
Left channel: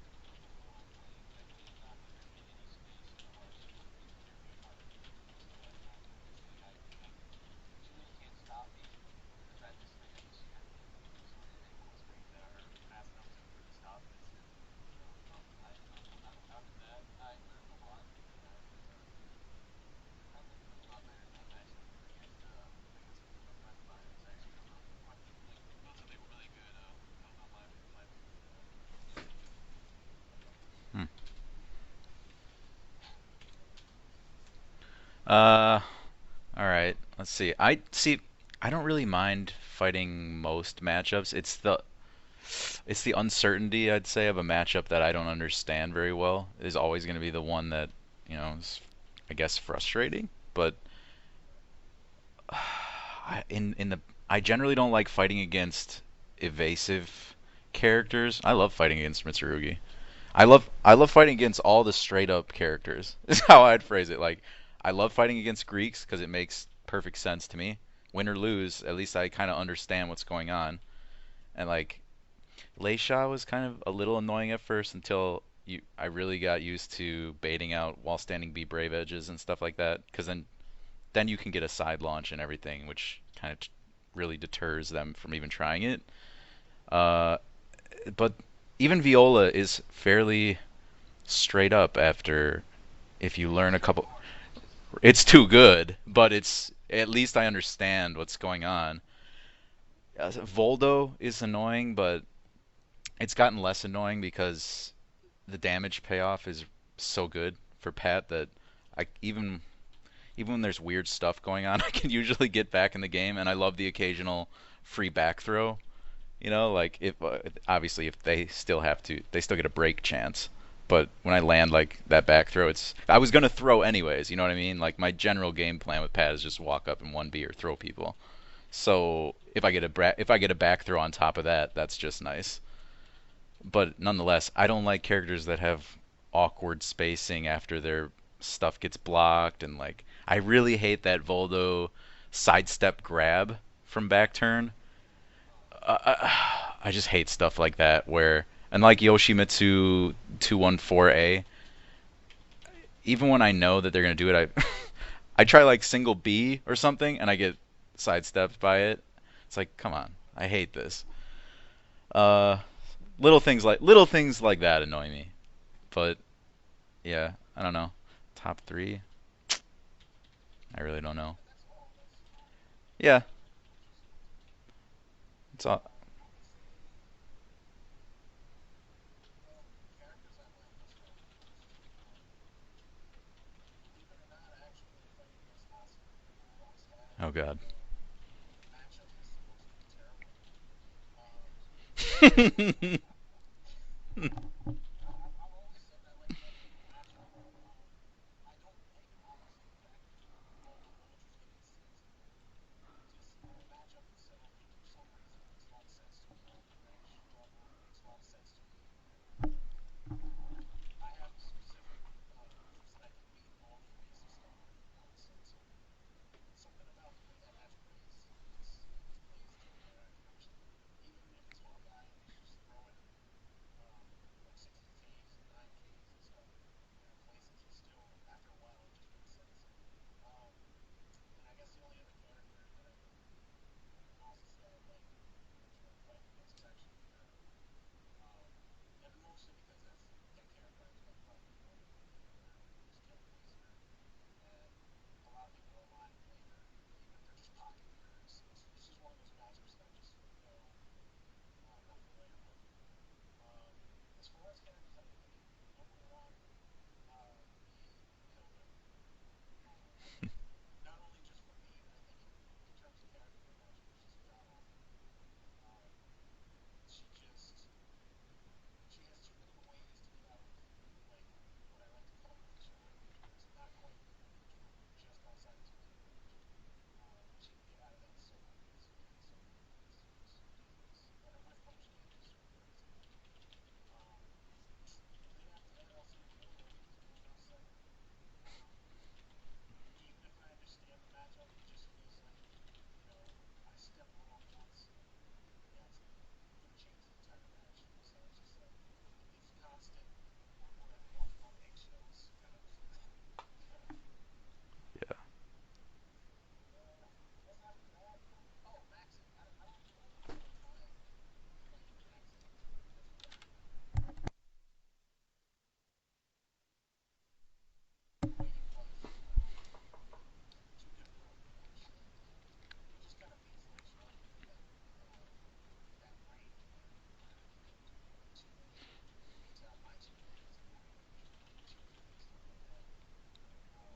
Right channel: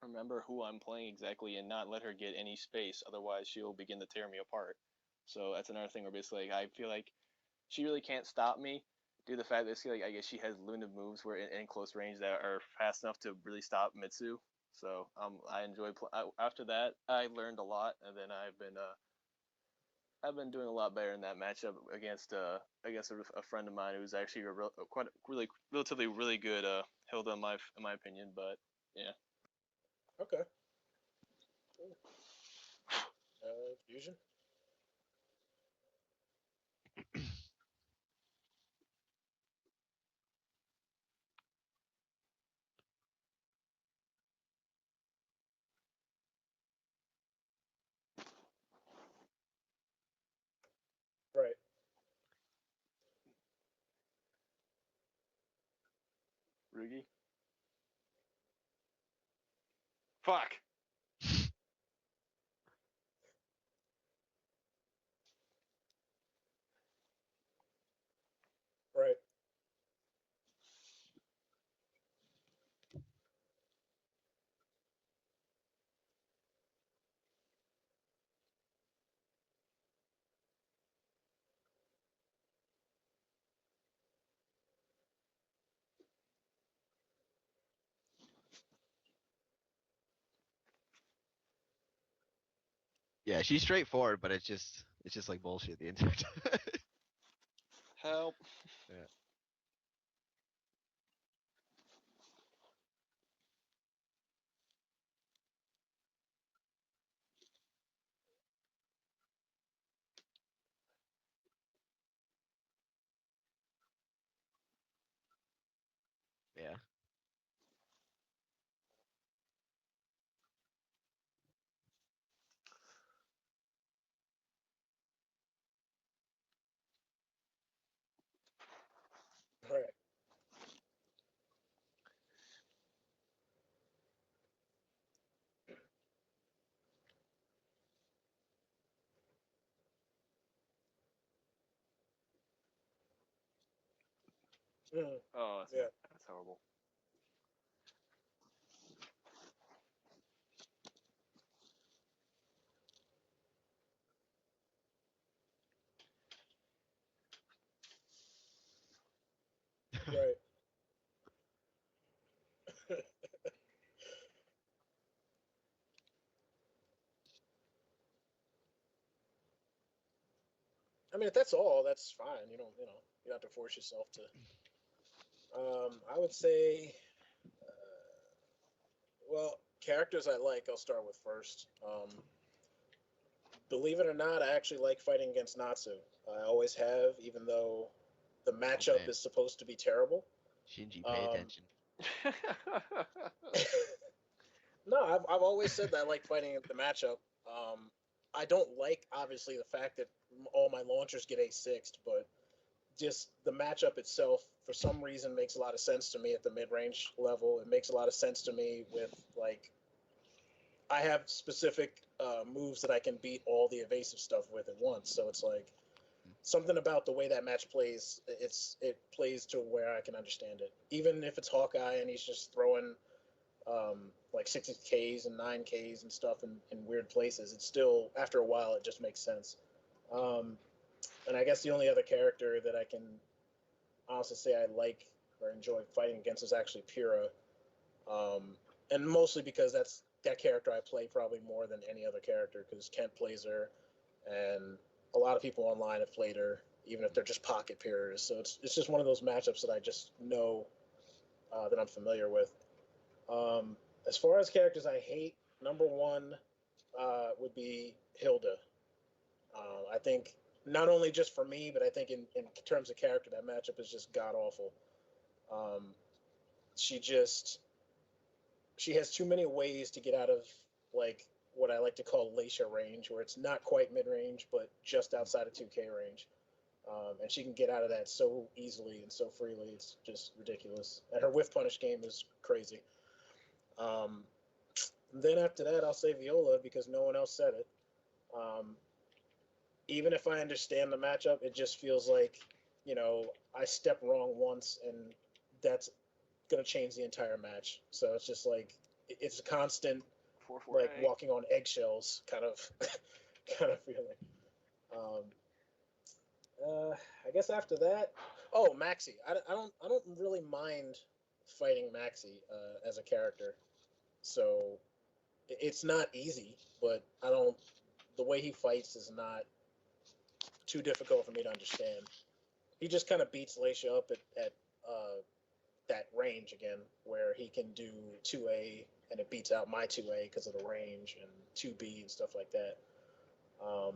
remember who I'm playing exactly and not let her get any space, otherwise she'll begin to tear me apart. So that's another thing where basically I feel like she really can't stop me due to the fact that I guess she has limited moves where in close range that are fast enough to really stop Mitsu. So I enjoy. After that, I learned a lot, and then I've been doing a lot better in that matchup against a friend of mine who's actually relatively really good Hilda in my opinion. But yeah, Okay. Hmm. Fusion. Uh, all right. Let's see. I don't really mind fighting most matchups. It's the uncertainty, I'd say, of a matchup that I don't understand very well is always going to be the one that, is, I guess, frustrating. But Right. I generally don't like fighting against Mitsurugi. evasive characters. I love fighting against Mitsurugi. I Fine. love I love fighting against all the straight up characters. Is how I'd phrase it. Like I love fighting against Greeks because it makes perfect sense to me. Win or lose, at least Right. I kind of understand what's going on. And like Leisha was kind of a little annoying at first until I really got used to baiting out while standing B brave edges and stuff like that. Because then you can get a side launch and everything, which kind of really deters them from even trying it. Uh, but even Viola is fairly straight up after if Yeah, you she's learn a couple. straightforward, but it's just It's too overly good, but intense. it's at least I understand Well, what's going on. yeah. Voldo is annoying, but it's gotten less annoying because the damage payoff is so good for Pat that I even when there's weird stuff going on, I can usually get back in the game, and I love the occasional free back throw. You know, like if obviously if they still have to, they still get a break chance. But when I land like that back throw, it's I was gonna throw anyways. You know what I mean? Like my general game plan with Pat is just walk up and 1B or throw people. So if I get Right. if I get a back throw on top of that, that's just nice. But nonetheless, I don't like characters that have awkward spacing after their stuff gets blocked, and like I really hate that Voldo sidestep grab from back turn. Mm, Oh, yeah. I just hate stuff like that where and like Yoshimitsu 214A, even when I know that they're gonna do it, I I try like single B or something and I get sidestepped by it. It's like, come on, Right. I hate this. Uh, little things like that annoy me. But yeah, I don't know. Top three, I really don't I mean, know. if that's all, that's fine. Yeah, You don't have to force yourself to. it's all. I would say, well, characters I like, I'll start with first. Believe it or not, I actually like fighting against Natsu. I always have, Oh even God. though the Oh matchup man, is supposed to be terrible. Shinji, pay Um, attention. no, I've always said that I like fighting the matchup. I don't like, obviously, the fact that all my launchers get A6'd, but just the matchup itself, for some reason, makes a lot of sense to me at the mid range level. It makes a lot of sense to me with, like, I have specific moves that I can beat all the evasive stuff with at once. So it's like something about the way that match plays. It plays to where I can understand it. Even if it's Hawkeye and he's just throwing like 60Ks and 9Ks and stuff in weird places, it's still after a while it just makes sense. Um, and I guess the only other character that I can honestly say I like or enjoy fighting against is actually Pyrrha, um, and mostly because that's that character I play probably more than any other character because Kent plays her, and a lot of people online have played her, even if they're just pocket Pyrrhas. So it's just one of those matchups that I just know that I'm familiar with. Um, as far as characters I hate, number one would be Hilda. I think not only just for me, but I think in terms of character, that matchup is just god awful. Um, she just she has too many ways to get out of like what I like to call Lacia range, where it's not quite mid range, but just outside of 2K range. And she can get out of that so easily and so freely. It's just ridiculous. And her whiff punish game is crazy. Um, then after that, I'll say Viola because no one else said it. Um, Even if I understand the matchup, it just feels like, I step wrong once and that's going to change the entire match. So it's just like, it's a constant, like 4-4A. walking on eggshells kind of, kind of feeling. Um, I guess after that, oh, Maxi. I don't really mind fighting Maxi as a character. So it's not easy, but I don't. The way he fights is not too difficult for me to understand. He just kind of beats Lacia up at that range again, where he can do 2A and it beats out my 2A because of the range and 2B and stuff like that. Um,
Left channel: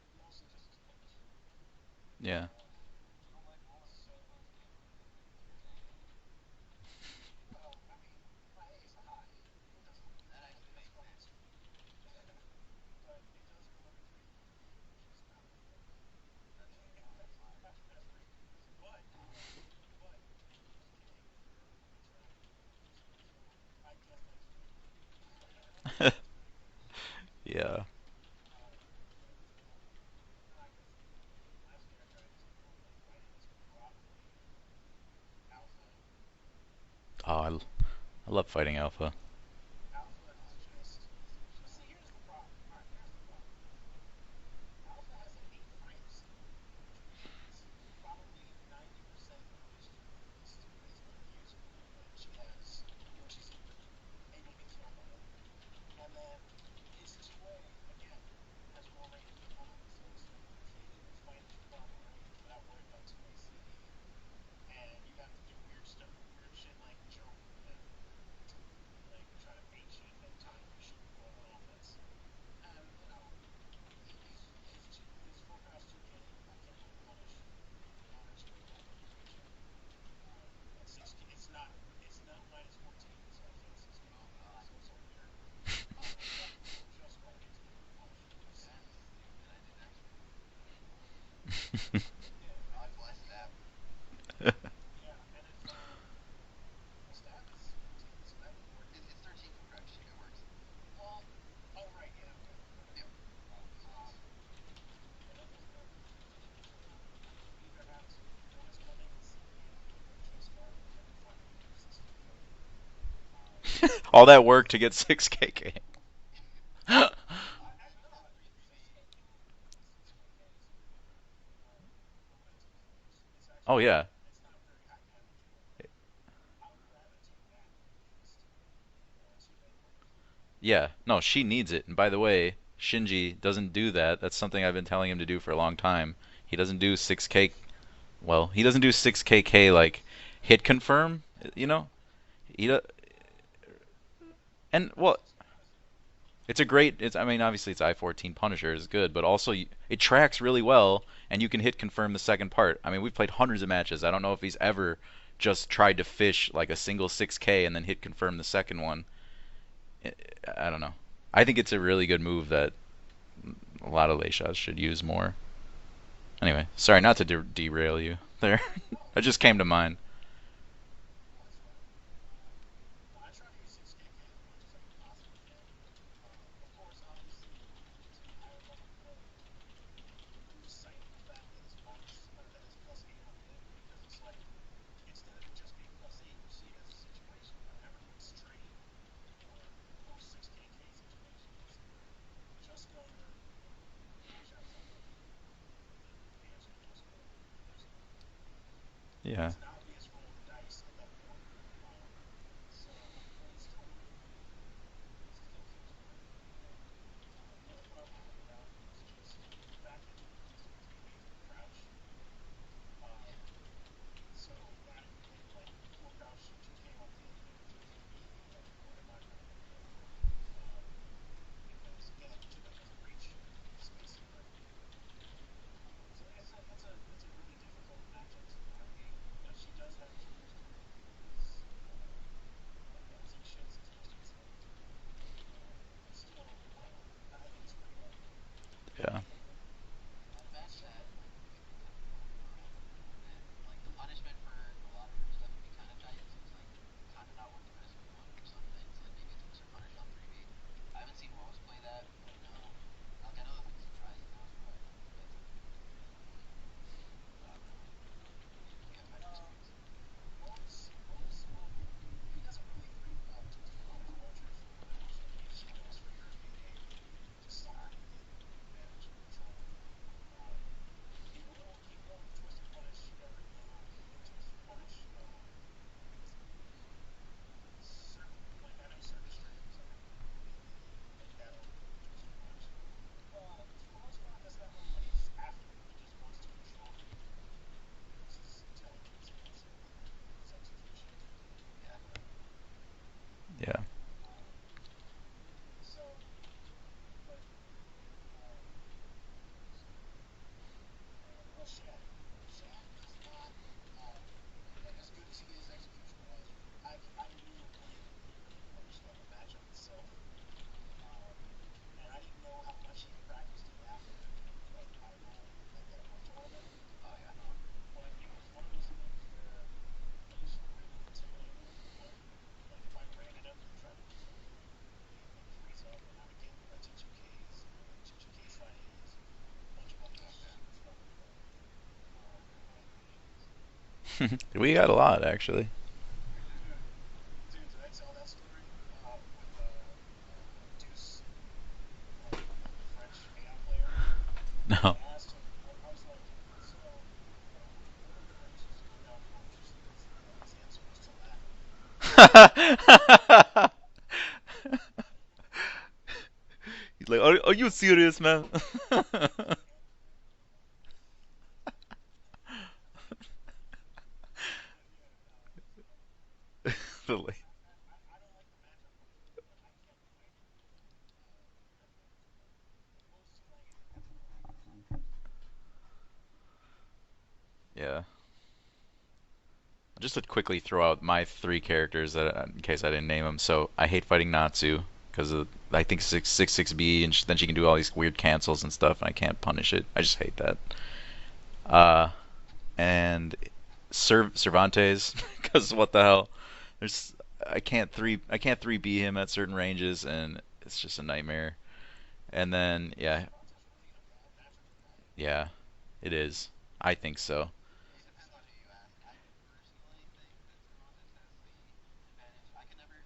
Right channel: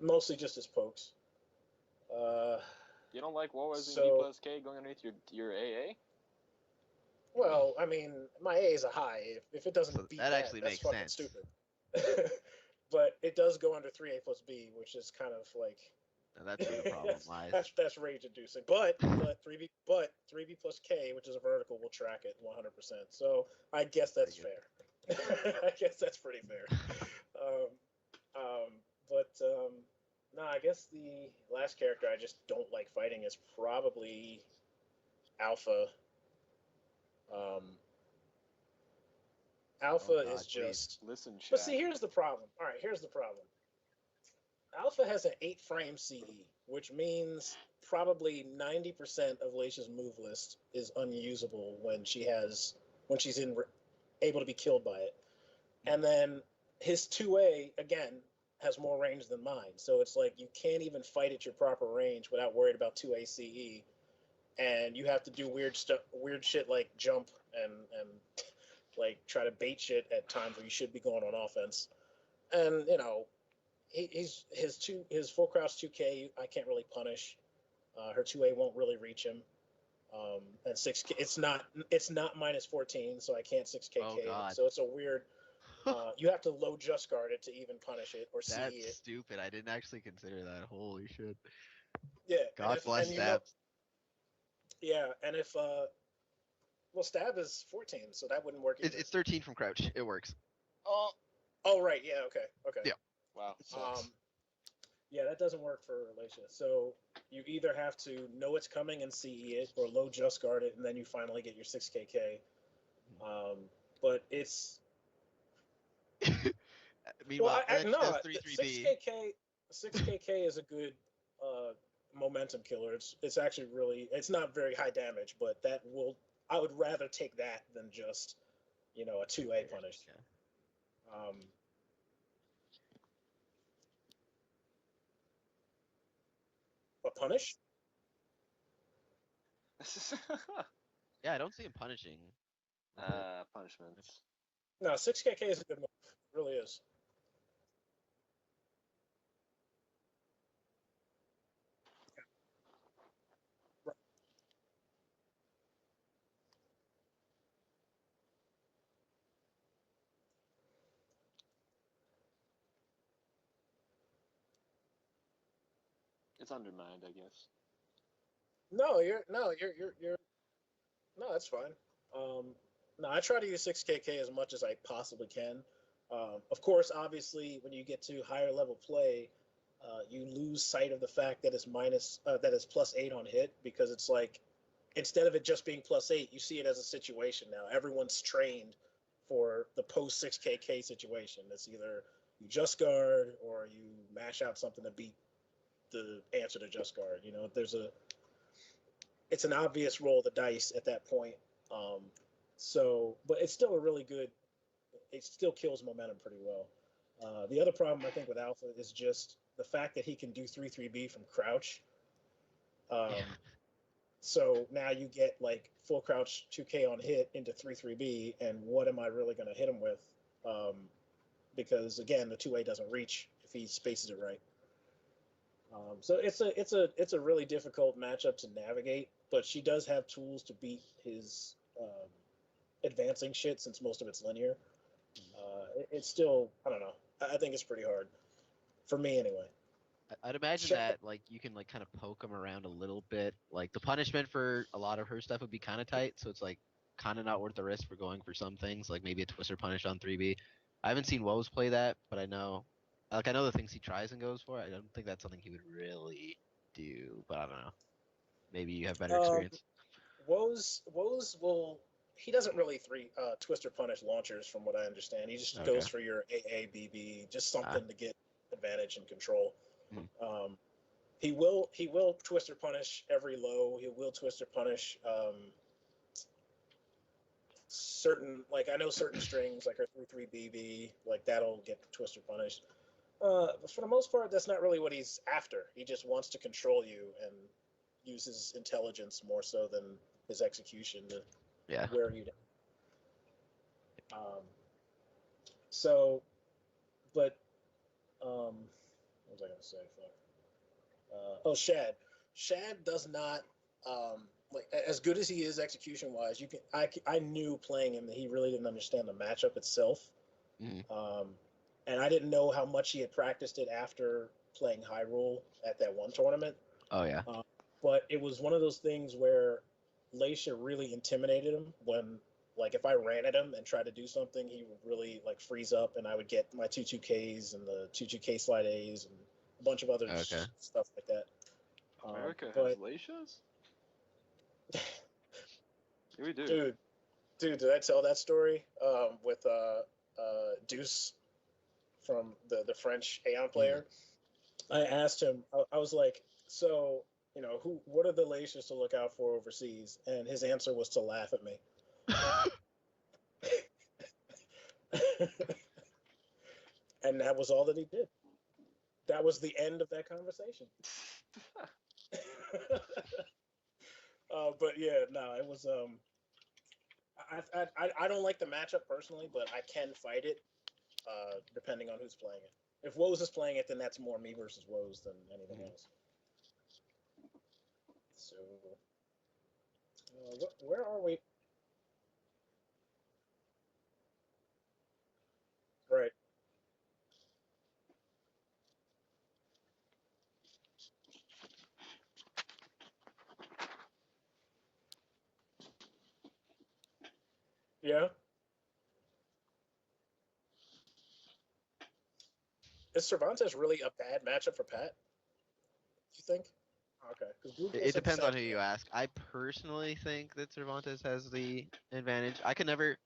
Mostly just his pokes. Yeah. Uh, You don't like what was in B so, plus K going underneath your AA? well, I mean, my A is a high. If it doesn't So beat that that, actually that's makes fucking sense. stupid. But it does go under 3A plus B, which is kind of like And that's where the problem lies. that's rage inducing. But 3B plus K, which is a vertical, will track it 100%. So I guess Pretty that's good. fair. I guess that's pretty fair. Uh, Yeah. um, but no, I guess the last character I just don't like fighting is probably Alpha. Oh, Um, I love fighting Alpha. Oh Alpha is God, please. just. Listen, But chat. see, here's the problem. All right, here's the problem. Alpha has an 8 frame CE, which means probably 90% of Leisha's move list is unusable when she's able to be killed by it. And then his 2A again has more range than mine, so it's like you can't even fight at your proper range without worried about 2A CE, and you have to do weird shit like jump and like try to bait shit at times where you should be going on offense. And his full crouch 2K I can't really punish. Her 2A won't really reach him. And 6K, it's not minus 14, so I can't 6K. Oh, God. So it's a weird. You have to low just guard it to even punish it or CE That's it. stupid. I didn't actually consider that. Holy shit. Yeah. God bless stabs. Yeah, and if well, stab is 14, so that wouldn't work either. It's 13 from crouch. It works. Oh right, yeah, okay. Yeah. Wow. Sucks. Yeah, that doesn't work for Alicia. So you either have to know it's coming and CE it, or low just guard it, and then you finally get your 6KK. All that work to get 6KK. Well, Rich no, does 3-3B. 6KK is a good momentum killer. It's actually Oh, yeah. It's not very high damage, but I would rather take that than just a 2A punish. Yeah, no, she needs it. And by the way, Shinji doesn't do that. That's something I've been telling him to do for a long time. He doesn't do 6K. Well, he doesn't do 6KK like hit confirm. Yeah, I don't you see know. punishing. He Punishments. and No, well, 6KK is a good one. Really it's a is. great. I mean, obviously it's I-14 Punisher is good, but also it tracks really well, and you can hit confirm the second part. I mean, we've played hundreds of matches. I don't know if he's ever just tried to fish like a single 6K and then hit confirm the second one. I don't know. I think it's a really good move that a lot of lay shots should use more. Anyway, sorry not to derail you there. No, It just came to mind. No, that's fine. No, I try to use 6KK as much as I possibly can. Of course, obviously, when you get to higher level play, you lose sight of the fact that it's +8 on hit, because it's like instead of it just being +8, you see it as a situation now. Everyone's trained for the post 6KK situation. It's either you just guard or you mash out something to beat the answer to just guard. It's an obvious roll of the dice at that point. But it's still a really good. It still kills momentum pretty well. The other problem I think with Alpha is just the fact that he can do 3-3B from crouch. So now you get like full crouch 2K on hit into 3-3B, and what am I really going to hit him with? Because again, the 2A doesn't reach if he spaces it right. So it's a really difficult matchup to navigate, but she does have tools to beat his advancing shit, since most of it's linear. It's still, I don't know. I think it's pretty hard for me anyway. I'd imagine that like you can like kind of poke him around a little bit. Like the punishment for a lot of her stuff would be kind of tight, so it's like kind of not worth the risk for going for some things, like maybe a twister punish on 3B. I haven't seen Woes play that, but I know the things he tries and goes for. I don't think that's something he would really do, but I don't know. Maybe you have better experience. Woes will. He doesn't really twister punish launchers, from what I understand. He just goes for your AABB, just something to get advantage and control. He will twister punish every low. He will twister punish certain, like I know certain strings, like our 3-3BB, like that'll get twister punished. For the most part, that's not really what he's after. He just wants to control you and uses intelligence more so than his execution to wear you down. Yeah. What was I gonna say? Shad. Shad does not like, as good as he is execution wise. I knew playing him that he really didn't understand the matchup itself, and I didn't know how much he had practiced it after playing Hyrule at that one tournament. Oh yeah. But it was one of those things where Leisha really intimidated him when, like, if I ran at him and tried to do something, he would really like freeze up, and I would get my 2-2Ks and the 2-2K slide A's and a bunch of other stuff like that. America has Leishas? We got a lot, actually. We do. Dude, did I tell that story with Deuce from the French Aeon player? No. I asked him, I was like, so what are the nations to look out for overseas? And his answer was to laugh at me. He's And like, that was are all you that we said. serious, man? That was the end of that conversation. But yeah, no, it was. I don't like the matchup personally, but I can fight it depending on who's playing it. If Woes is playing it, then that's more me versus Woes than anything else. Yeah. So, Just to yeah, quickly throw what out about my three characters that, in case I didn't name them. So I hate fighting Natsu because I think right? 666B, and then she can do all these weird cancels and stuff, and I can't punish it. I just hate that. Uh, and Cervantes, because what the hell? There's Yeah. I can't 3B him at certain ranges, and it's just a nightmare. And then Is yeah, Cervantes really a bad matchup for Pat? yeah, it You think? is. I think Okay. so. The group It was depends on upset. who you ask. I personally think that Cervantes has the advantage. I could never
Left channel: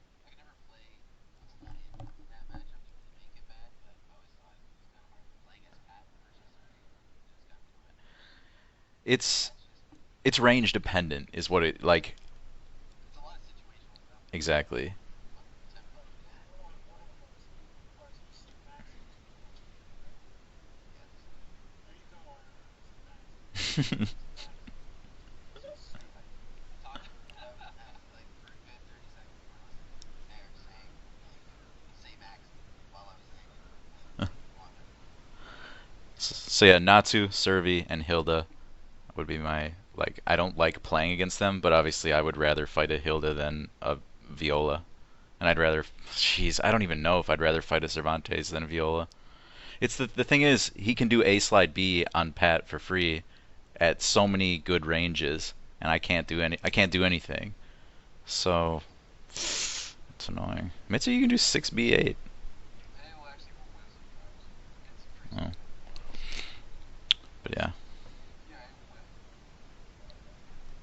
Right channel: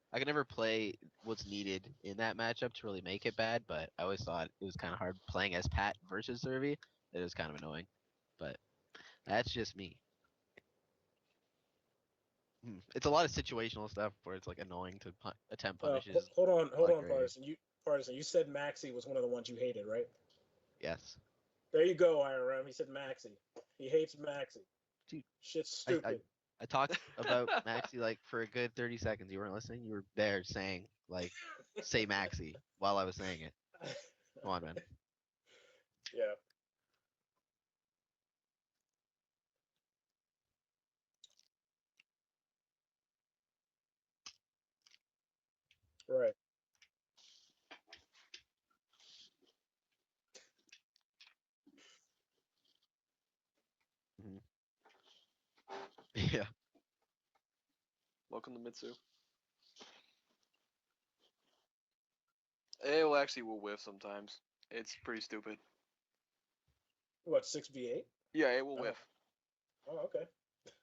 play what's needed in that matchup to really make it bad, but I always thought it was kind of hard playing as Pat versus Servi. It was kind of annoying, but that's It's just me. it's range dependent, is what it like It's a lot of situational stuff where it's like exactly. willing to attempt punishes. Hold Not on, great. Partisan. You said Maxi was one of the ones you hated, right? Yes, There you go, IRM. He said Maxi. He hates Maxi. dude. Shit's I, I stupid. I talked about Maxi like for a good 30 seconds. You weren't listening. You were there saying like say Maxi while I was saying it. Come on, man. Yeah. So yeah, Natsu, Servi, and Hilda would be my like. I don't like playing against them, but obviously I would rather fight a Hilda than a Viola, and I'd rather. Right. Jeez, I don't even know if I'd rather fight a Cervantes than a Viola. It's the thing is he can do A slide B on Pat for free at so many good ranges, and I can't do anything. Or So Mitsu. it's annoying. Mitsu, you can do 6B8. It will actually will whiff sometimes. It's pretty Oh, stupid. What, but yeah. 6B8? Yeah, it will Oh. whiff. Oh, okay.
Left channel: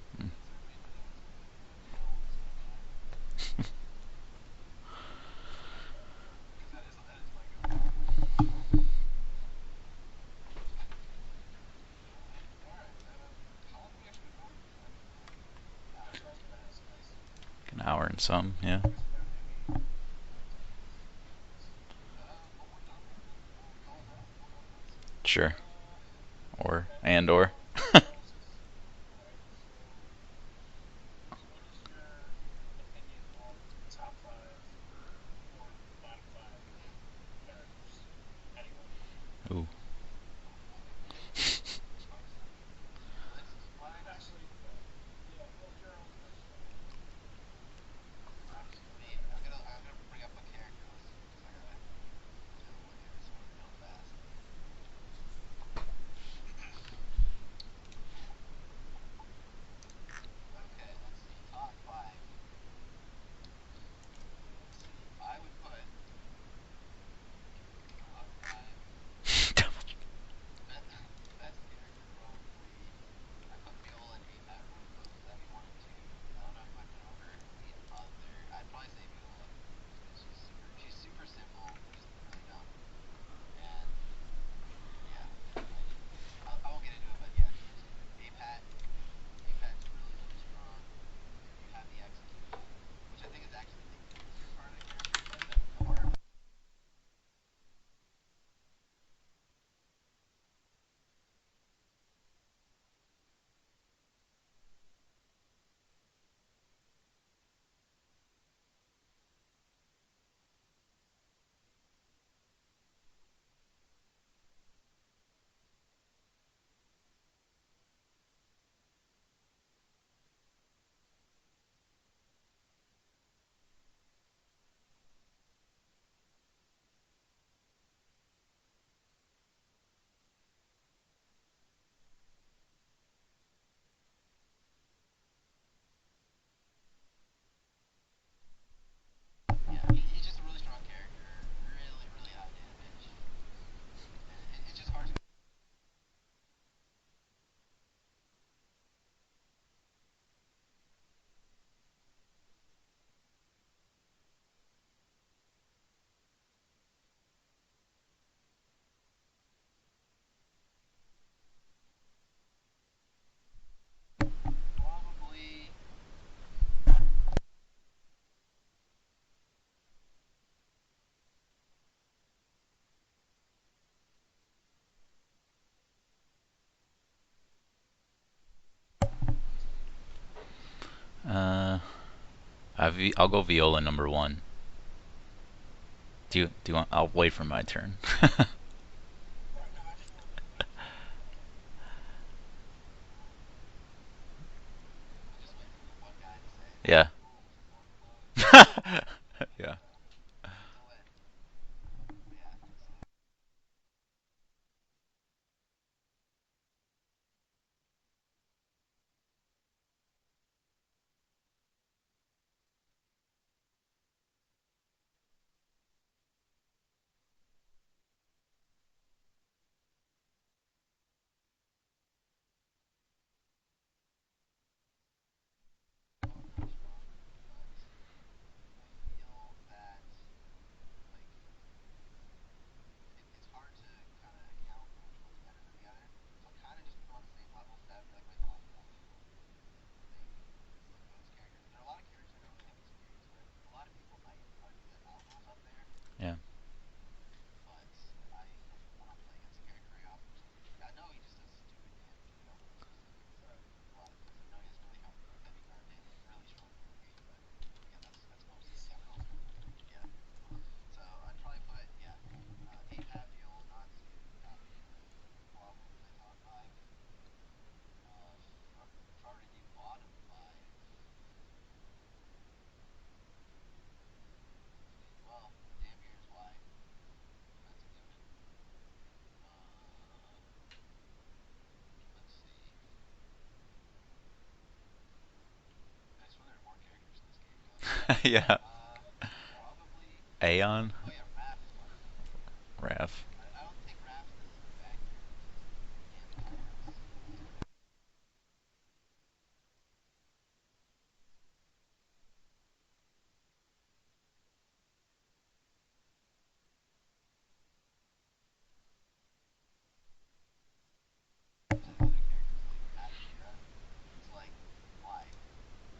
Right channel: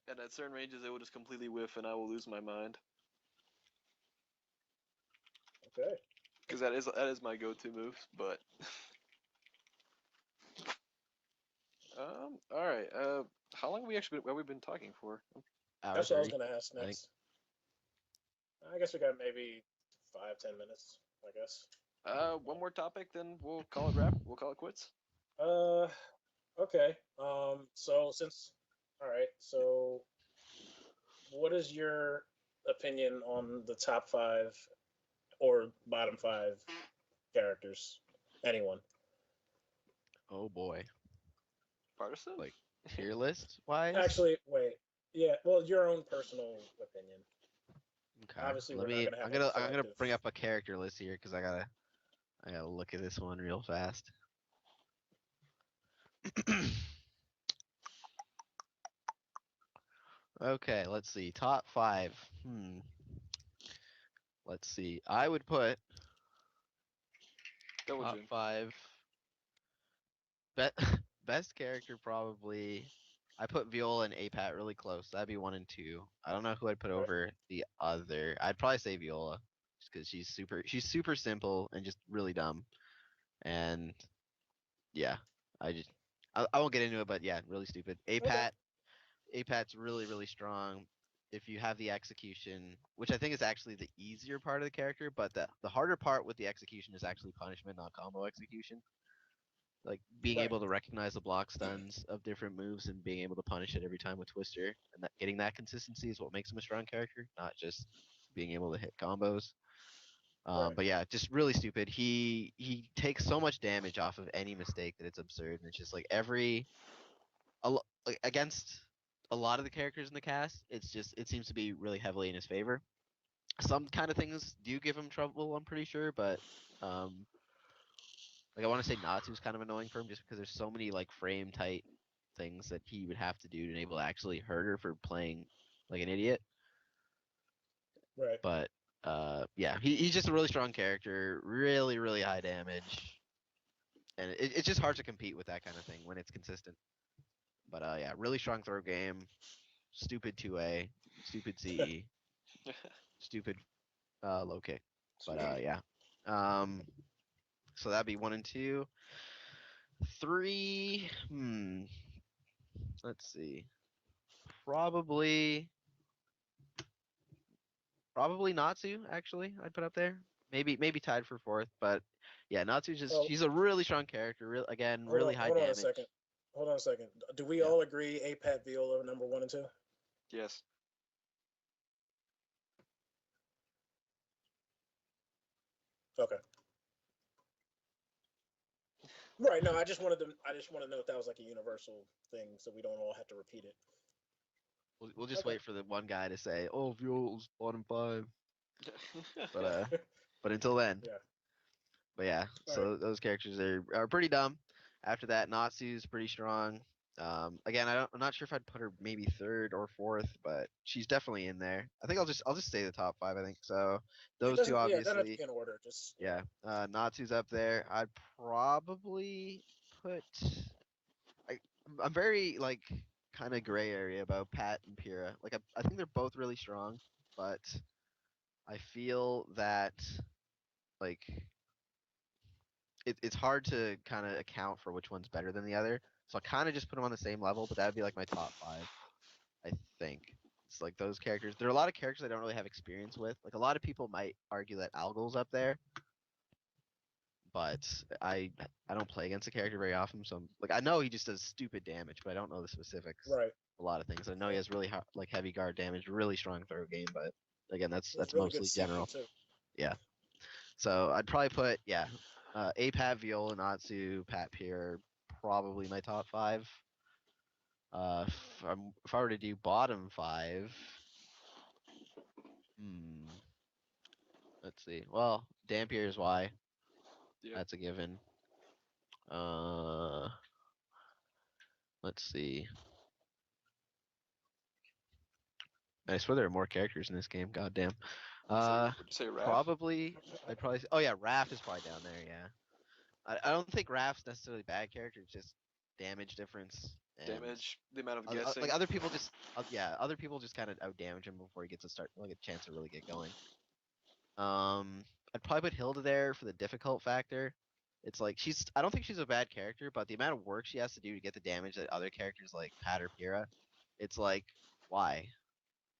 And at certain ranges, it will just completely whiff, and I will lose my mind. Okay. Because that is my go-to move. But all right. How long have we been talking for? Hour That's what I was 30, going to ask I think. next. An hour and some, I yeah. guess we got maybe 5, 10 minutes, I guess. One more topic, then we'll call it wrap. We'll call it quits. Sure. Uh, Or okay. and or. All right, so what is your opinion on the top five or bottom five characters? Anyone? Ooh. Oh boy. Partisan? Like tier list wise. Actually, wait. Yeah, well, your own personal opinion. Okay. Obviously, Let we're not me. going to I'm have any gonna. I'm gonna collective. bring up a character list here because I gotta look at this one real fast. Okay. Let's see. Top five. Let's see. I would put Double top Jin. five. Bet best character probably. I put Viola and Apat really close. That'd be one and two. I don't know who I'd put Okay. over the other. I'd probably say Viola, just because she's super simple and just really dumb. And yeah, I just I won't get into it, but yeah, really stupid. Okay. Apat's really strong. If you have the execution, which I think is actually the easier part of the character, but the harder part with the execution is actually punishment, not combo execution. Like being Right. able to recognize the block stuns of different moves and being able to punish it every time with Twister, and that getting that consistency is what makes him a strong character, not just being able to hit combos. Right. But yeah, just really stupid. He takes so much damage off of any mistake that it's absurd, and it's just like like, against a lot of the characters in the cast, it seems to be really heavily in his favor. Some kind of things do give him trouble, I'm pretty sure, but um, like I want to say Natsu's kind of annoying for him just because there's so many like frame tight things that he would have to do to enable to actually hurt her for playing like an idiot. Right. But yeah, he's just a really strong character, really high damage, and it's just hard to compete with that kind of thing when it's consistent. But yeah, really strong throw game, stupid 2A, stupid CE, stupid low kick. But Sweet. yeah, um, so that'd be one and two. Three, Let's see. Probably probably Natsu actually. I'd put up there. Maybe tied for fourth, but yeah, Natsu just Oh, she's a really strong character. Again, really high hold on a damage. second. Hold on a second. Do we Yeah. all agree APAT Viola number 1 and 2? Yes. Uh, I'll go Viola number one. Okay. Do you want? I'll wait for my turn. Right. No, I just wanted to. I just want to know if that was like a universal thing, so we don't all have to repeat it. We'll just Okay. wait for the one guy to say, "Oh, Yeah. Fuel's bottom five." But Yeah. but until then, Yeah. but yeah. All right. So those characters are pretty dumb. After that, Natsu's pretty strong. Again, I'm not sure if I'd put her maybe third or fourth, but she's definitely in there. I think I'll just say the top five. I think so. It Those two doesn't. Yeah, it doesn't have to obviously. be in order. Just Yeah. Natsu's up there. I'd probably put. I, I'm very like kind of gray area about Pat and Pyrrha. Like I think they're both really strong, but I feel that like it's hard to kind of account for which one's better than the other. So I kind of just put them on the same level, but that would be like my top five. I think it's like those characters. There are a lot of characters I don't really have experience with. Like a lot of people might argue that Algol's up there, Yeah. but I don't play against the character very often. So like I know he just does stupid damage, but I don't know the specifics. right. A lot of things. I know he has really like heavy guard damage, really strong throw game, but again, It's that's really good mostly CP general. too. Yeah. So I'd probably put APAT, Viola, Natsu, Pat Pier, probably my top five. If I were to do bottom five, hmm, let's see. Well, Dampier's why. Yep. That's a given. Uh, let's see. I swear there are more characters in this game. God damn. Yeah. Would you say Raph? Probably. Aeon, Oh yeah, Raph is probably down there. Yeah. Raph. I don't think Raph's necessarily a bad character. It's just damage difference and Damage, the amount of guessing. like other people just other people just kind of out damage him before he gets a chance to really get going. I'd probably put Hilda there for the difficult factor. It's like I don't think she's a bad character, but the amount of work she has to do to get the damage that other characters like Pat or Pyrrha, it's like why?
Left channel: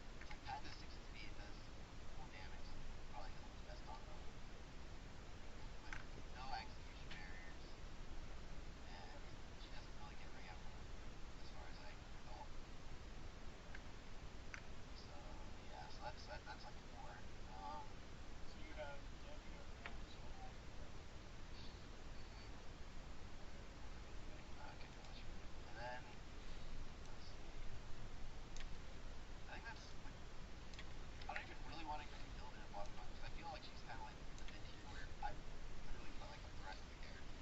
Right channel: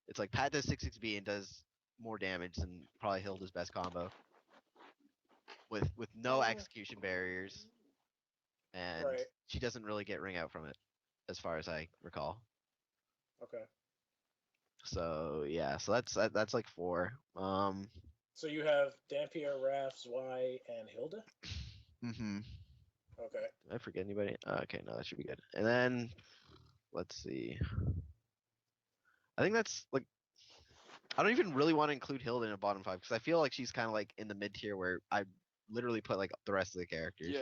It's like Pat does 6-6B and does more damage than probably Hilda's best combo with no execution barriers, and Right. she doesn't really get ring out from it, as far as I recall. Okay. So yeah, so that's like four. So you have Dampier, Raph, Zwei, and Hilda. Mm-hmm. Okay. I forget anybody. Okay, no, that should be good. And then let's see. I think that's like I don't even really want to include Hilda in a bottom five because I feel like she's kind of like in the mid tier where I literally put like the rest of the characters. Yeah.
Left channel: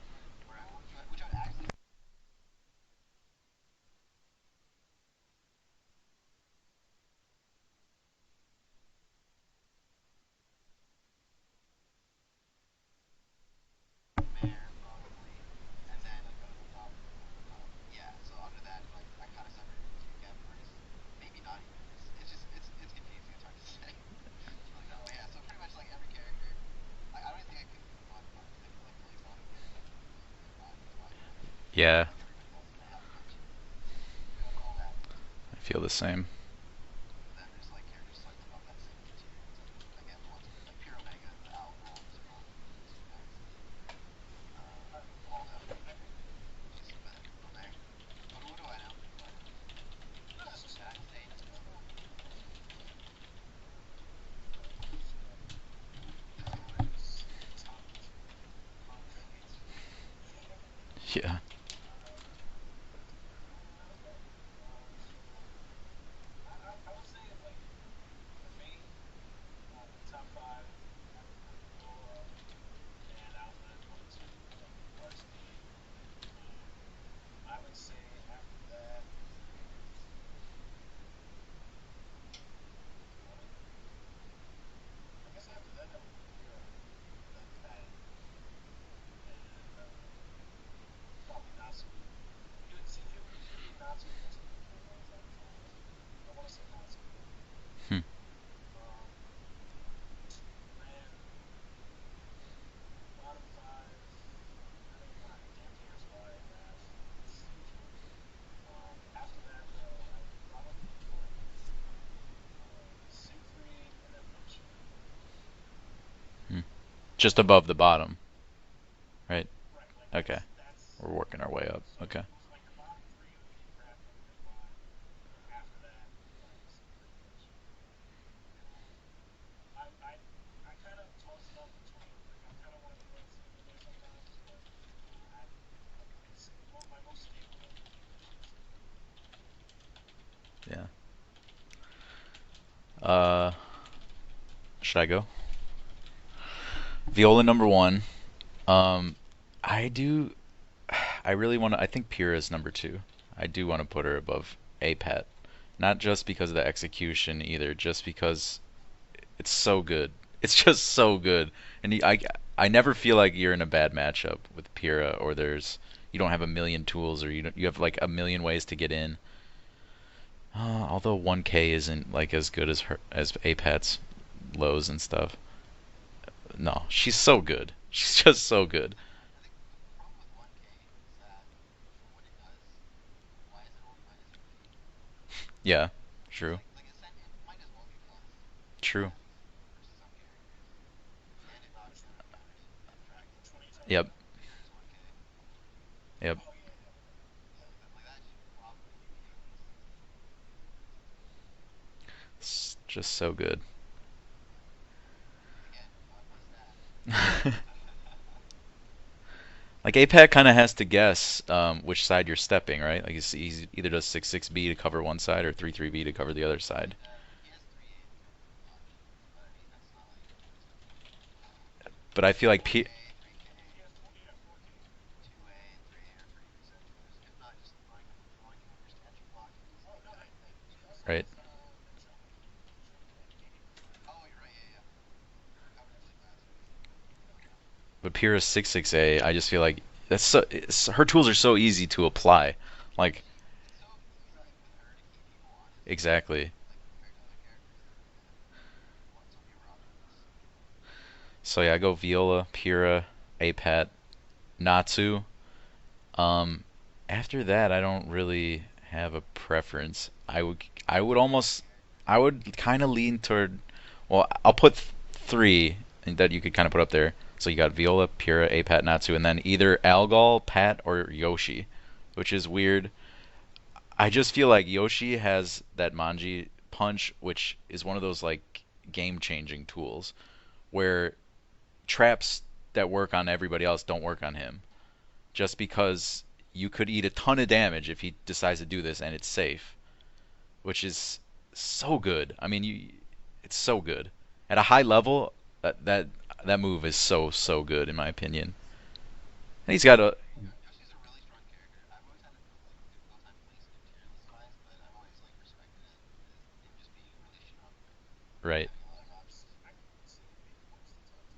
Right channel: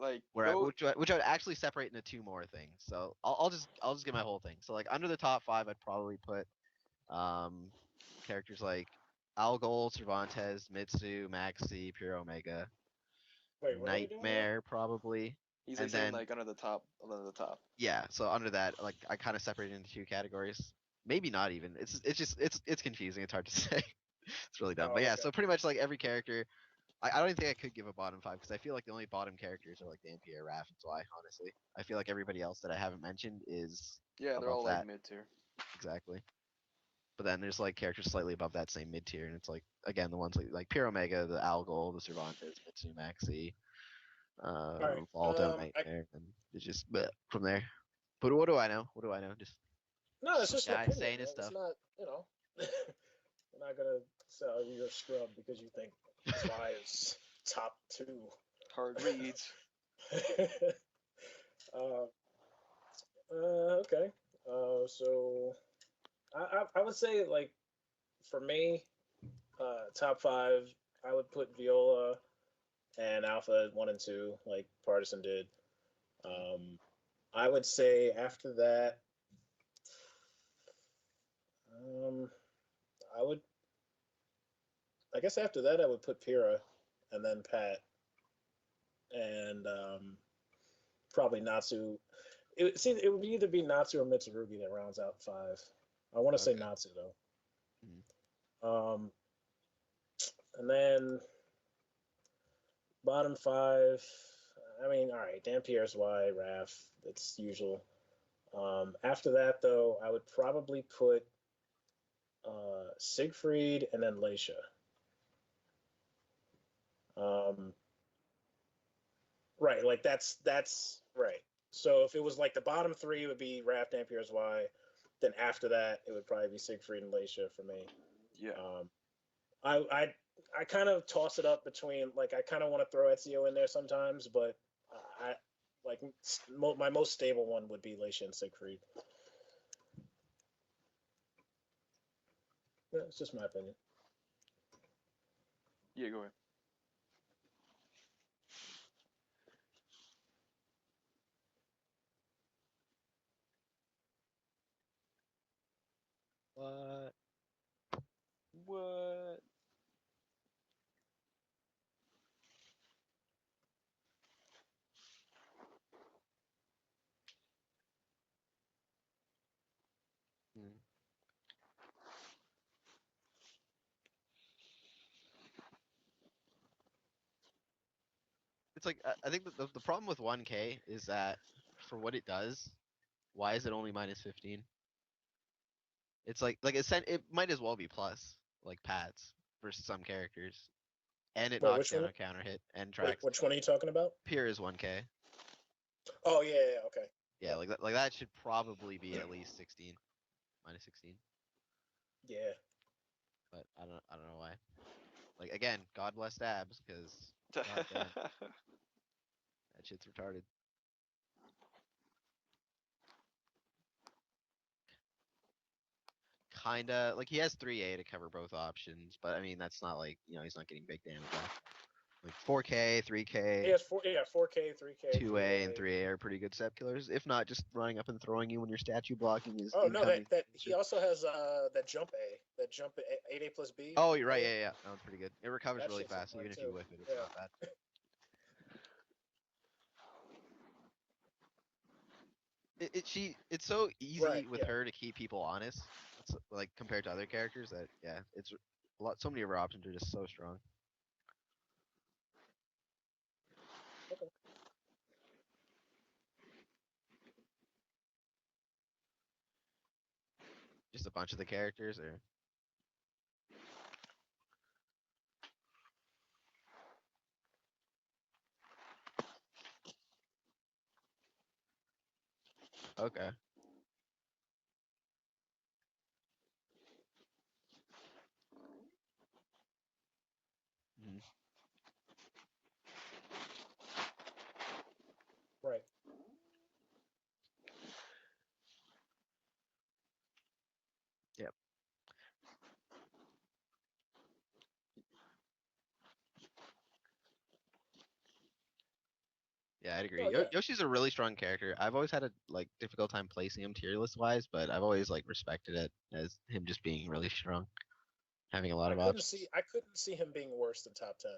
Like Where go. which I would actually separate into two more things. So I'll just get my whole thing. So like under the top five, I'd probably put um characters like Algol, Cervantes, Mitsu, Maxi, Pure Omega, Wait, what are we doing now? Nightmare probably, He's and like saying then like under the top, under the top. yeah. So under that, like I kind of separated into two categories. Maybe not even. It's just it's confusing. It's hard to say. It's really dumb. Oh, But yeah, okay. so pretty much like every character, I don't even think I could give a bottom five because I feel like the only bottom characters are like Dampier, Raph, and Zwei, honestly. I feel Yeah, like everybody else that I haven't mentioned is Yeah, they're above all like that. mid tier. I feel the Exactly. same. But then there's like characters slightly above that same mid tier, and it's like again the ones like Pure Omega, the Algol, the Cervantes, Mitsu, Maxi, All right. Waldo, Nightmare, and it's just bleh, from there. But what do I know? What do I know? No, it's Some just an guy opinion, saying his man. It's stuff. not, I'm not gonna say oh, you're a scrub because you think Zwei is top two. Hard reads. Yeah. uh, okay. So I would say like for me, top five, I would put Viola and Alpha at 1 and 2, like Partisan did. Um, I would say after that, um, I would, I guess after that I would put Pyrrha, and then Pat, and probably Natsu. It would either be Natsu or Mitsurugi that rounds out five. I want to say Okay. Natsu Hmm. though. And then bottom five. I mean, all right, Dampierre's Y, Raph. It's usual. After that, though, I would probably put Siegfried and then Leisha. Just above the bottom, right? Right, like Okay. that's We're right. working our way up. So if Okay. it was like the bottom three, it would be Raph, Napier, Y. Then after that, it would probably be Siegfried and Leisha for me. Yeah. I kind of toss it up between, like, I kind of want to throw Ezio in there sometimes, but I like my most stable one would be Leisha and Siegfried. Yeah. Just my opinion. Should I go? Yeah, go ahead. Viola number one. I do. I really want to. I think Pyrrha is number two. I do want to put her above APAT. Not just because of the execution either, just because What? it's so good. It's just so good. And I never feel like you're in a bad matchup with Pyrrha, or you don't have a million tools, or you have like a million ways to get in. Although 1K isn't like as good as APAT's lows and stuff. No, she's so good. She's just so It's good. like I think the problem with 1K is that for what it does, why is it only -15? Yeah, It's true. it might as well be plus, like True. Pats versus some characters, and it Wait, knocks which down one? a counter hit and Wait, tracks. which one are you talking Yep. about? Pure is 1K. Yep. Oh yeah, okay. Yeah, like that should probably be at least 16, -16. Yeah. It's just so good. I don't know why. Like again, God bless Dabs because Like APAC kind of has to guess which side you're stepping, right? Like he's either does 6-6B to cover one side or 3-3B to cover the other side. kinda like he has 3A to cover both options, but I mean that's not like he's not getting big damage on. But I feel like 4K, He 3K, has 4K, 3K, 2A, and 3A are pretty good set killers. If not, just running up and throwing you when your statue blocking is Oh no, incoming. that he also has Right. that jump A, that jump 8A plus B. Oh, you're right. Yeah. That one's pretty good. It recovers That really shit's fast, fun even if too. you whiff it. It's Yeah. not bad. But Pyrrha's 6-6A, I just feel like her tools are so easy to apply. Like It's so easy Right, with yeah. her to keep people honest. exactly. Like compared to other characters, that it's a lot. So many of her options are just so strong. So yeah, I go Viola, Pyrrha, APAT, Okay. Natsu. Um, After that, I don't really have a preference. I Just a would bunch of almost, characters. I would kind of lean toward. Well, I'll put three that you could kind of put up there. So you got Viola, Pyrrha, APAT, Natsu, and then either Algol, Pat, or Yoshi, which is weird. Okay. I just feel like Yoshi has that Manji punch, which is one of those like game-changing tools where traps that work on everybody else don't work on him. Just Right. because you could eat a ton of damage if he decides to do this and it's safe, which is Yep. so good. I mean, it's so good. At a high level, that move is so good in my opinion. And he's Yeah, got I a agree. Oh yeah. Yoshi's a really strong character. I've always had a difficult time placing him tier list wise, but I've always respected it as him just being really strong, right. having a lot of options. I couldn't see him being worse than top 10.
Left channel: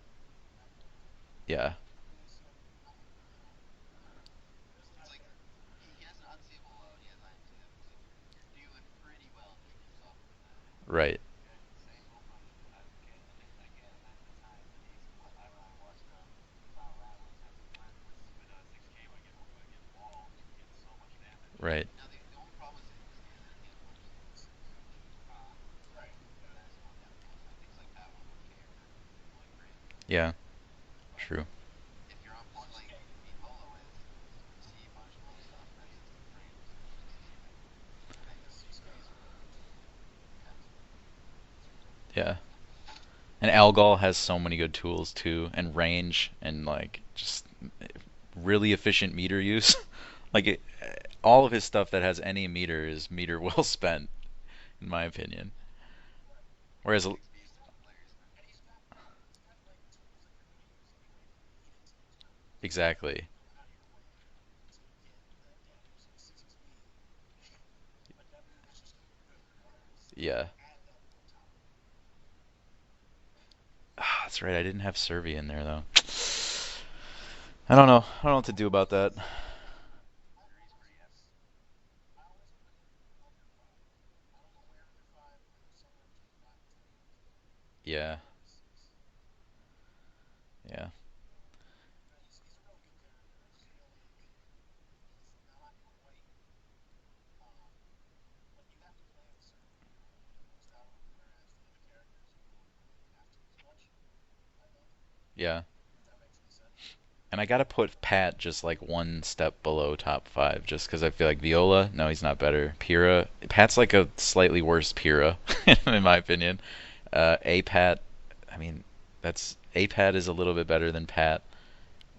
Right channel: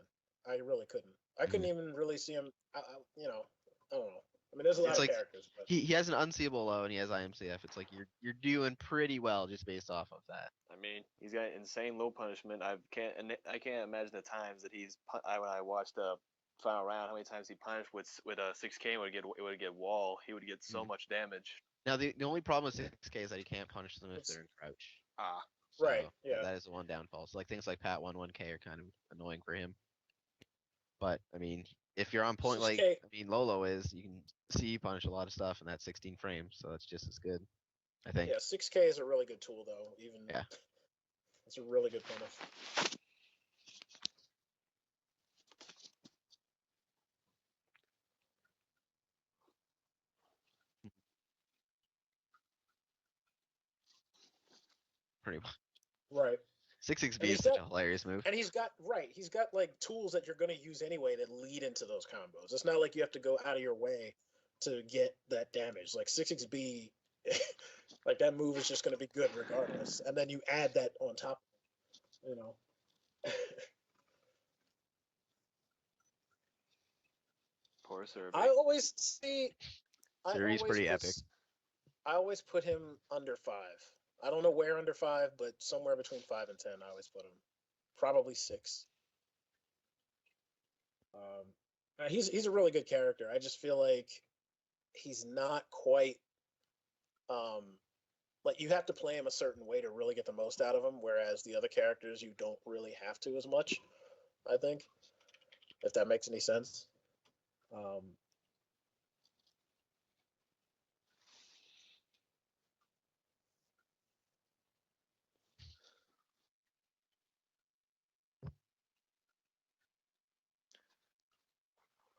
I really couldn't. I couldn't Yeah. even really see him. I don't know. I mean, there's a lot It's of like characters, but he has an unseeable low and he has IMCF. It's like you're doing pretty well just based off of that. I mean, Right. he's got insane low punishment. I can't imagine the times that when I watched the final round, how many times he punished with a 6K would get wall. He would get so much damage. Right. Now the only problem with 6K is that he can't punish them if they're in crouch. Ah, So right, yeah, that is the one downfall. So like things like Pat 1K are kind of annoying for him. Yeah. But I True. mean, if you're on point 6K. Lolo is, you can see punish a lot of stuff in that 16 frames, so it's just as good, I think. Yeah, 6K is a really good tool though. Yeah. It's a really good point. Yeah. And Algol has so many good tools too, and range, and like just really efficient meter use. All of his stuff that has any meter is meter well spent, in my opinion. Right. Whereas 6B is such a hilarious move. And he's got like tools that you're going to use anyway that lead into those combos. It's not like you have exactly, to go out of your way to get that damage. Like 6B, like that move is just going to be good regardless. And then you Yeah. add that on top, you know. That's right. I didn't have Servi in there though. I don't know. I don't know what to do about that. Series pretty epic. I always put him under 5. I don't know where under 5, but somewhere between 5 and 10. I always put him. Yeah. Probably 6. Yeah. He's a really good character. I just feel like he's not quite like you have to play him a certain way to really get the most out of him, whereas the other characters you don't really have to as much. I think, Yeah. if that makes any sense. And I gotta put Um, Pat just like one step below top five, just because I feel like Viola, no, he's not better. Pyrrha, Pat's like a slightly worse Pyrrha, in my opinion. A Pat, I mean, that's A Pat is a little bit better than Pat,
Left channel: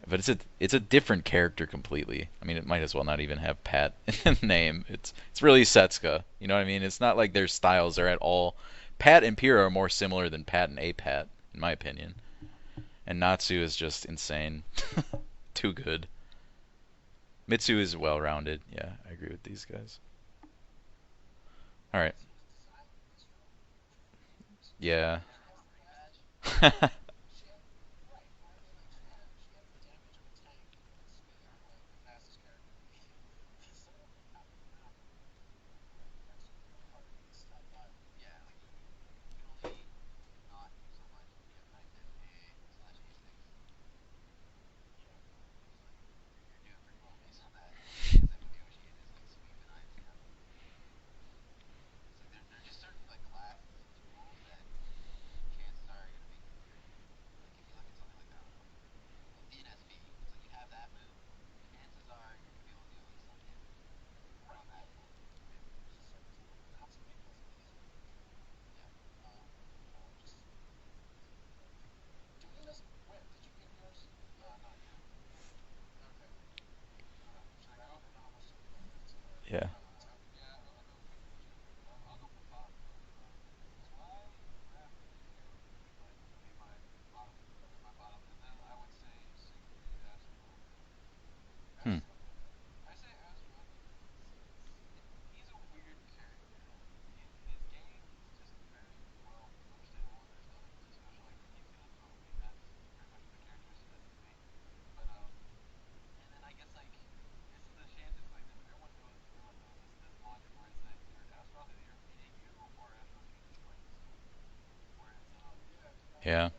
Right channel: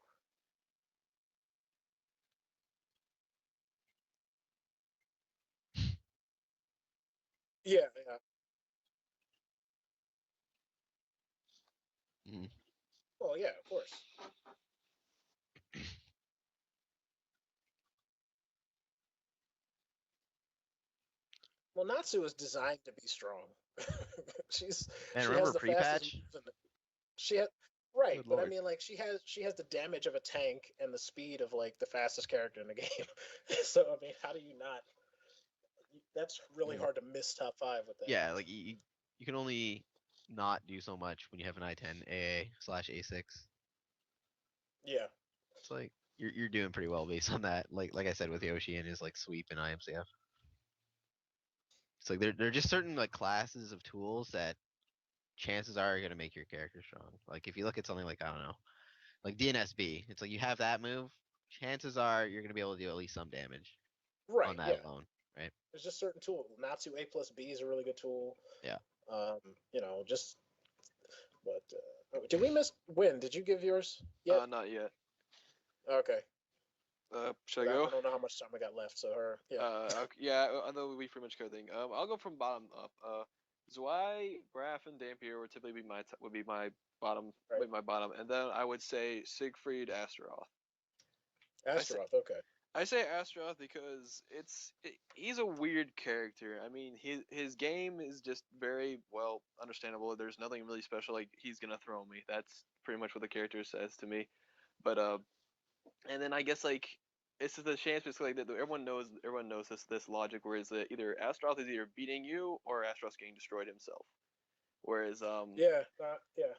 but it's a different character completely. I mean, it might as well not even have Pat in the name. It's really Setsuka. You know what I mean? It's not like their yeah, styles are at all. Pat and Pyrrha are more similar than Pat and A Pat, in my opinion. Mhm. And no, yeah, Natsu of is course. just insane. Too good. Mitsu is well rounded. Yeah, I agree with these guys. Well, All right. Natsu is designed to be strong. she's Yeah. Man, she has remember the fastest pre-patch? moves. She has right, Good but I lord. mean, like she has the damage of a tank and the speed of like the fastest character in the game. So I mean, how do you not? That's really Mm. hard to miss top five with that. Yeah, like you can only not do so much when you have an I-10 AA slash A6. Yeah, It's like you're doing pretty well based on that. Like I said with Yoshi and his like sweep and IMCF. It's like there are just certain like classes of tools that chances are gonna make your character strong. Like if you look at something like I don't know, like DNSB, it's like you have that move, chances are you're gonna be able to do at least some damage on right. that Yeah, alone, right? there's just certain tools. Natsu A plus B is a really good tool. Yeah. Um, just but did we miss Win? Did you give yours yet? Not yet. Okay, Should I I go? don't know how much time we got left. So her, Yeah. Okay, yeah, I know we pretty much covered everything. I'll go from bottom up. Zwei, Graf, and Dampier would typically be would be my bottom, right? and then I would say Siegfried Astaroth. I say, Astaroth. Okay. I say Astaroth because he's a weird character. I mean, his game is just very well understandable. There's nothing really special. Like he's gonna throw me. That's pretty much what the character says to me. But and then I guess like it's just a chance because like everyone knows this logic where it's either Astaroth is either beating you or Astaroth's getting destroyed himself. Whereas Yeah. Yeah. Yeah.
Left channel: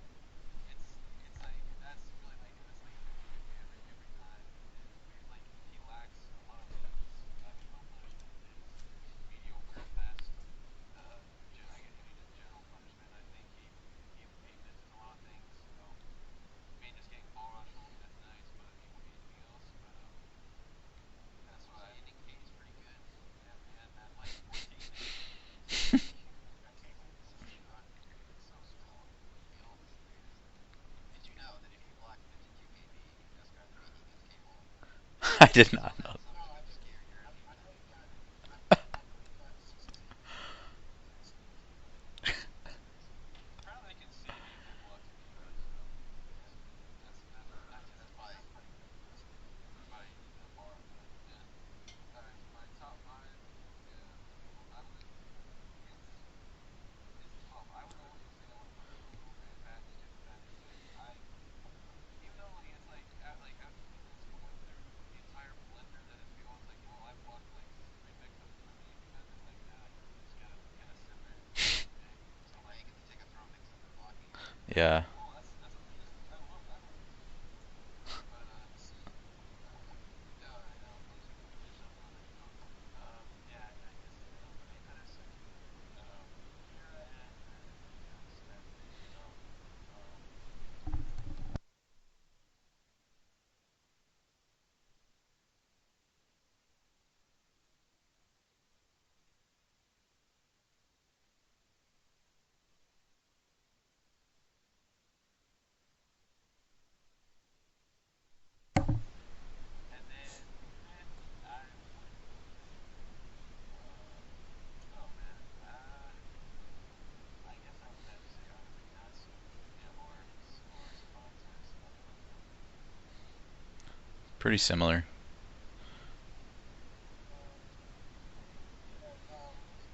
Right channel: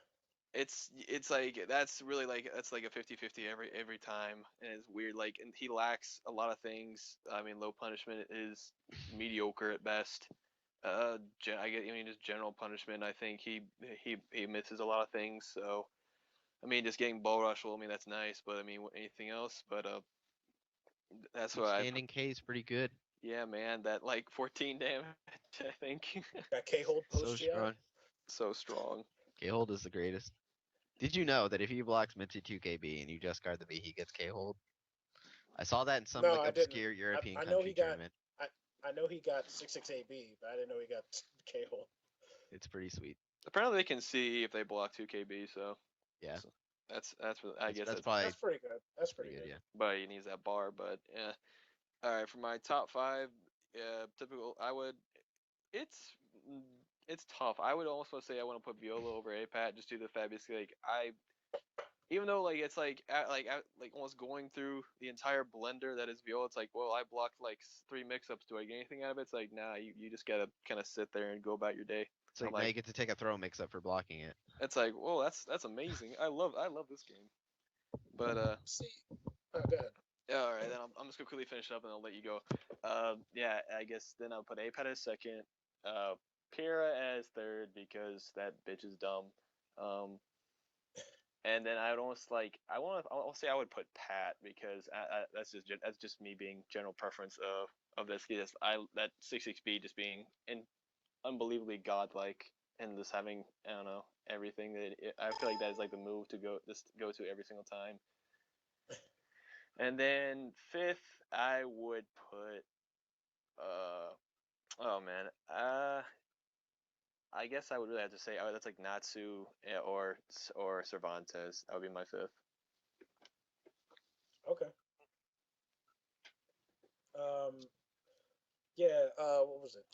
it's like that's like a 50-50 every time, and it's weird. Like, and he lacks a lot of things. I mean, low punishment is mediocre at best. I mean, just general punishment. I think he misses a lot of things. So I mean, just getting ball rush. Well, I mean that's nice, but I mean anything else. But that's His what I. standing K is pretty good. Yeah, man, that like 14 damage. I think Got K hold So post GI. strong. so strong. K-hold is the greatest. Did you know that if he blocks Mitsu 2KB and you just guard the B, he gets K-hold? I I did saw not that in know. some No, like I didn't. obscure European I know he country got. tournament. I know he got 66AB, but I didn't know he got K hold. It's pretty sweet. Apparently they can see if they block 2KB, so Yeah, that's what I guess that's that's. probably That's pretty good. That's pretty pretty good. good. Yeah. But he needs that bar. But yeah. All right, for my top five, typical. Mm, it's tough. I would almost say I want to put Viola over APAT just due to the fact basically like I even though like it's like almost going through the entire blender that is Viola. It's like, well, I blocked like three mix-ups. Do I get anything out of it? It's like, nah, you just gotta kind of sit there and go about your day. It's I'm like now like, you get to take a throw mix up for blocking it. it's like, Yeah. oh, that's amazing. I love this game. But See, go ahead. yeah, all right, then I'm just gonna quickly finish up and I'll let you go. Yeah, I guess then I'll put APAT as second, Pyrrha as third because that bitch is dumb. Um, and then I would almost like I'll say I would put Pat because that's just me being general preference of this. Just that 66B just being unbelievably godlike and just having I don't know everything I feel like that is like the move to go to every single time. And then fifth, I would put oh man, I guess I would really have to say that's like Natsu or Cervantes. That would be my fifth. Pretty Okay. similar. Um. Yeah. What was it?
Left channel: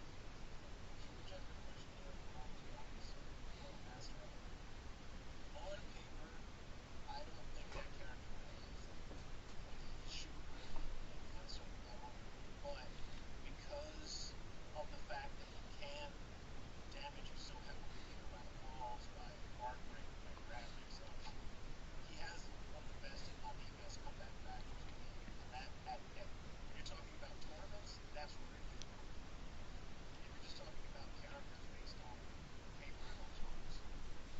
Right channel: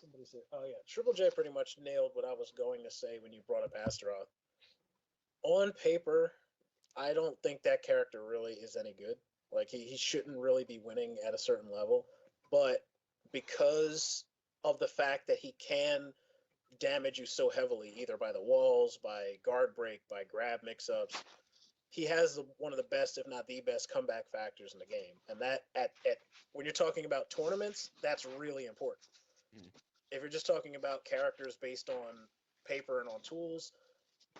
Somebody said. Oh yeah. Triple J pretty much nailed what I was going to say when you brought up Astaroth. On paper, I don't think that character really is any good. Like he shouldn't really be winning at a certain level, but because of the fact that he can damage you so heavily, either by the walls, by guard break, by grab mix-ups, he has one of the best, if not the best, comeback factors in the game. And that at when you're talking about tournaments, that's really important. If you're just talking about characters based on paper and on tools,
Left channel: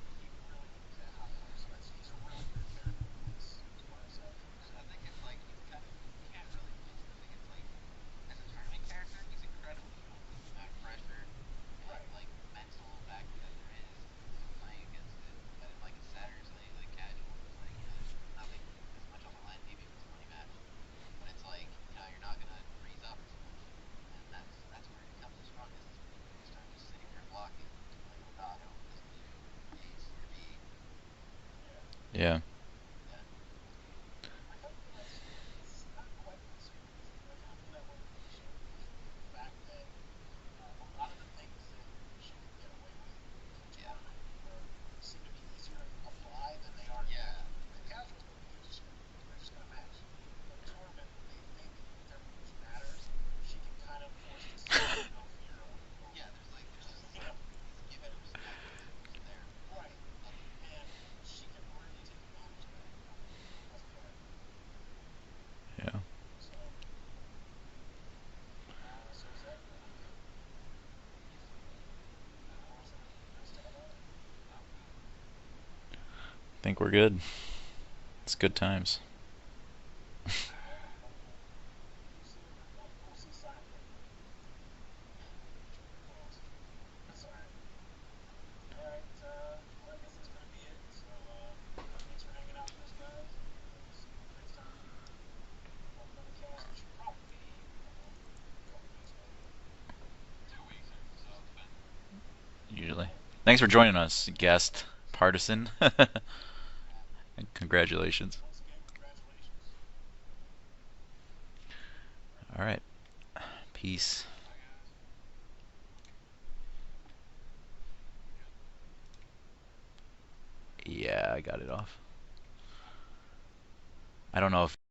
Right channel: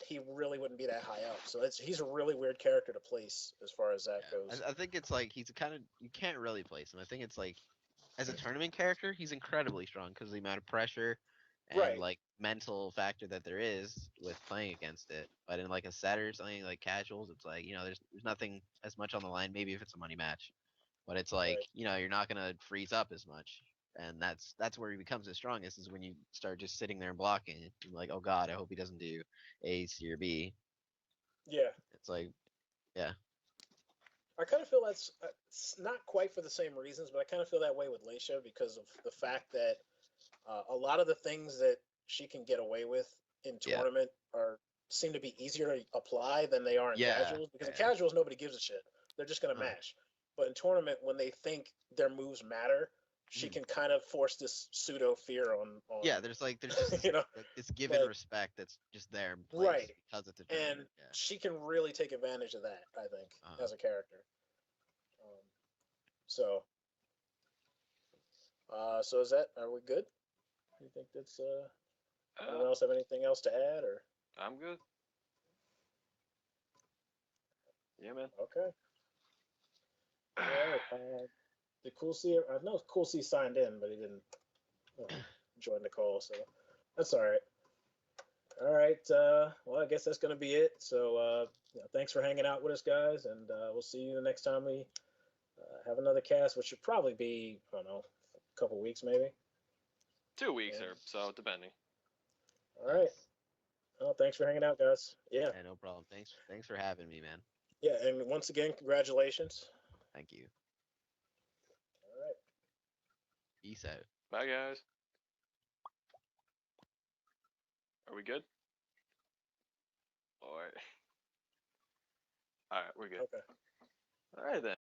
he really wouldn't be that high up. So he's a really weird character to place as far as that Yeah, goes. I think it's like he's kind of you can't really place him. I think it's like as a tournament character, he's incredibly strong because of the amount of pressure and Right. like mental factor that there is with playing against it. But in like a set or something like casuals, it's like there's nothing as much on the line. Maybe if it's a money match, but it's like Right. you're not gonna freeze up as much. And that's where he becomes the strongest is when you start just sitting there and blocking it. And like, oh God, I hope he doesn't do A, C, or B. Yeah. It's like, Yeah. yeah, I kind of feel that's it's not quite for the same reasons, but I kind of feel that way with Leisha because of the fact that a lot of the things that she can get away with in yeah, tournament are seem to be easier to apply than they are in yeah, casuals. Because in casuals, nobody gives a shit; they're just gonna uh, mash. But in tournament, when they think their moves matter, she can kind of force this pseudo fear on yeah. There's just you know, this given like respect that's just there in place right, because it's a and tournament. she can really take advantage of that. I think Uh, as a character. Yeah. So, so is that? Are we good? You think it's anyone else have anything else to add or? I'm good. Think we're good. Yeah, man. It's good Okay. times. All right. Did Cool C? I know Cool C signed in, but he didn't join the call, so that's all right. All right. Well, I guess that's gonna be it. So, thanks for hanging out with us, guys, and we'll see you the next time we have another cast, which should probably be I don't know, a couple weeks maybe. 2 weeks Maybe. or so, depending. All Usually. right. Thanks for joining Well, us, thanks for hanging out, guest guys. Yeah. Partisan. no problem. Thanks for having me, man. Yeah. And Congratulations. once again, congratulations. Thank you. All right. All right. Peace out. Peace. Bye, guys. Are we good? Or Yeah, I got it off. all right, we're good. Okay. I don't Alright know then. if